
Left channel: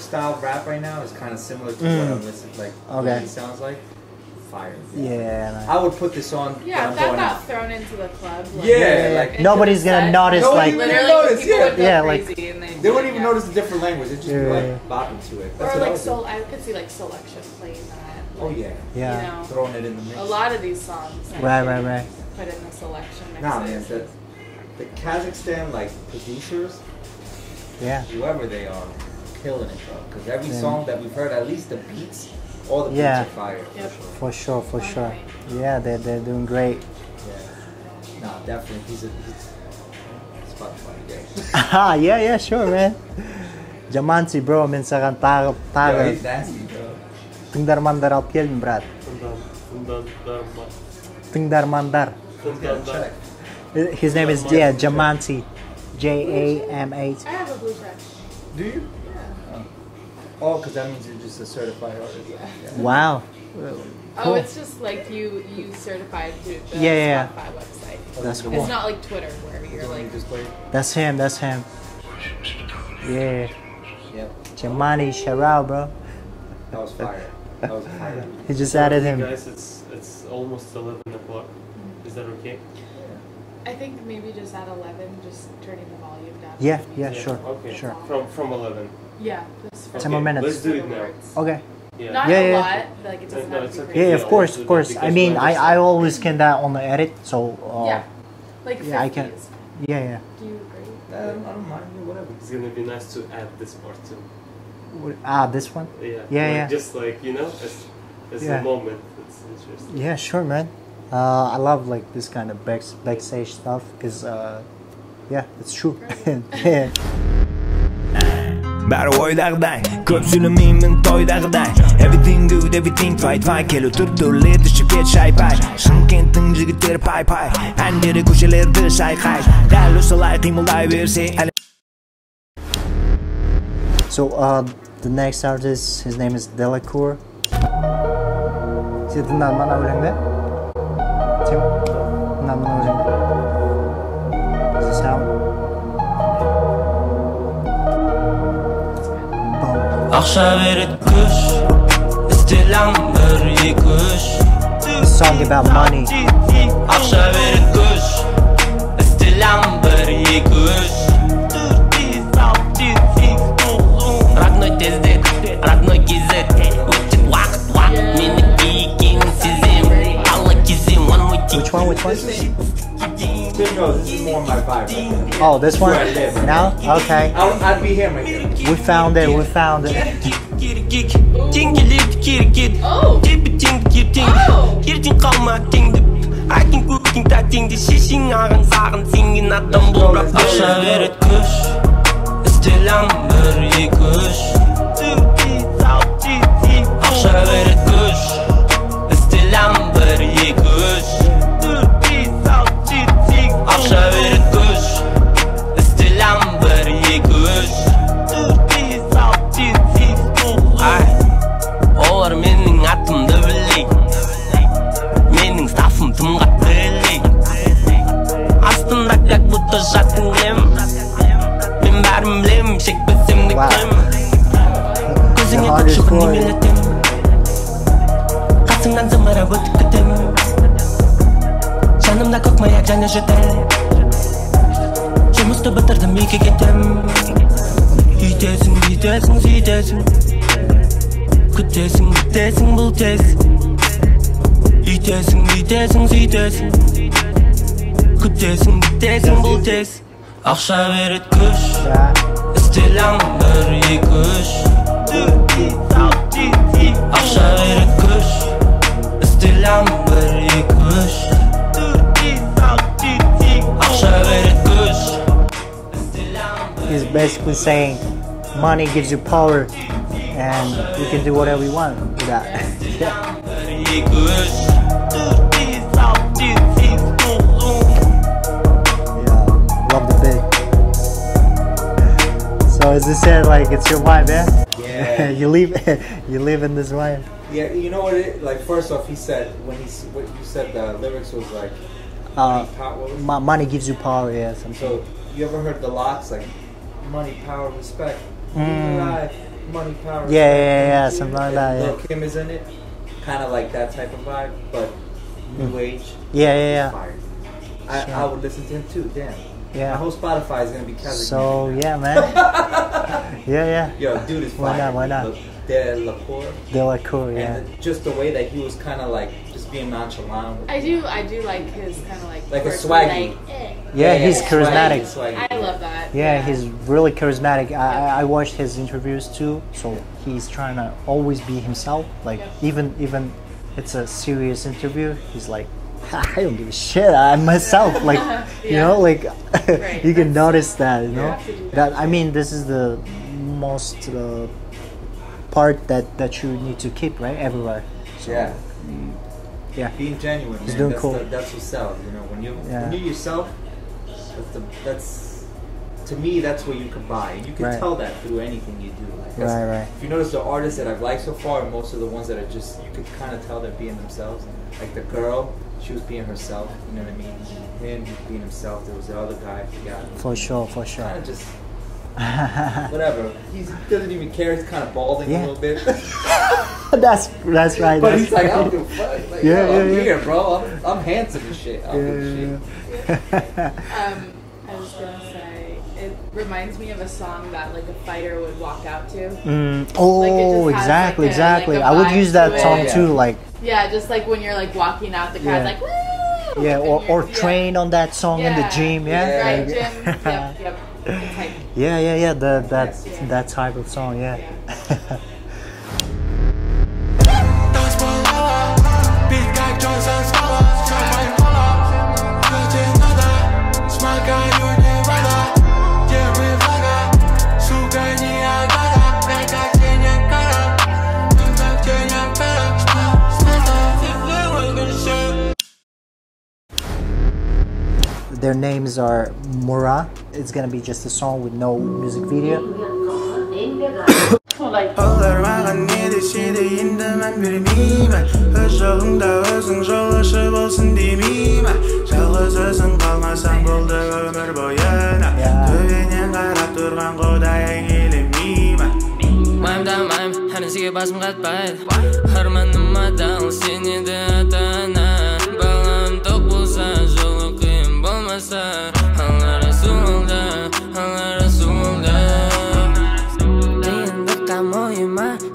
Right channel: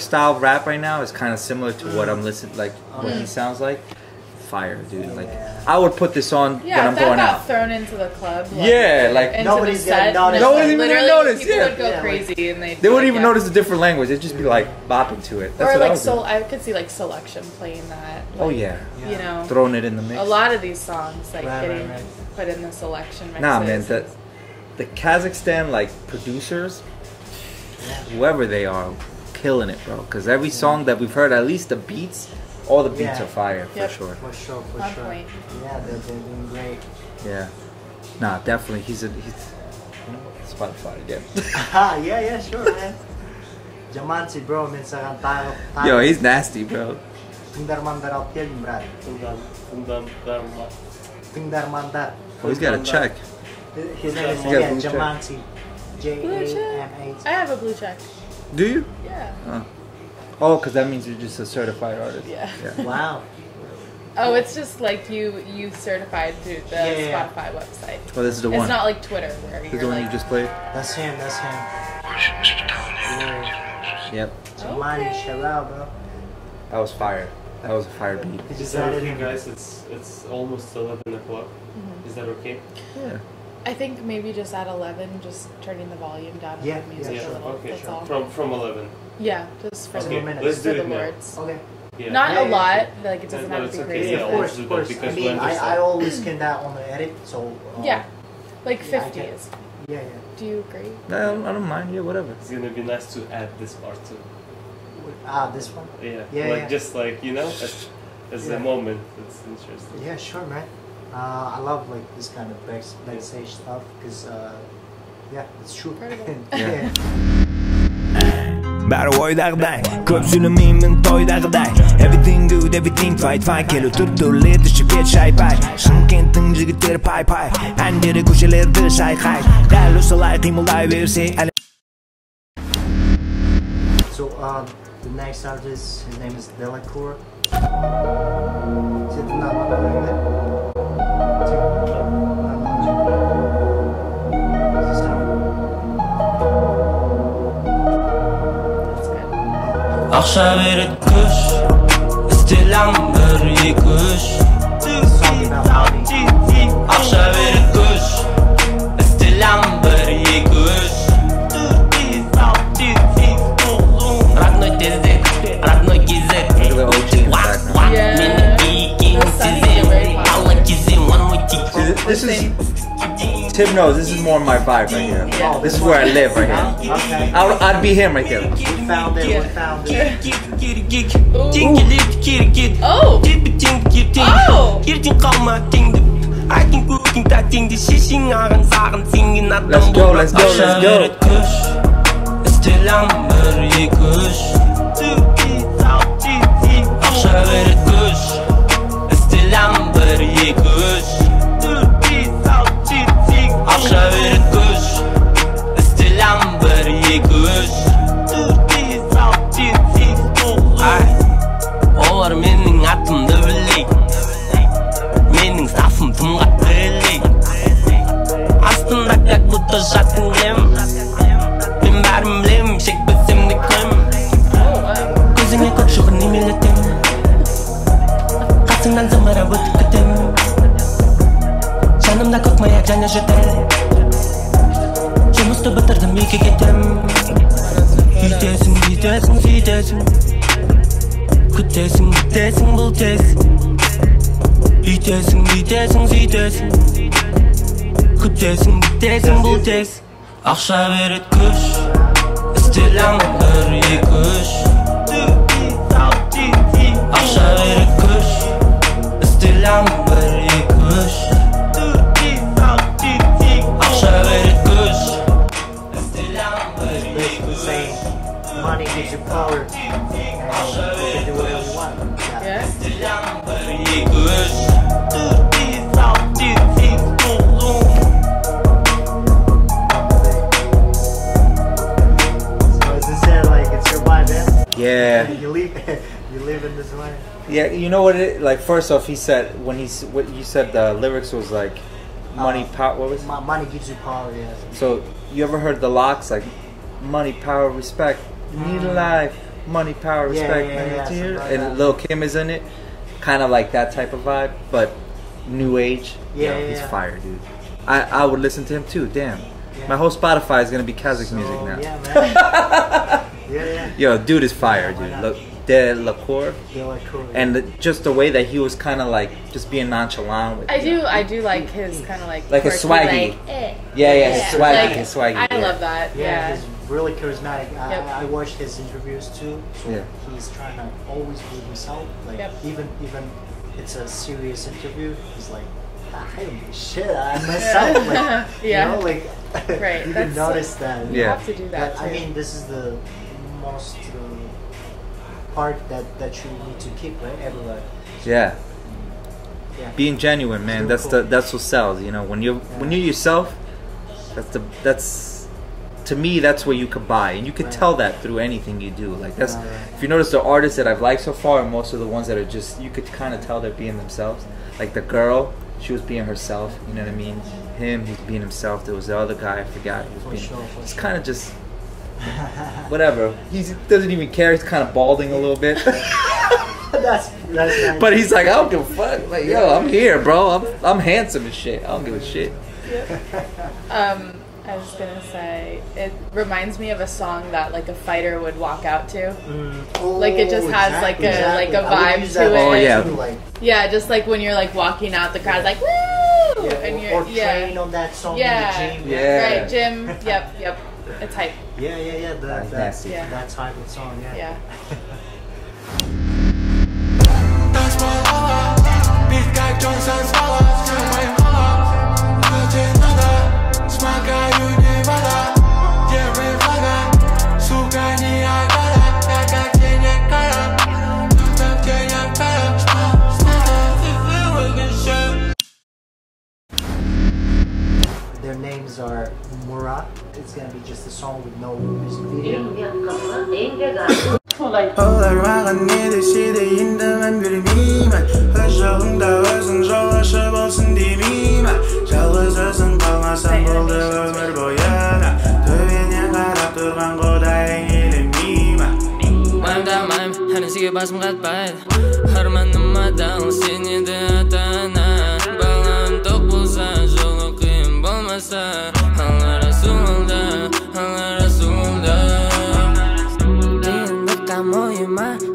style rap right now is kind of similar to what I'm listening what he sounds like. Fire, dude. Yeah, I would put this on when I'm going out. Thrown into the club. Nobody's gonna notice. No one even notice. Crazy and they wouldn't even notice the different language. They'd just be like bopping to it. That's what I was doing. I could see like Selection playing that. Oh yeah. You know, throwing it in the mix. A lot of these songs, right. Put in the Selection mixes. Nah, man, the Kazakhstan producers, whoever they are, killing it, bro. Because every song that we've heard, at least the beats. All the beats are fire, for sure. For sure. Yeah, they're doing great. Yeah. Nah, definitely. He's Spotify again. Yeah, sure, man. Jaman T, bro, minsakan tayo. Yo, he's nasty, bro. Tındarmandar alp gelin, brad. Tındarmandar. Oh, he's got a check. His name is Jaman T. J-A-M-A-T. I have a blue check. Do you? Yeah. Oh, because that means you're just a certified artist. Yeah. Wow. Oh, Cool. it's just like you certified through the Yeah. Spotify website. Oh, this is the one. It's not like Twitter where This you're is the one like... you just played? That's him. Yeah. Yep. Jamani, shout out, bro. That was fire. That was a fire beat. He just added him. Guys, it's almost 11 o'clock. Is that okay? Yeah. I think maybe just at 11, just turning the volume down. Yeah, Maybe sure. Okay, Sure. From 11. Yeah, just for 10 more minutes. Let's do the it now. words. Okay. Yeah. Not Yeah, a yeah. lot, like it doesn't No, have it's to be okay. crazy. Yeah, of course, of course. Because I mean, we're just I always can that on the edit, so... Yeah, like 50 yeah, I can- is fine. Yeah. Do you agree? No, I don't mind. Yeah, whatever. It's gonna be nice to add this part too. This one? Yeah. Yeah. Just like, you know, as Yeah. a moment. It's interesting. Yeah, sure, man. I love like this kind of backstage stuff because, yeah, it's true. Yeah. Бәрі ойдағыдай, көп сөйлемеймін тойдағыдай. Everything good, everything fight келу түр-түрлі ішіп шай-пай. Шымкенттің жігіттері пай-пай, әндері көшелерді шайқай. Дәл осылай қимылдай берсе әлі. So, the next artist, his name is Delacour. Ақша береді күш, істелем бір-екі үш. Song about money. Ақша береді күш, істелем бір-екі үш. Родной тездет, родной кезет. Өтіп уақыт, менікі екенін сезем. Алла кезем, one more thing. This is... Tim knows this is more my vibe right here. Oh, this is one? where I live right now? now. Okay. I'd be him right there. We found it. Oh! ертең қалма теңді айтын көктің тәтеңді шешең ағын сағын сенген адам бол бірақ ақша береді күш істелем бір-екі үш ақша береді күш істелем бір-екі үш ақша береді күш істелем бір-екі үш олар менің атымды білейді менің стафым тым қатты илейді астында как будто жаттың кілем мен бәрін білем шекпесем де кім көзіңе көк шыбын немелетем қасыңнан зымырап өтіп кетем жанымда көк маяк және жөтел жұмысты бітірдім үйге кетем үйтесің бүйтесің сөйтесің күтесің бітесің бұл тез үйтесің бүйтесің сөйтесің күтесің бітесің бұл тез ақша береді күш істелем бір-екі үш ақша береді күш істелем бір-екі үш ақша береді күш He's basically saying money gives you power and you can do whatever you want with that. Love the thing. So as I said, like it's your vibe, man. Yeah. you live in this vibe. Yeah, you know what it like first off he said when what you said the lyrics was like money power what was it? Money gives you power, yeah. So you ever heard the locks like money, power, respect, life, money, power, respect. Yeah, something like that. Lil Kim is in it, kind of like that type of vibe, but new age. Yeah. He's fire, dude. I would listen to him too. Damn. Yeah. My whole Spotify is gonna be Kazakh music now. Yeah, man. yeah. Yo, dude is fire. Why not? Delacour. Delacour. Yeah. And just the way that he was kind of like just being nonchalant with. I do like his kind of like a swaggy. Like, eh. Yeah, he's charismatic. Swaggy. I love that. Yeah, he's really charismatic. I watched his interviews too, so he's trying to always be himself. Like even it's a serious interview, he's like, I don't give a shit. I'm myself. Like you know, like you can notice that. You know? That I mean, this is the most part that you need to keep right everywhere. So, yeah. being genuine, man. That's cool. that's what sells. You know, when you're yourself, that's to me that's what you can buy, and you can tell that through anything you do. Like that's if you notice the artists that I've liked so far, and most of the ones that are just you could kind of tell they're being themselves. Like the girl, she was being herself. You know what I mean? Him, he's being himself. There was the other guy, I forgot. For sure. Kind of just whatever. He doesn't even care. He's kind of balding a little bit. That's right. But he's like, I don't give a fuck. Like, yo, I'm here, bro. I'm handsome and shit. I don't give a shit. I was gonna say, it reminds me of a song that like a fighter would walk out to. Like it just has exactly. like a vibe I would use that song too, like. Yeah, just like when you're like walking out, the crowd's like, woo! Yeah, or train on that song in the gym. Right, gym. Yep. It's hype. Yeah. That type of song. Yeah. Their names are Mura. It's gonna be just a song with no music video.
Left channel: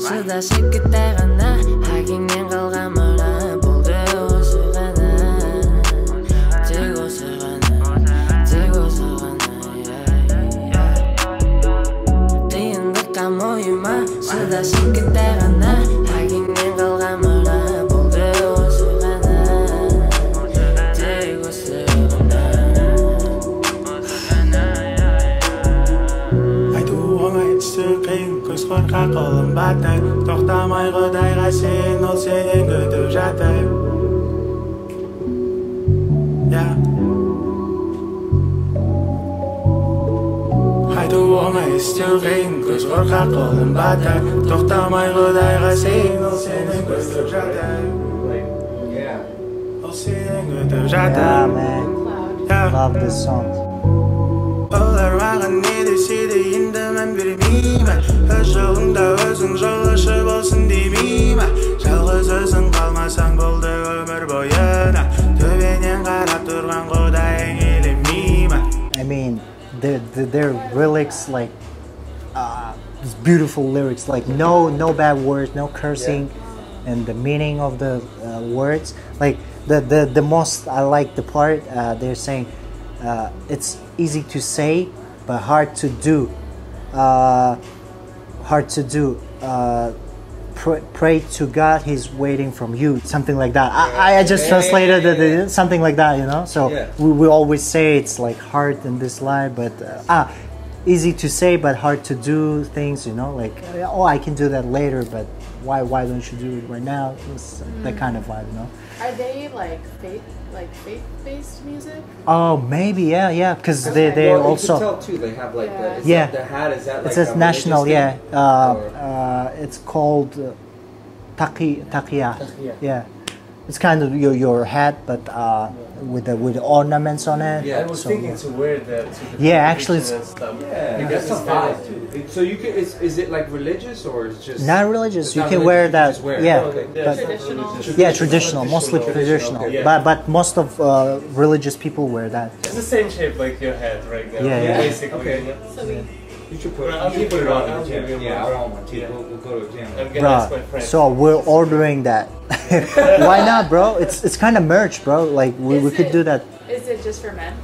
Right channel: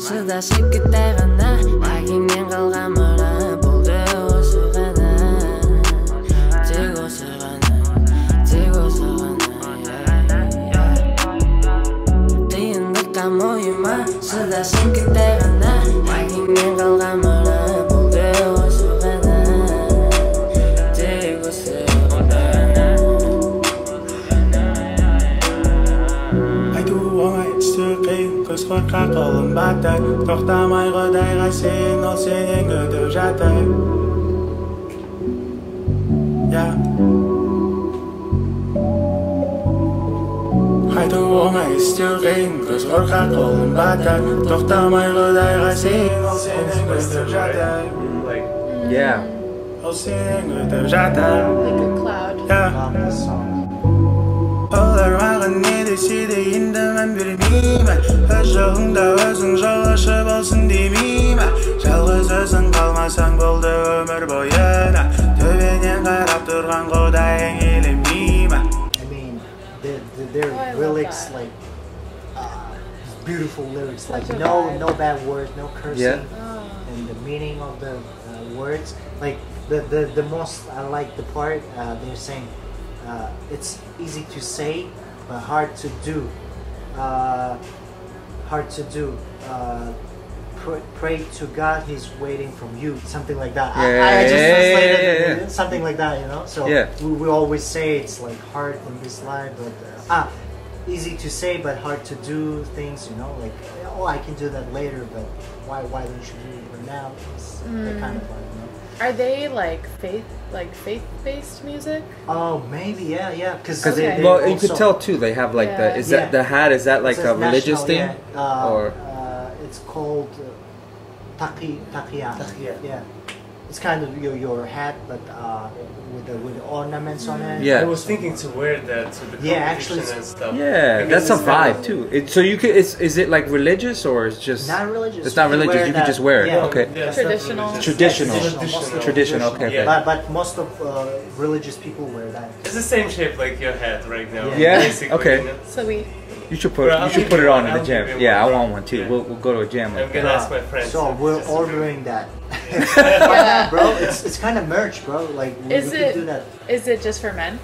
Шыда шекеттай ғана Әкеңнен қалған мұра болды осы ғана Тек осы ғана Қиындыққа мойыма Шыда шекеттай ғана Әкеңнен қалған мұра болды осы ғана Тек осы ғана Айту оңай істеу қиын Көз қорқақ қолым батыр Тоқтамай құдайға сен Ол сенен күтіп жатыр Айту оңай істеу қиын Көз қорқақ қолым батыр Тоқтамай құдайға сен Ол сенен күтіп жатыр Ол сенен күтіп жатыр Love this song. Олар маған не десе де енді мән бермеймін Өз жолыңда өзің жолаушы болсын демеймін Жалғыз өзің қалмасаң болды өмір бойына Төбенен қарап тұрған құдайың елемеймін I mean, their lyrics like beautiful lyrics, like no bad words, no cursing, and the meaning of the words. Like the most I like the part they're saying it's easy to say but hard to do. Pray to God, He's waiting from you. Something like that. I just translated it, something like that, you know. So we always say it's like hard in this life, but easy to say but hard to do things, you know. Like, oh, I can do that later, but why don't you do it right now? It's that kind of vibe, you know. Are they like faith-based music? Oh, maybe, yeah, because they well, also, you could tell too. They have like the that the hat, is that like a religious national, thing? It's called taqiya. Yeah, it's kind of your hat, but with the ornaments on it. Yeah, I was thinking to wear that to the actually, and stuff. That's a vibe too. So you could, is it like religious or is just not religious? It's not religious. You can just wear it. Yeah, okay. Traditional. Traditional, mostly traditional. Okay. But most of religious people wear that. It's the same shape like your hat right now. Yeah. Basically, Okay. You know? So You should put it on in the gym. Yeah, I want one too. Yeah. We'll go to a gym. I'm gonna ask my friends. So we're ordering that. Why not, bro? It's kind of merch, bro. Like we could do that. Is it just for men?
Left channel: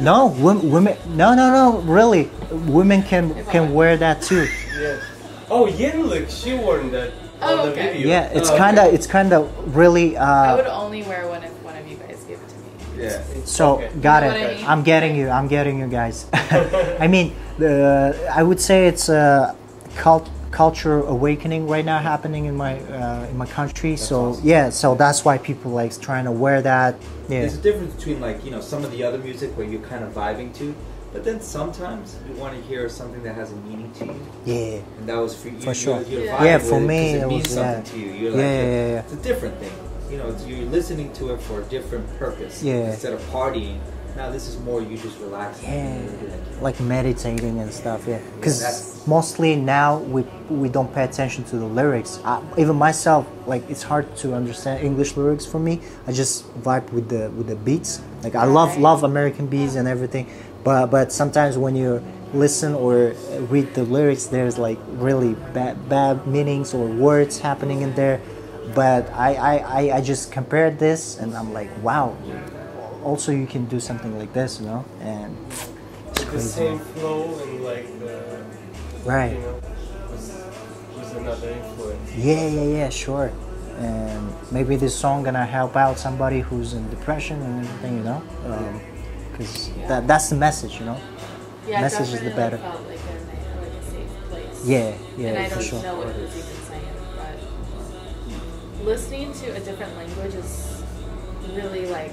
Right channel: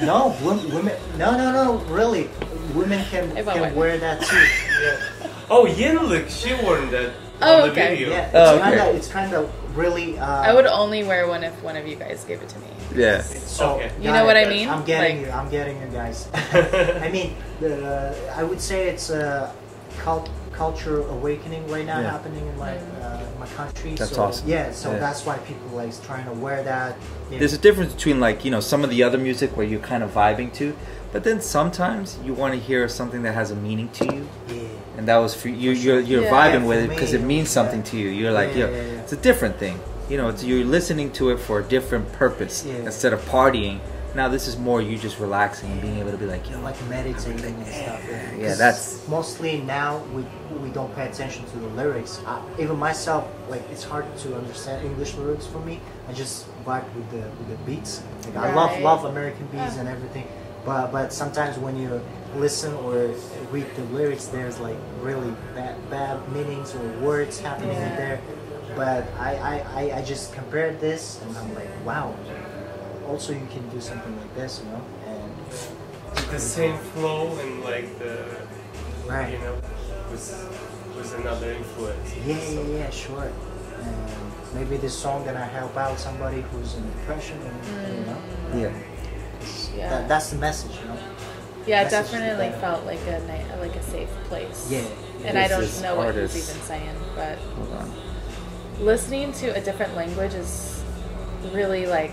No, women. No. Really, women can wear that too. Yeah. Oh, Yenlik, she worn that Oh, on the okay. video. Yeah, it's kind of really. I would only wear one if one of you guys gave it to me. Yeah. So Okay. You know what I mean? I'm getting you guys. I mean, I would say it's cultural awakening right now happening in my country. That's so awesome. Yeah, so that's why people like trying to wear that. Yeah. There's a difference between like, you know, some of the other music where you're kind of vibing to, but then sometimes you want to hear something that has a meaning to you. Yeah. And that was for you. You're vibing with it because it means something to you. You're like, it's a different thing. You know, you're listening to it for a different purpose instead of partying. Now this is more you just relaxing and being able to be like, like meditating and stuff. Yeah, because that's mostly now we don't pay attention to the lyrics. Even myself, like it's hard to understand English lyrics for me. I just vibe with the beats. Like I love American beats and everything, but sometimes when you listen or read the lyrics, there's like really bad meanings or words happening in there. But I just compared this and I'm like, wow. Also, you can do something like this, you know, and with the same flow and like the you know, was another influence. Yeah, sure. And maybe this song gonna help out somebody who's in depression and everything, you know. Because that's the message, you know. Yeah, it definitely felt like a safe place. Yeah. And I don't know what he's even saying, but listening to a different language is really like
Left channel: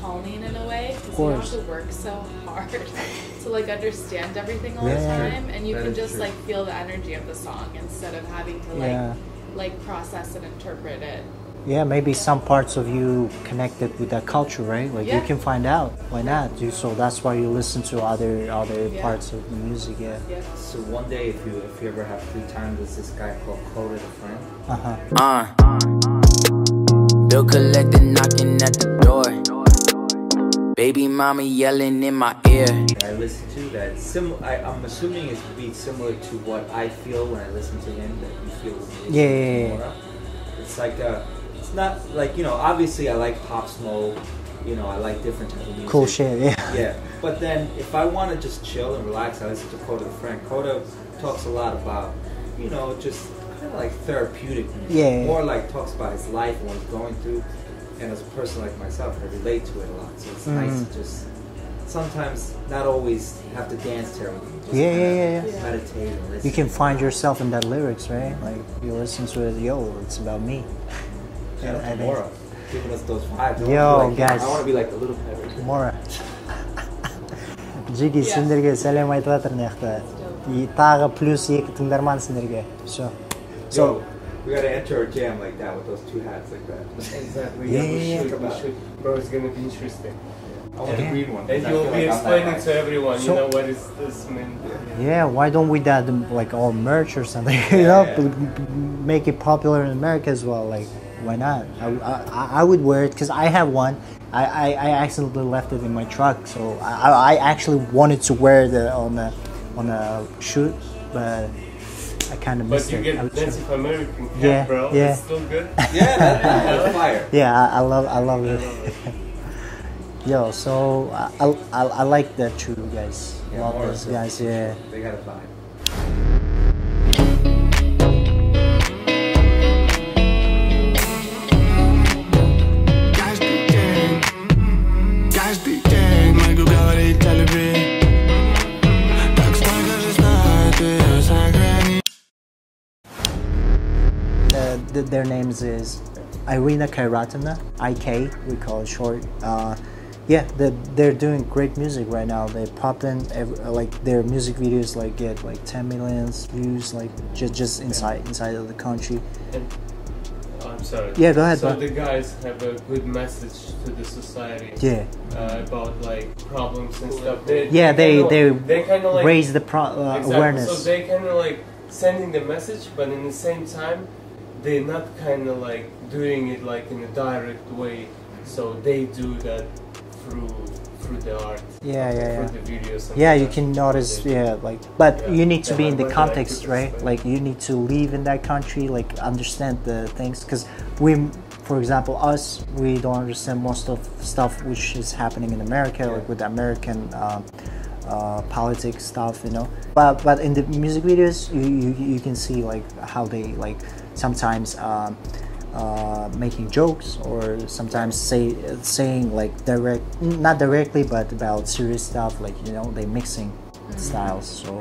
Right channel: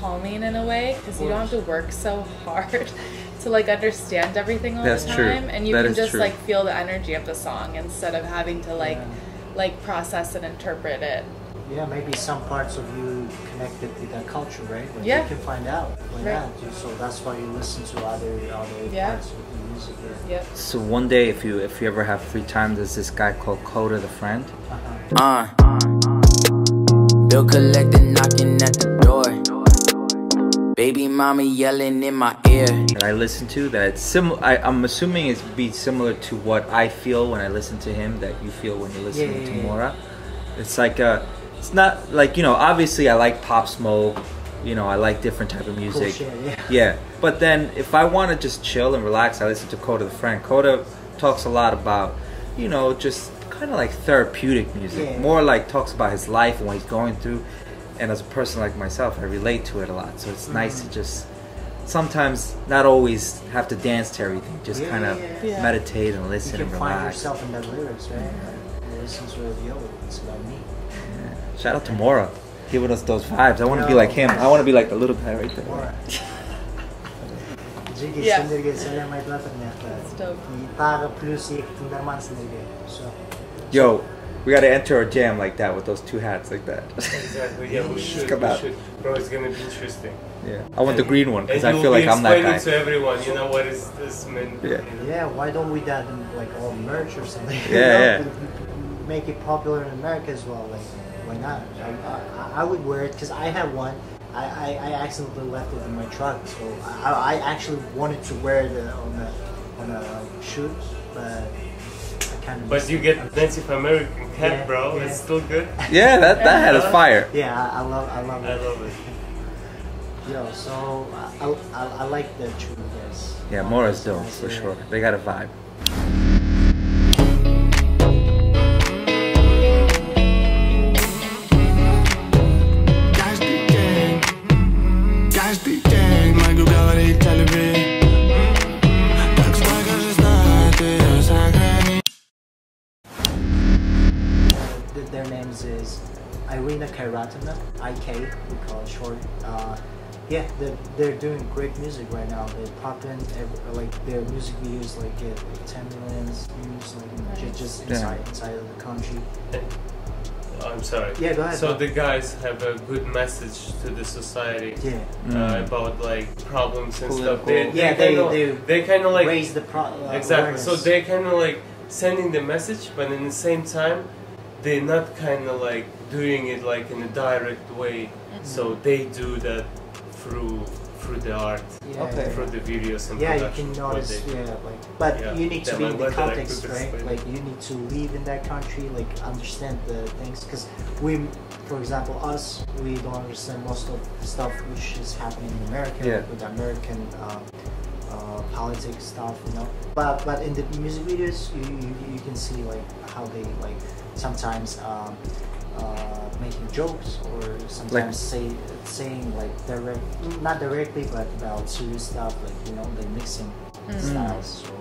calming in a way because you don't have to work so hard to like understand everything all the time, and you can just like feel the energy of the song instead of having to like process and interpret it. Yeah, maybe some parts of you connected with that culture, right? Like you can find out why not. So that's why you listen to other parts of the music. So one day, if you ever have free time, there's this guy called Coda the Friend. Bill collector knocking at the door. Baby mama yelling in my ear. And I listen to that. It's similar. I'm assuming it's be similar to what I feel when I listen to him. That you feel when you listen to Mora. It's like it's not like, you know. Obviously, I like Pop Smoke. You know, I like different type of music. Cool shit. Yeah. But then, if I want to just chill and relax, I listen to Coda the Friend. Coda talks a lot about, you know, just kind of like therapeutic music. More like talks about his life and what he's going through. And as a person like myself, I relate to it a lot. So it's nice to just sometimes not always have to dance to everything. Just kind of meditate and listen. You can find yourself in that lyrics, right? Like you listen to it, yo, it's about me. Shout out to Mora, giving us those vibes. I want to be like him. I want to be like the little guy right there. Mora. Jiggy сендерге сәлем айтып жатыр мыяқта. Тағы плюс 2 тыңдарман сендерге. Все. Yo. We gotta enter our jam like that with those two hats like that. Exactly. Yeah, we should. Bro, it's gonna be interesting. Yeah. I want the green one because I feel like I'm that guy. And you'll be explaining to everyone, you know, what is this mean? Yeah. Why don't we do like all merch or something? Make it popular in America as well. Like, why not? I would wear it because I have one. I accidentally left it in my truck, so I actually wanted to wear it on a shoot, but. But you get Native American hat, bro. It's still good. Yeah, that hat is fire. Yeah, I love it. Yo, so I like that too, guys. Yeah, more so for sure. They got a vibe. Guys be gang, могу говорить о любви. Так сколько же знает ее сохранить. Their names is Irina Kairatina, IK, we call it short. They're doing great music right now. They're popping, like their music videos like get like 10 million views, like just inside of the country. I'm sorry. Yeah, go ahead. So the guys have a good message to the society. About like problems and stuff. They kind of like raise the awareness. So they kind of like sending the message, but in the same time, they're not kind of like doing it like in a direct way. So they do that through the art, through the videos. And you can notice, but you need to be in the context, right? Like you need to live in that country, like understand the things. Because for example, we don't understand most of the stuff which is happening in America, like with American politics stuff, you know. But in the music videos, you can see like how they like sometimes making jokes or sometimes saying like not directly but about serious stuff, like, you know, they mixing styles. So,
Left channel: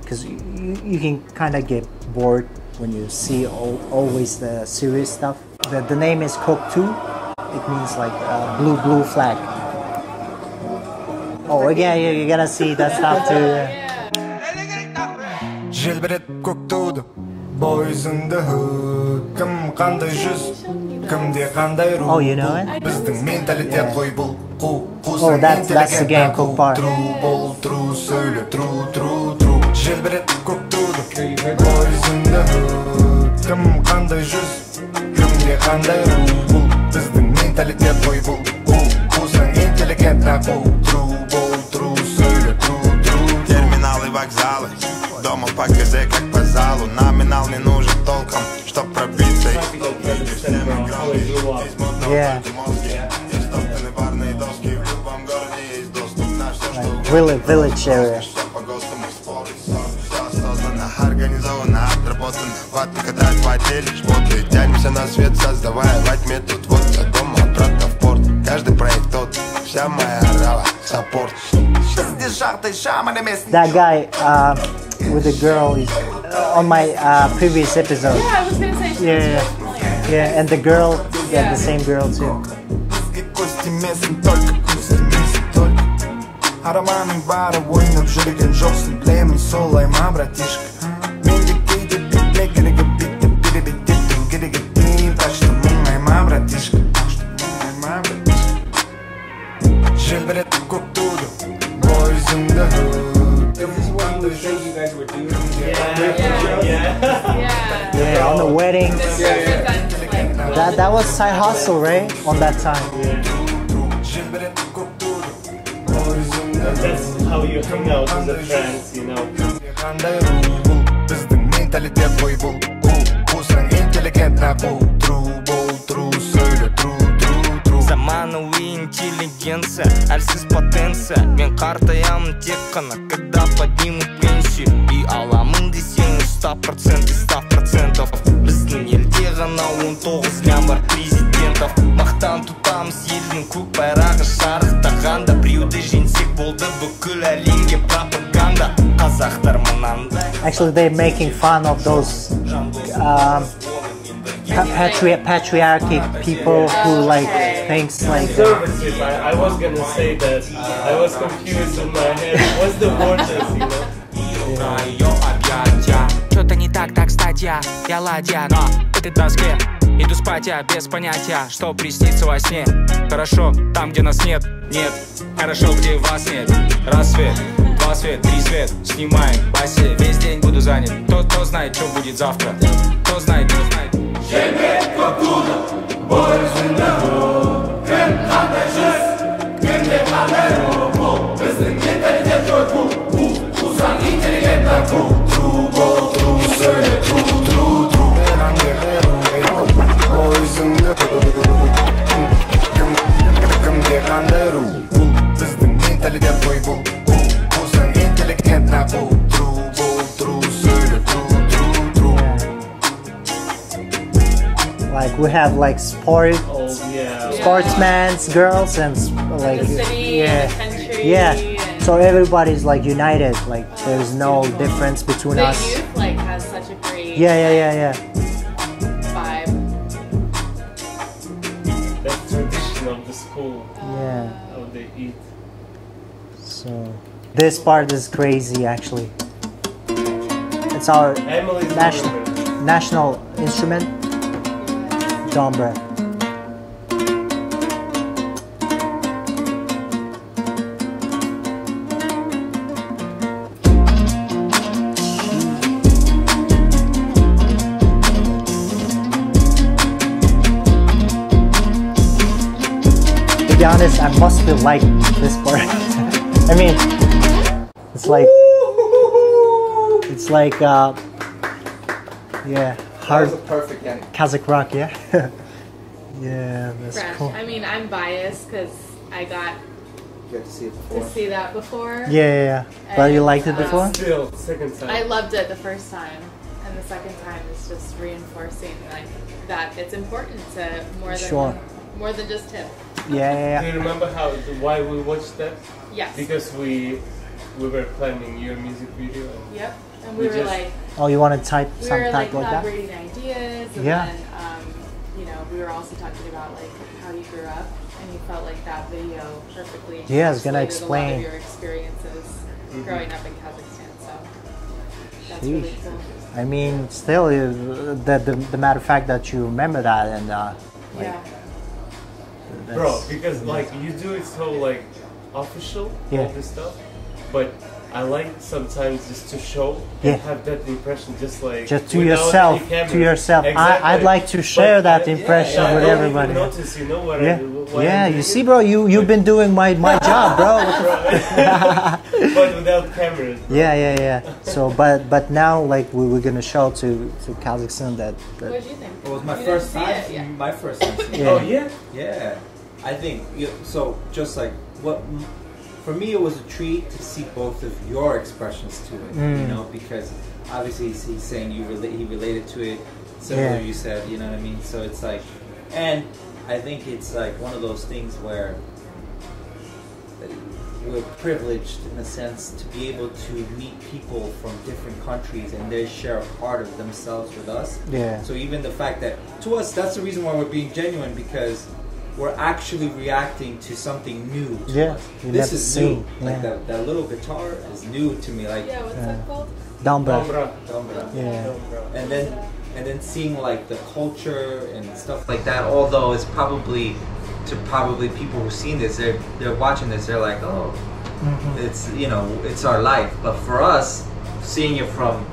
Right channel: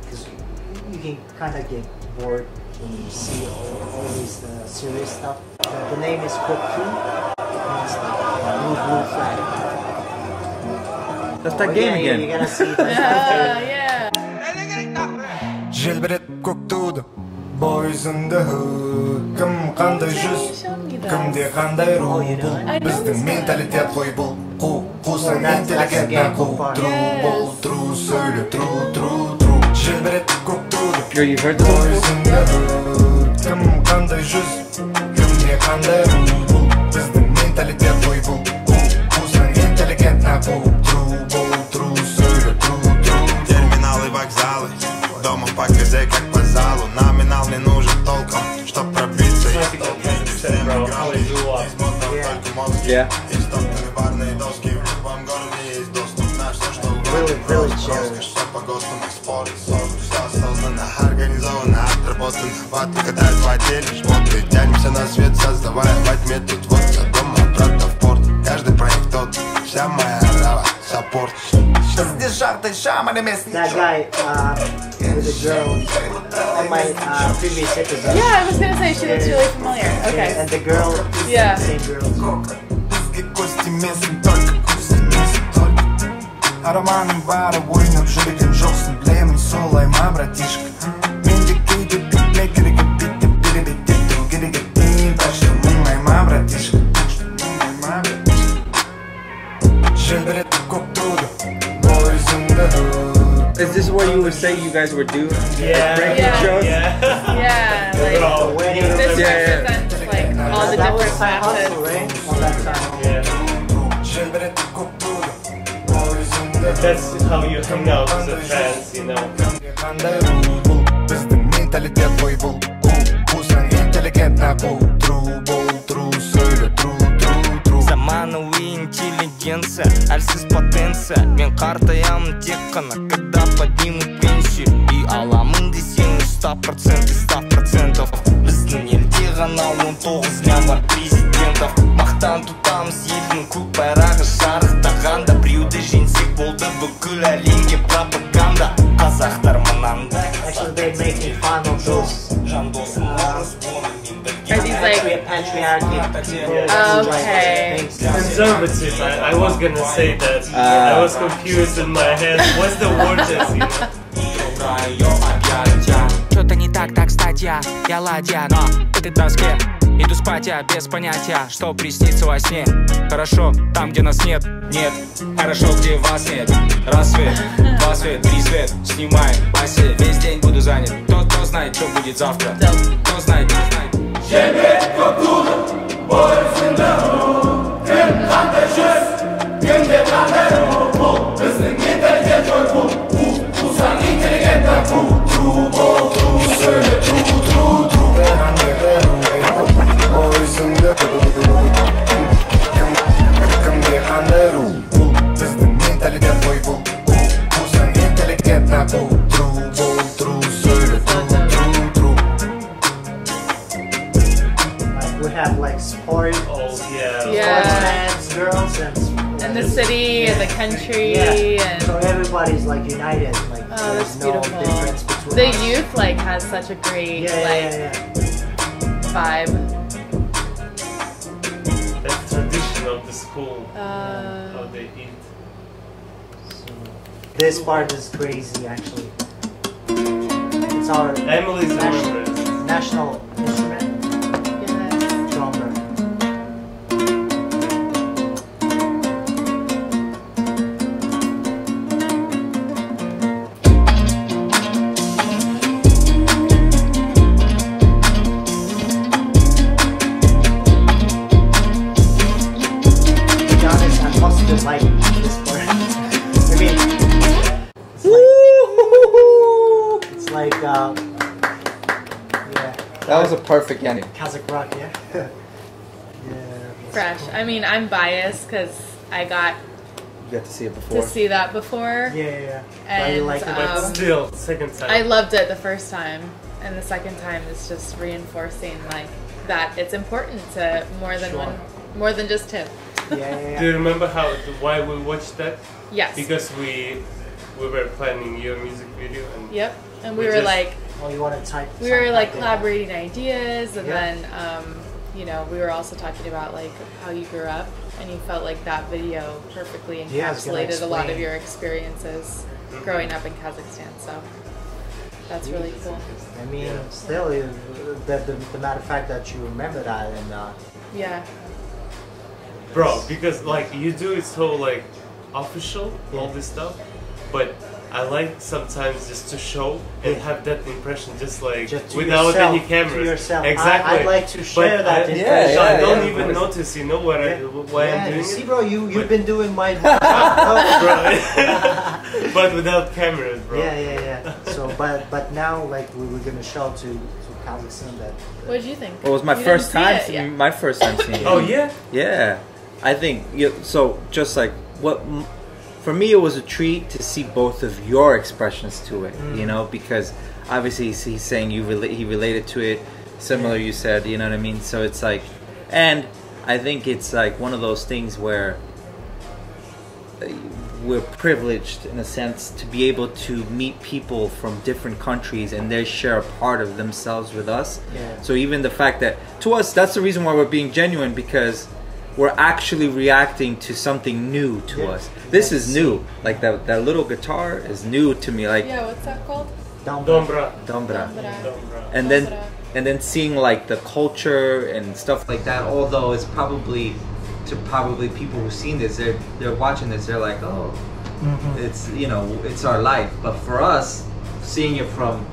because you can kind of get bored when you see always the serious stuff. The name is Koktu. It means like blue flag. That's that game again. You're gonna see that stuff too. Желбірет көк туды бойызында кім қандай жүз кімде қандай рух бұл біздің менталитет қой бұл қусаң интеллигентна қу тру сөйле тру желбірет көк туды бойызында кім қандай жүз кімде қандай рух бұл біздің менталитет қой бұл қусаң интеллигентна қу тру сөйле тру терминалы вокзалы дома по КЗ как по залу. Номинал не нужен толком, чтоб пробиться. Village area. Организованно, отработано. Ваты катают в отеле, шмоты. Тянемся на свет, создавая во тьме. Тут вот я дома, обратно в порт. Каждый проект тот, вся моя рава, саппорт. That guy with the girl on my previous episode. Yeah, I was gonna say she was really familiar. Okay. Yeah, and the girl, the same girl too. Ароманың бары ойнап жүрген жоқсың білемін солай ма братишка менде кейде бітме керегі биттеп беребеттету керегі дейін так что мұңай ма братишка желбірет көк туды бойызымды Is this what you would say you guys were doing? Yeah. The wedding. That was side hustle, right? On that time. Yeah. That's how you hang out with the fans, you know. Біздің менталитет қой бұл қусаң интеллигентна қу тру сөйле тру заманауи интеллигенция әлсіз потенция мен қартаямын тек қана когда подниму пенсию и аламын десең 100% біздің елде ғана 19 лям бар президентов мақтан тұтамыз елдің көк байрағы шарықтағанда біреуді жеңсек болды бүкіл әлемге пропаганда қазақтар мынандай. Actually, they're making fun of those patriarchy people who like things like conservative. I was gonna say that. I was confused in my head. What's the word is, you know? Что-то не так статья, я ладья на этой доске. Иду спать я без понятия, что приснится во сне. Хорошо, там где нас нет, хорошо, где вас нет. Рассвет, 2 свет, 3 свет, снимаем басе. Весь день буду занят, кто знает, что будет завтра. Кто знает. Желбірет көк туды бойызында кім қандай жүз кімде қандай рух бұл біздің менталитет қой бұл қусаң интеллигентна қу тру сөйле тру бойызында кімде қандай рух бұл біздің менталитет қой бұл қусаң интеллигентна қу тру сөйле тру like we have like sportsmen, girls, and like the city and the country. Yeah, and so everybody's like united. Like there's no difference between us. The youth like has such a great That's vibe. tradition of the school. How they eat. So this part is crazy actually. It's our national instrument. Genre. To be honest, I must have liked this part. I mean, it's like yeah. That was a perfect Yenlik. Kazakh rock, yeah. Yeah, that's fresh. cool. I mean, I'm biased because I got You got to see it before. to see that before. Yeah. But you liked it before? Still, second time. I loved it the first time, and the second time is just reinforcing like that it's important to more than just tip. Yeah. Do you remember why we watched that? Yes. Because we we were planning your music video. And yep, and we were like, oh, you want to type? We were like collaborating ideas, and yeah. then you know, we were also talking about like how you grew up, and you felt like that video perfectly encapsulated a lot of your experiences growing up in Kazakhstan. So that's really cool. I mean, still, the matter of fact that you remember that, and yeah, bro, because like you do it so like official, all this stuff, but I like sometimes just to show and have that impression, just to without yourself, any cameras. To yourself. Exactly. I'd like to share that impression. Yeah, I don't even notice, you know what? Yeah, you see, bro, you've been doing my job, bro. But without cameras, bro. Yeah. So, but now, like, we're gonna show to Kazakhstan that. What did you think? It was my first time. My first time seeing it. Oh yeah. Yeah, I think so. Just like what. For me, it was a treat to see both of your expressions to it, you know, because obviously he's saying he related to it, similar you said, you know what I mean? So it's like, and I think it's like one of those things where we're privileged in a sense to be able to meet people from different countries and they share a part of themselves with us. Yeah. So even the fact that, to us, that's the reason why we're being genuine, because we're actually reacting to something new to us. This is new. Like that little guitar is new to me. Like what's that called? Dombra. And then seeing like the culture and stuff like that. Although it's probably people who've seen this, they're watching this. They're like, oh, it's it's our life. But for us, seeing it from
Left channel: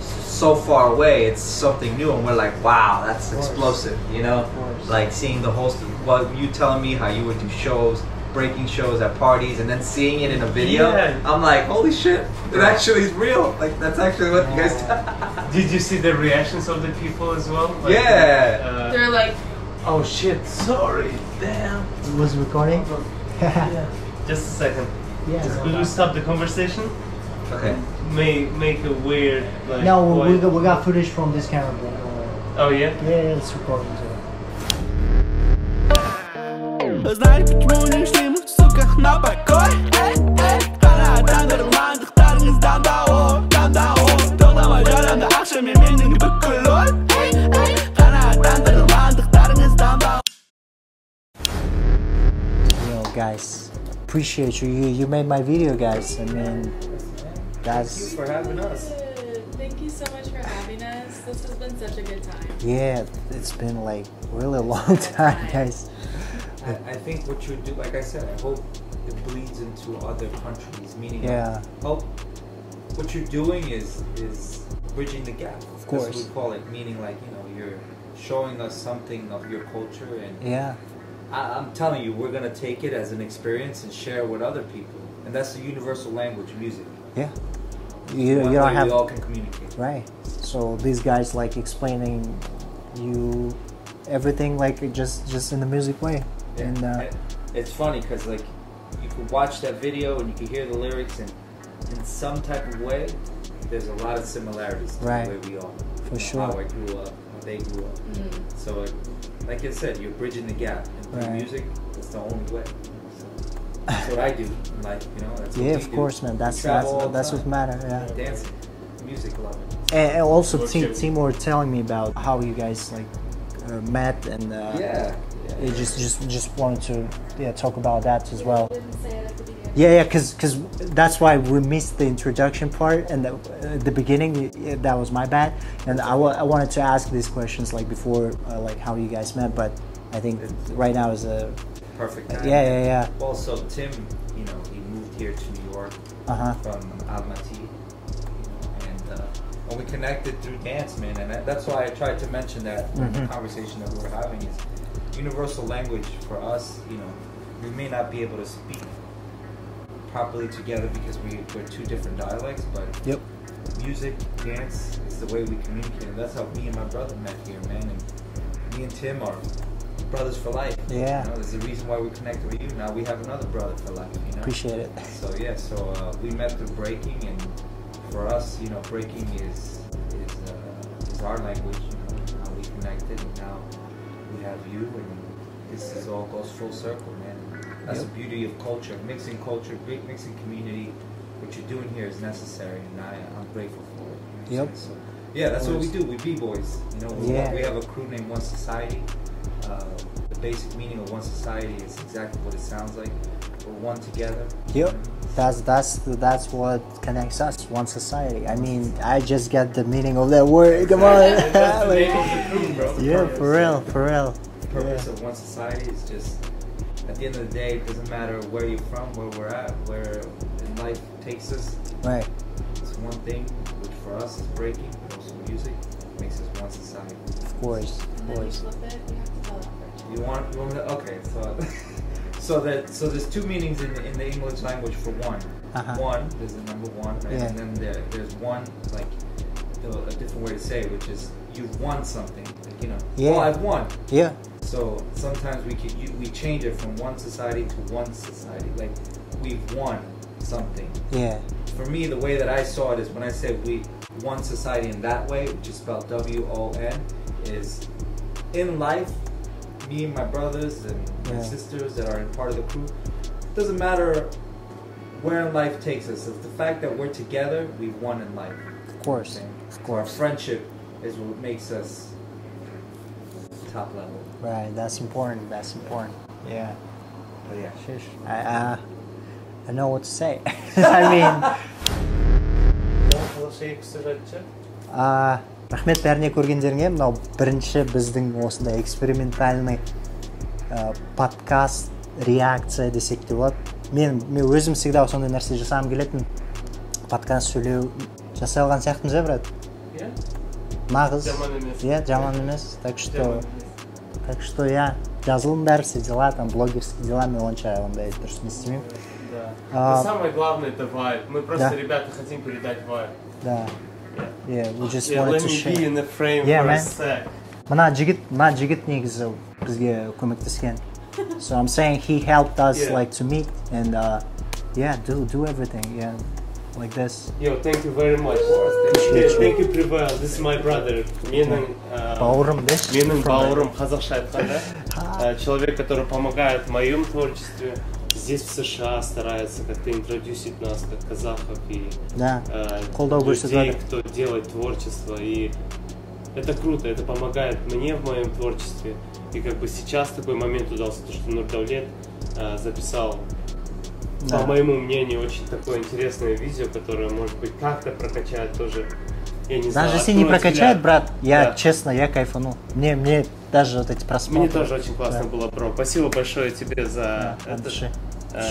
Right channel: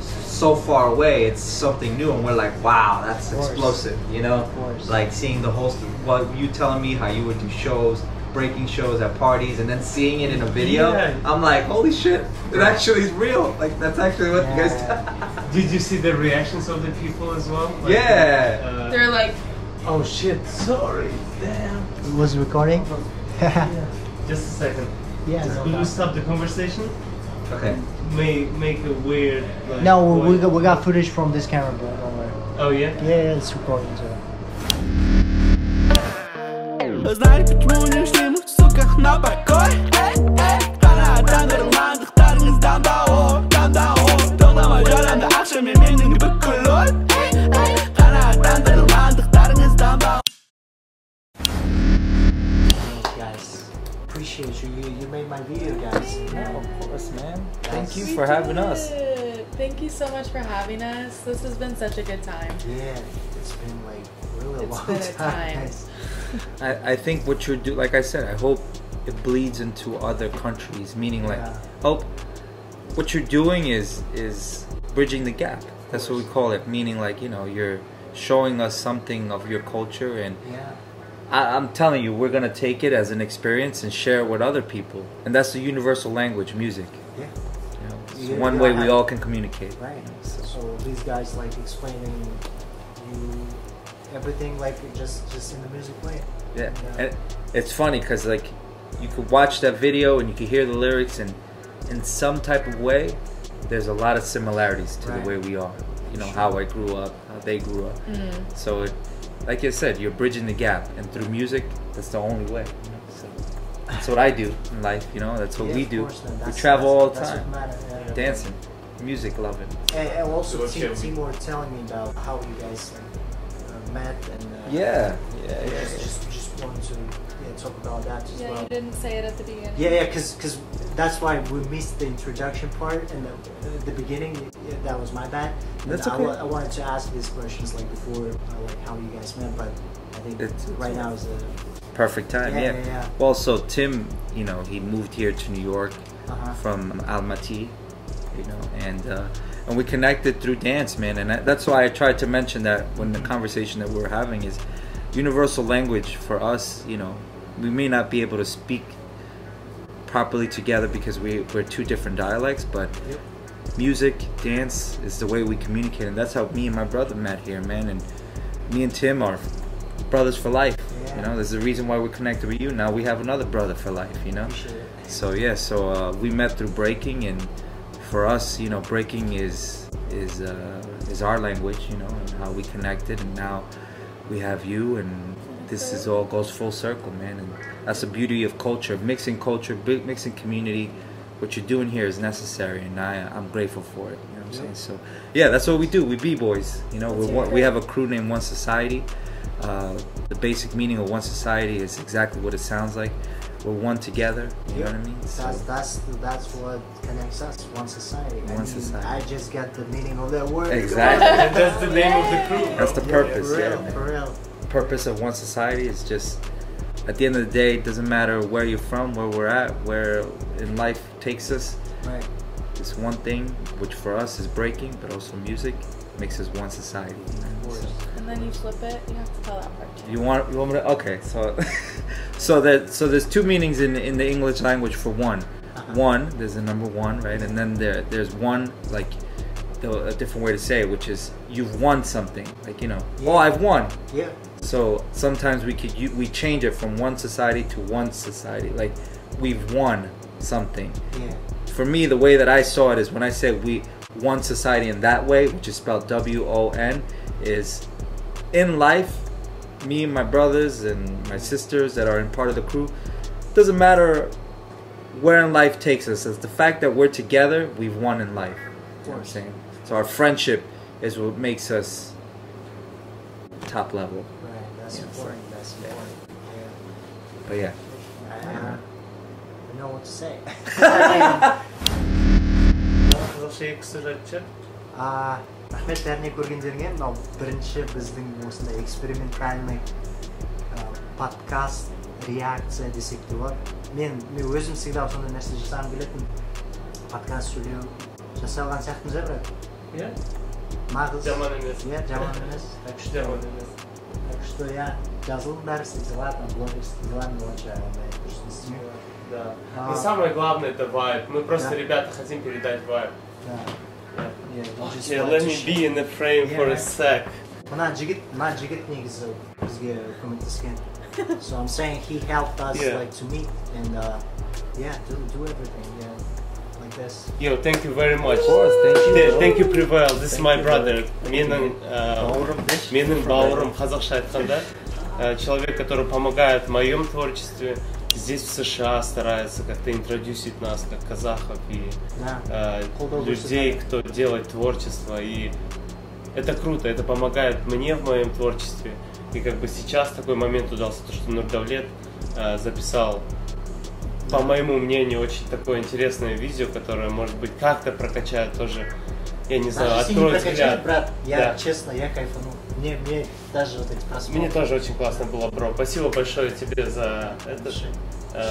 so far away, it's something new, and we're like, wow, that's explosive, you know? Like seeing the whole, what you telling me how you would do shows, breaking shows at parties, and then seeing it in a video, I'm like, holy shit, it actually is real. Like, that's actually what you guys Did you see the reactions of the people as well? Like, they're like, oh shit, sorry, damn. It was recording? Just a second. Yeah. Will you stop the conversation? Okay. Make a weird, like, no, we got footage from this camera, bro, don't worry. Oh yeah? Yeah, it's recording too. Знай, почему не шли мы, сука, на покой? Қанаттандырылғандықтарыңыздан да тоқтамай жарамды ақшамен менің бүкіл ой. Қанаттандырылғандықтарыңыздан да. Guys, appreciate you. You made my video, guys. And, of course, man. Thank you for having us. Thank you so much for having us. This has been such a good time. Yeah, it's been like really a long time, guys. I think what you do, like I said, I hope it bleeds into other countries. Meaning, like, hope what you're doing is bridging the gap. That's what we call it. Meaning, like, you're showing us something of your culture, and I'm telling you, we're gonna take it as an experience and share it with other people, and that's the universal language, music. Yeah. One way we all can communicate. Right. So these guys like explaining you everything like just in the music way. Yeah. And it's funny because like you could watch that video and you could hear the lyrics, and in some type of way, there's a lot of similarities to the way we are. How I grew up, how they grew up. So, like you said, you're bridging the gap, and through music, that's the only way. So that's what I do in life. That's what we do. Of course, man. We travel all the time. That's what matters. Yeah. Dancing, music, love it. And also, Tima were telling me about how you guys like met, and you just wanted to talk about that as well. You didn't say it at the beginning. Yeah, because that's why we missed the introduction part, and the beginning that was my bad. And I wanted to ask these questions like before, like how you guys met, but I think right now is a perfect time. Yeah. Well, so Tim, he moved here to New York from Almaty, and we connected through dance, man. And that's why I tried to mention that when the conversation that we were having is universal language for us. We may not be able to speak properly together because we're two different dialects, but music, dance is the way we communicate, and that's how me and my brother met here, man. And me and Tim are brothers for life. There's a reason why we're connected with you. Now we have another brother for life. Appreciate it. So we met through breaking, and for us, breaking is our language, and how we connected, and now we have you, and this all goes full circle, man. And that's the beauty of culture, mixing community what you're doing here is necessary, and I'm grateful for it. You know what I'm saying? So yeah, that's what we do. We b-boys. You know, we have a crew named One Society. The basic meaning of One Society is exactly what it sounds like. We're one together. You know what I mean? That's what connects us. One Society. I mean, I just got the meaning of that word. Exactly. And that's the name of the crew, bro. That's the purpose. For real. The purpose of One Society is just, at the end of the day, it doesn't matter where you're from, where we're at, where in life takes us. Right. It's one thing, which for us is breaking, but also music makes us one society. Of course. And then you flip it. You have to tell that part too. You want me to? Okay, so there's two meanings in the English language for one. One, there's the number one, right? And then there's one, like a different way to say it, which is you've won something. Like, you know, oh, I've won. Yeah. So sometimes we change it from one society to one society. Like, we've won something. Yeah. For me, the way that I saw it is when I say we one society in that way, which is spelled W-O-N, is in life, me and my brothers and my sisters that are in part of the crew, doesn't matter where in life takes us. It's the fact that we're together, we've won in life. Of course. So our friendship is what makes us top level. Right, that's important. That's important. Yeah. But yeah. I know what to say. I рахмет бәріне көргендеріңе. Мынау бірінші біздің осындай экспериментальный подкаст, реакция десек те болады. Мен өзім всегда сондай нәрсе жасағым келетін. Подкаст сөйлеу жасай алған сияқтымыз, брат? Иә. Нағыз. Жаман емес. Иә, жаман емес. Так что я жазылым бәрі все дела, там блогерские дела, мен онша ондай дұрыс не істемеймін. Да. Но самое главное это вайб. Мы просто, ребята, хотим передать вайб. Да. Yeah, you just wanted let to me share. be in the frame for a sec. Мына жігіт негізі бізге көмектескен. So I'm saying he helped us like to meet and do everything, like this. Yo, thank you very much. Of course, thank you, Prevail. This is my brother. Менің бауырым, қазақша айтқанда, человек, который помогает в моем творчестве. Здесь в США старается как-то интродюсить нас, как казахов и людей, кто делает творчество. И это круто, это помогает мне в моем творчестве. И как бы сейчас такой момент удался, то, что Нурдавлет записал, по моему мнению, очень такое интересное видео, которое, может быть, как-то прокачает тоже. Я не знаю, даже если не прокачает, брат, я честно, я кайфанул. Мне даже вот эти просмотры. Мне тоже очень классно было, бро. Спасибо большое тебе за это,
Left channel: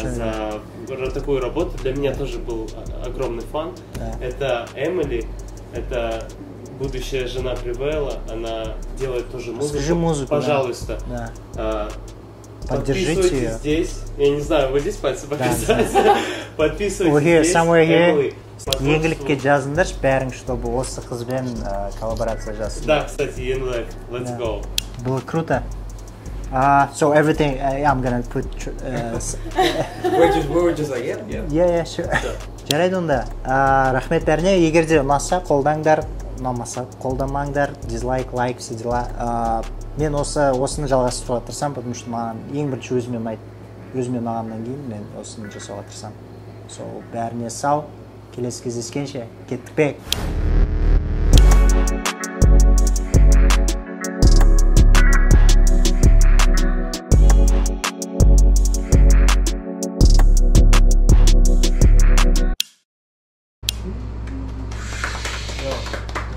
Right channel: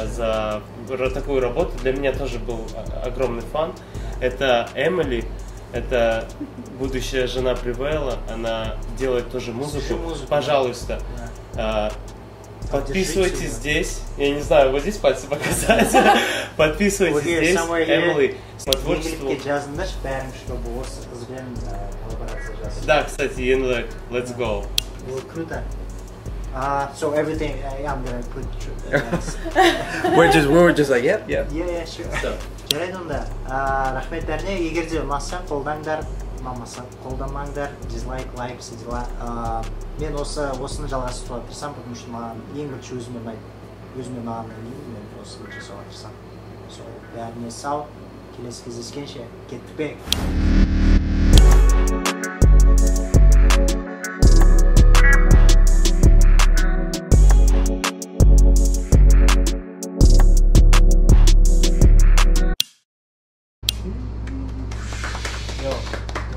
за такую работу. Для меня тоже был огромный фан. Это Эмили, это будущая жена Привейла. Она делает тоже музыку. Пожалуйста. Подписывайтесь здесь. Я не знаю, вот здесь пальцы показать. Подписывайтесь здесь. Эмили. Yenlikке жазыңдаршы бәрің, чтобы осы қызбен коллаборация жасың. Да, кстати, Yenlik, let's go. Было круто. So everything, I'm gonna put... we were just like, yeah, sure. Жарайды онда. Рахмет бәріне, егер де ұнаса, қолдаңдар, ұнамаса, қолдамаңдар, дизлайк, лайк, все дела. Мен осыны жалғастыруға тырысам, потому что маған ең бірінші өзіме ұнағаннан кейін мен осыны жасауға тырысам. So бәріне сау. Келесі кездескенше, KETTIKbek.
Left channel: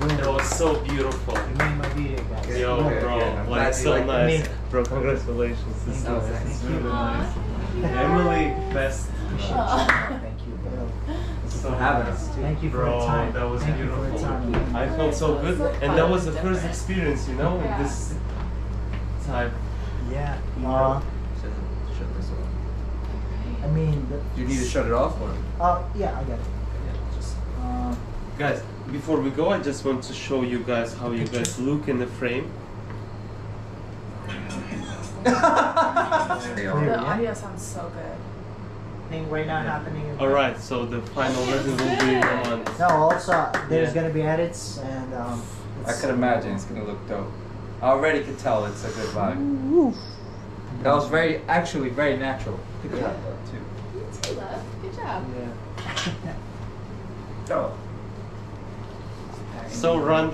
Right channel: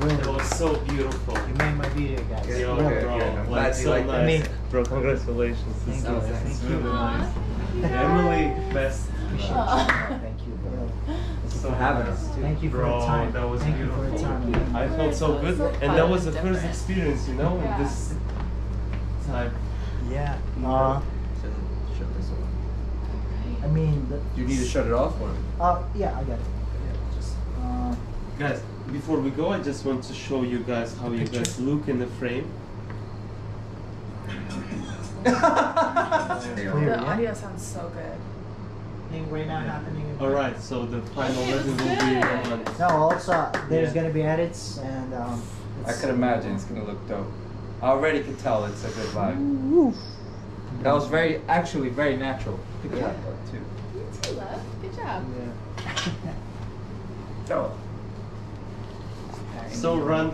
It was so beautiful. You made my video, guys. Yo, bro, like so nice. Bro, congratulations. This is really nice. Emily, best. Thank you, bro. For having us. Thank you for your time. That was Thank beautiful. you for your time. I felt so good, and that was the first experience, you know, in this type. Yeah. I mean, do you need to shut it off or? Yeah, I got it. Guys, before we go, I just want to show you guys how you guys look in the frame. The audio sounds so good. Right now happening. Alright, so the final version will be on. No, also there's gonna be edits and I can imagine it's gonna look dope. I already could tell it's a good vibe. That was actually very natural. Good job, too. You too, love. Good job. Yeah. So random.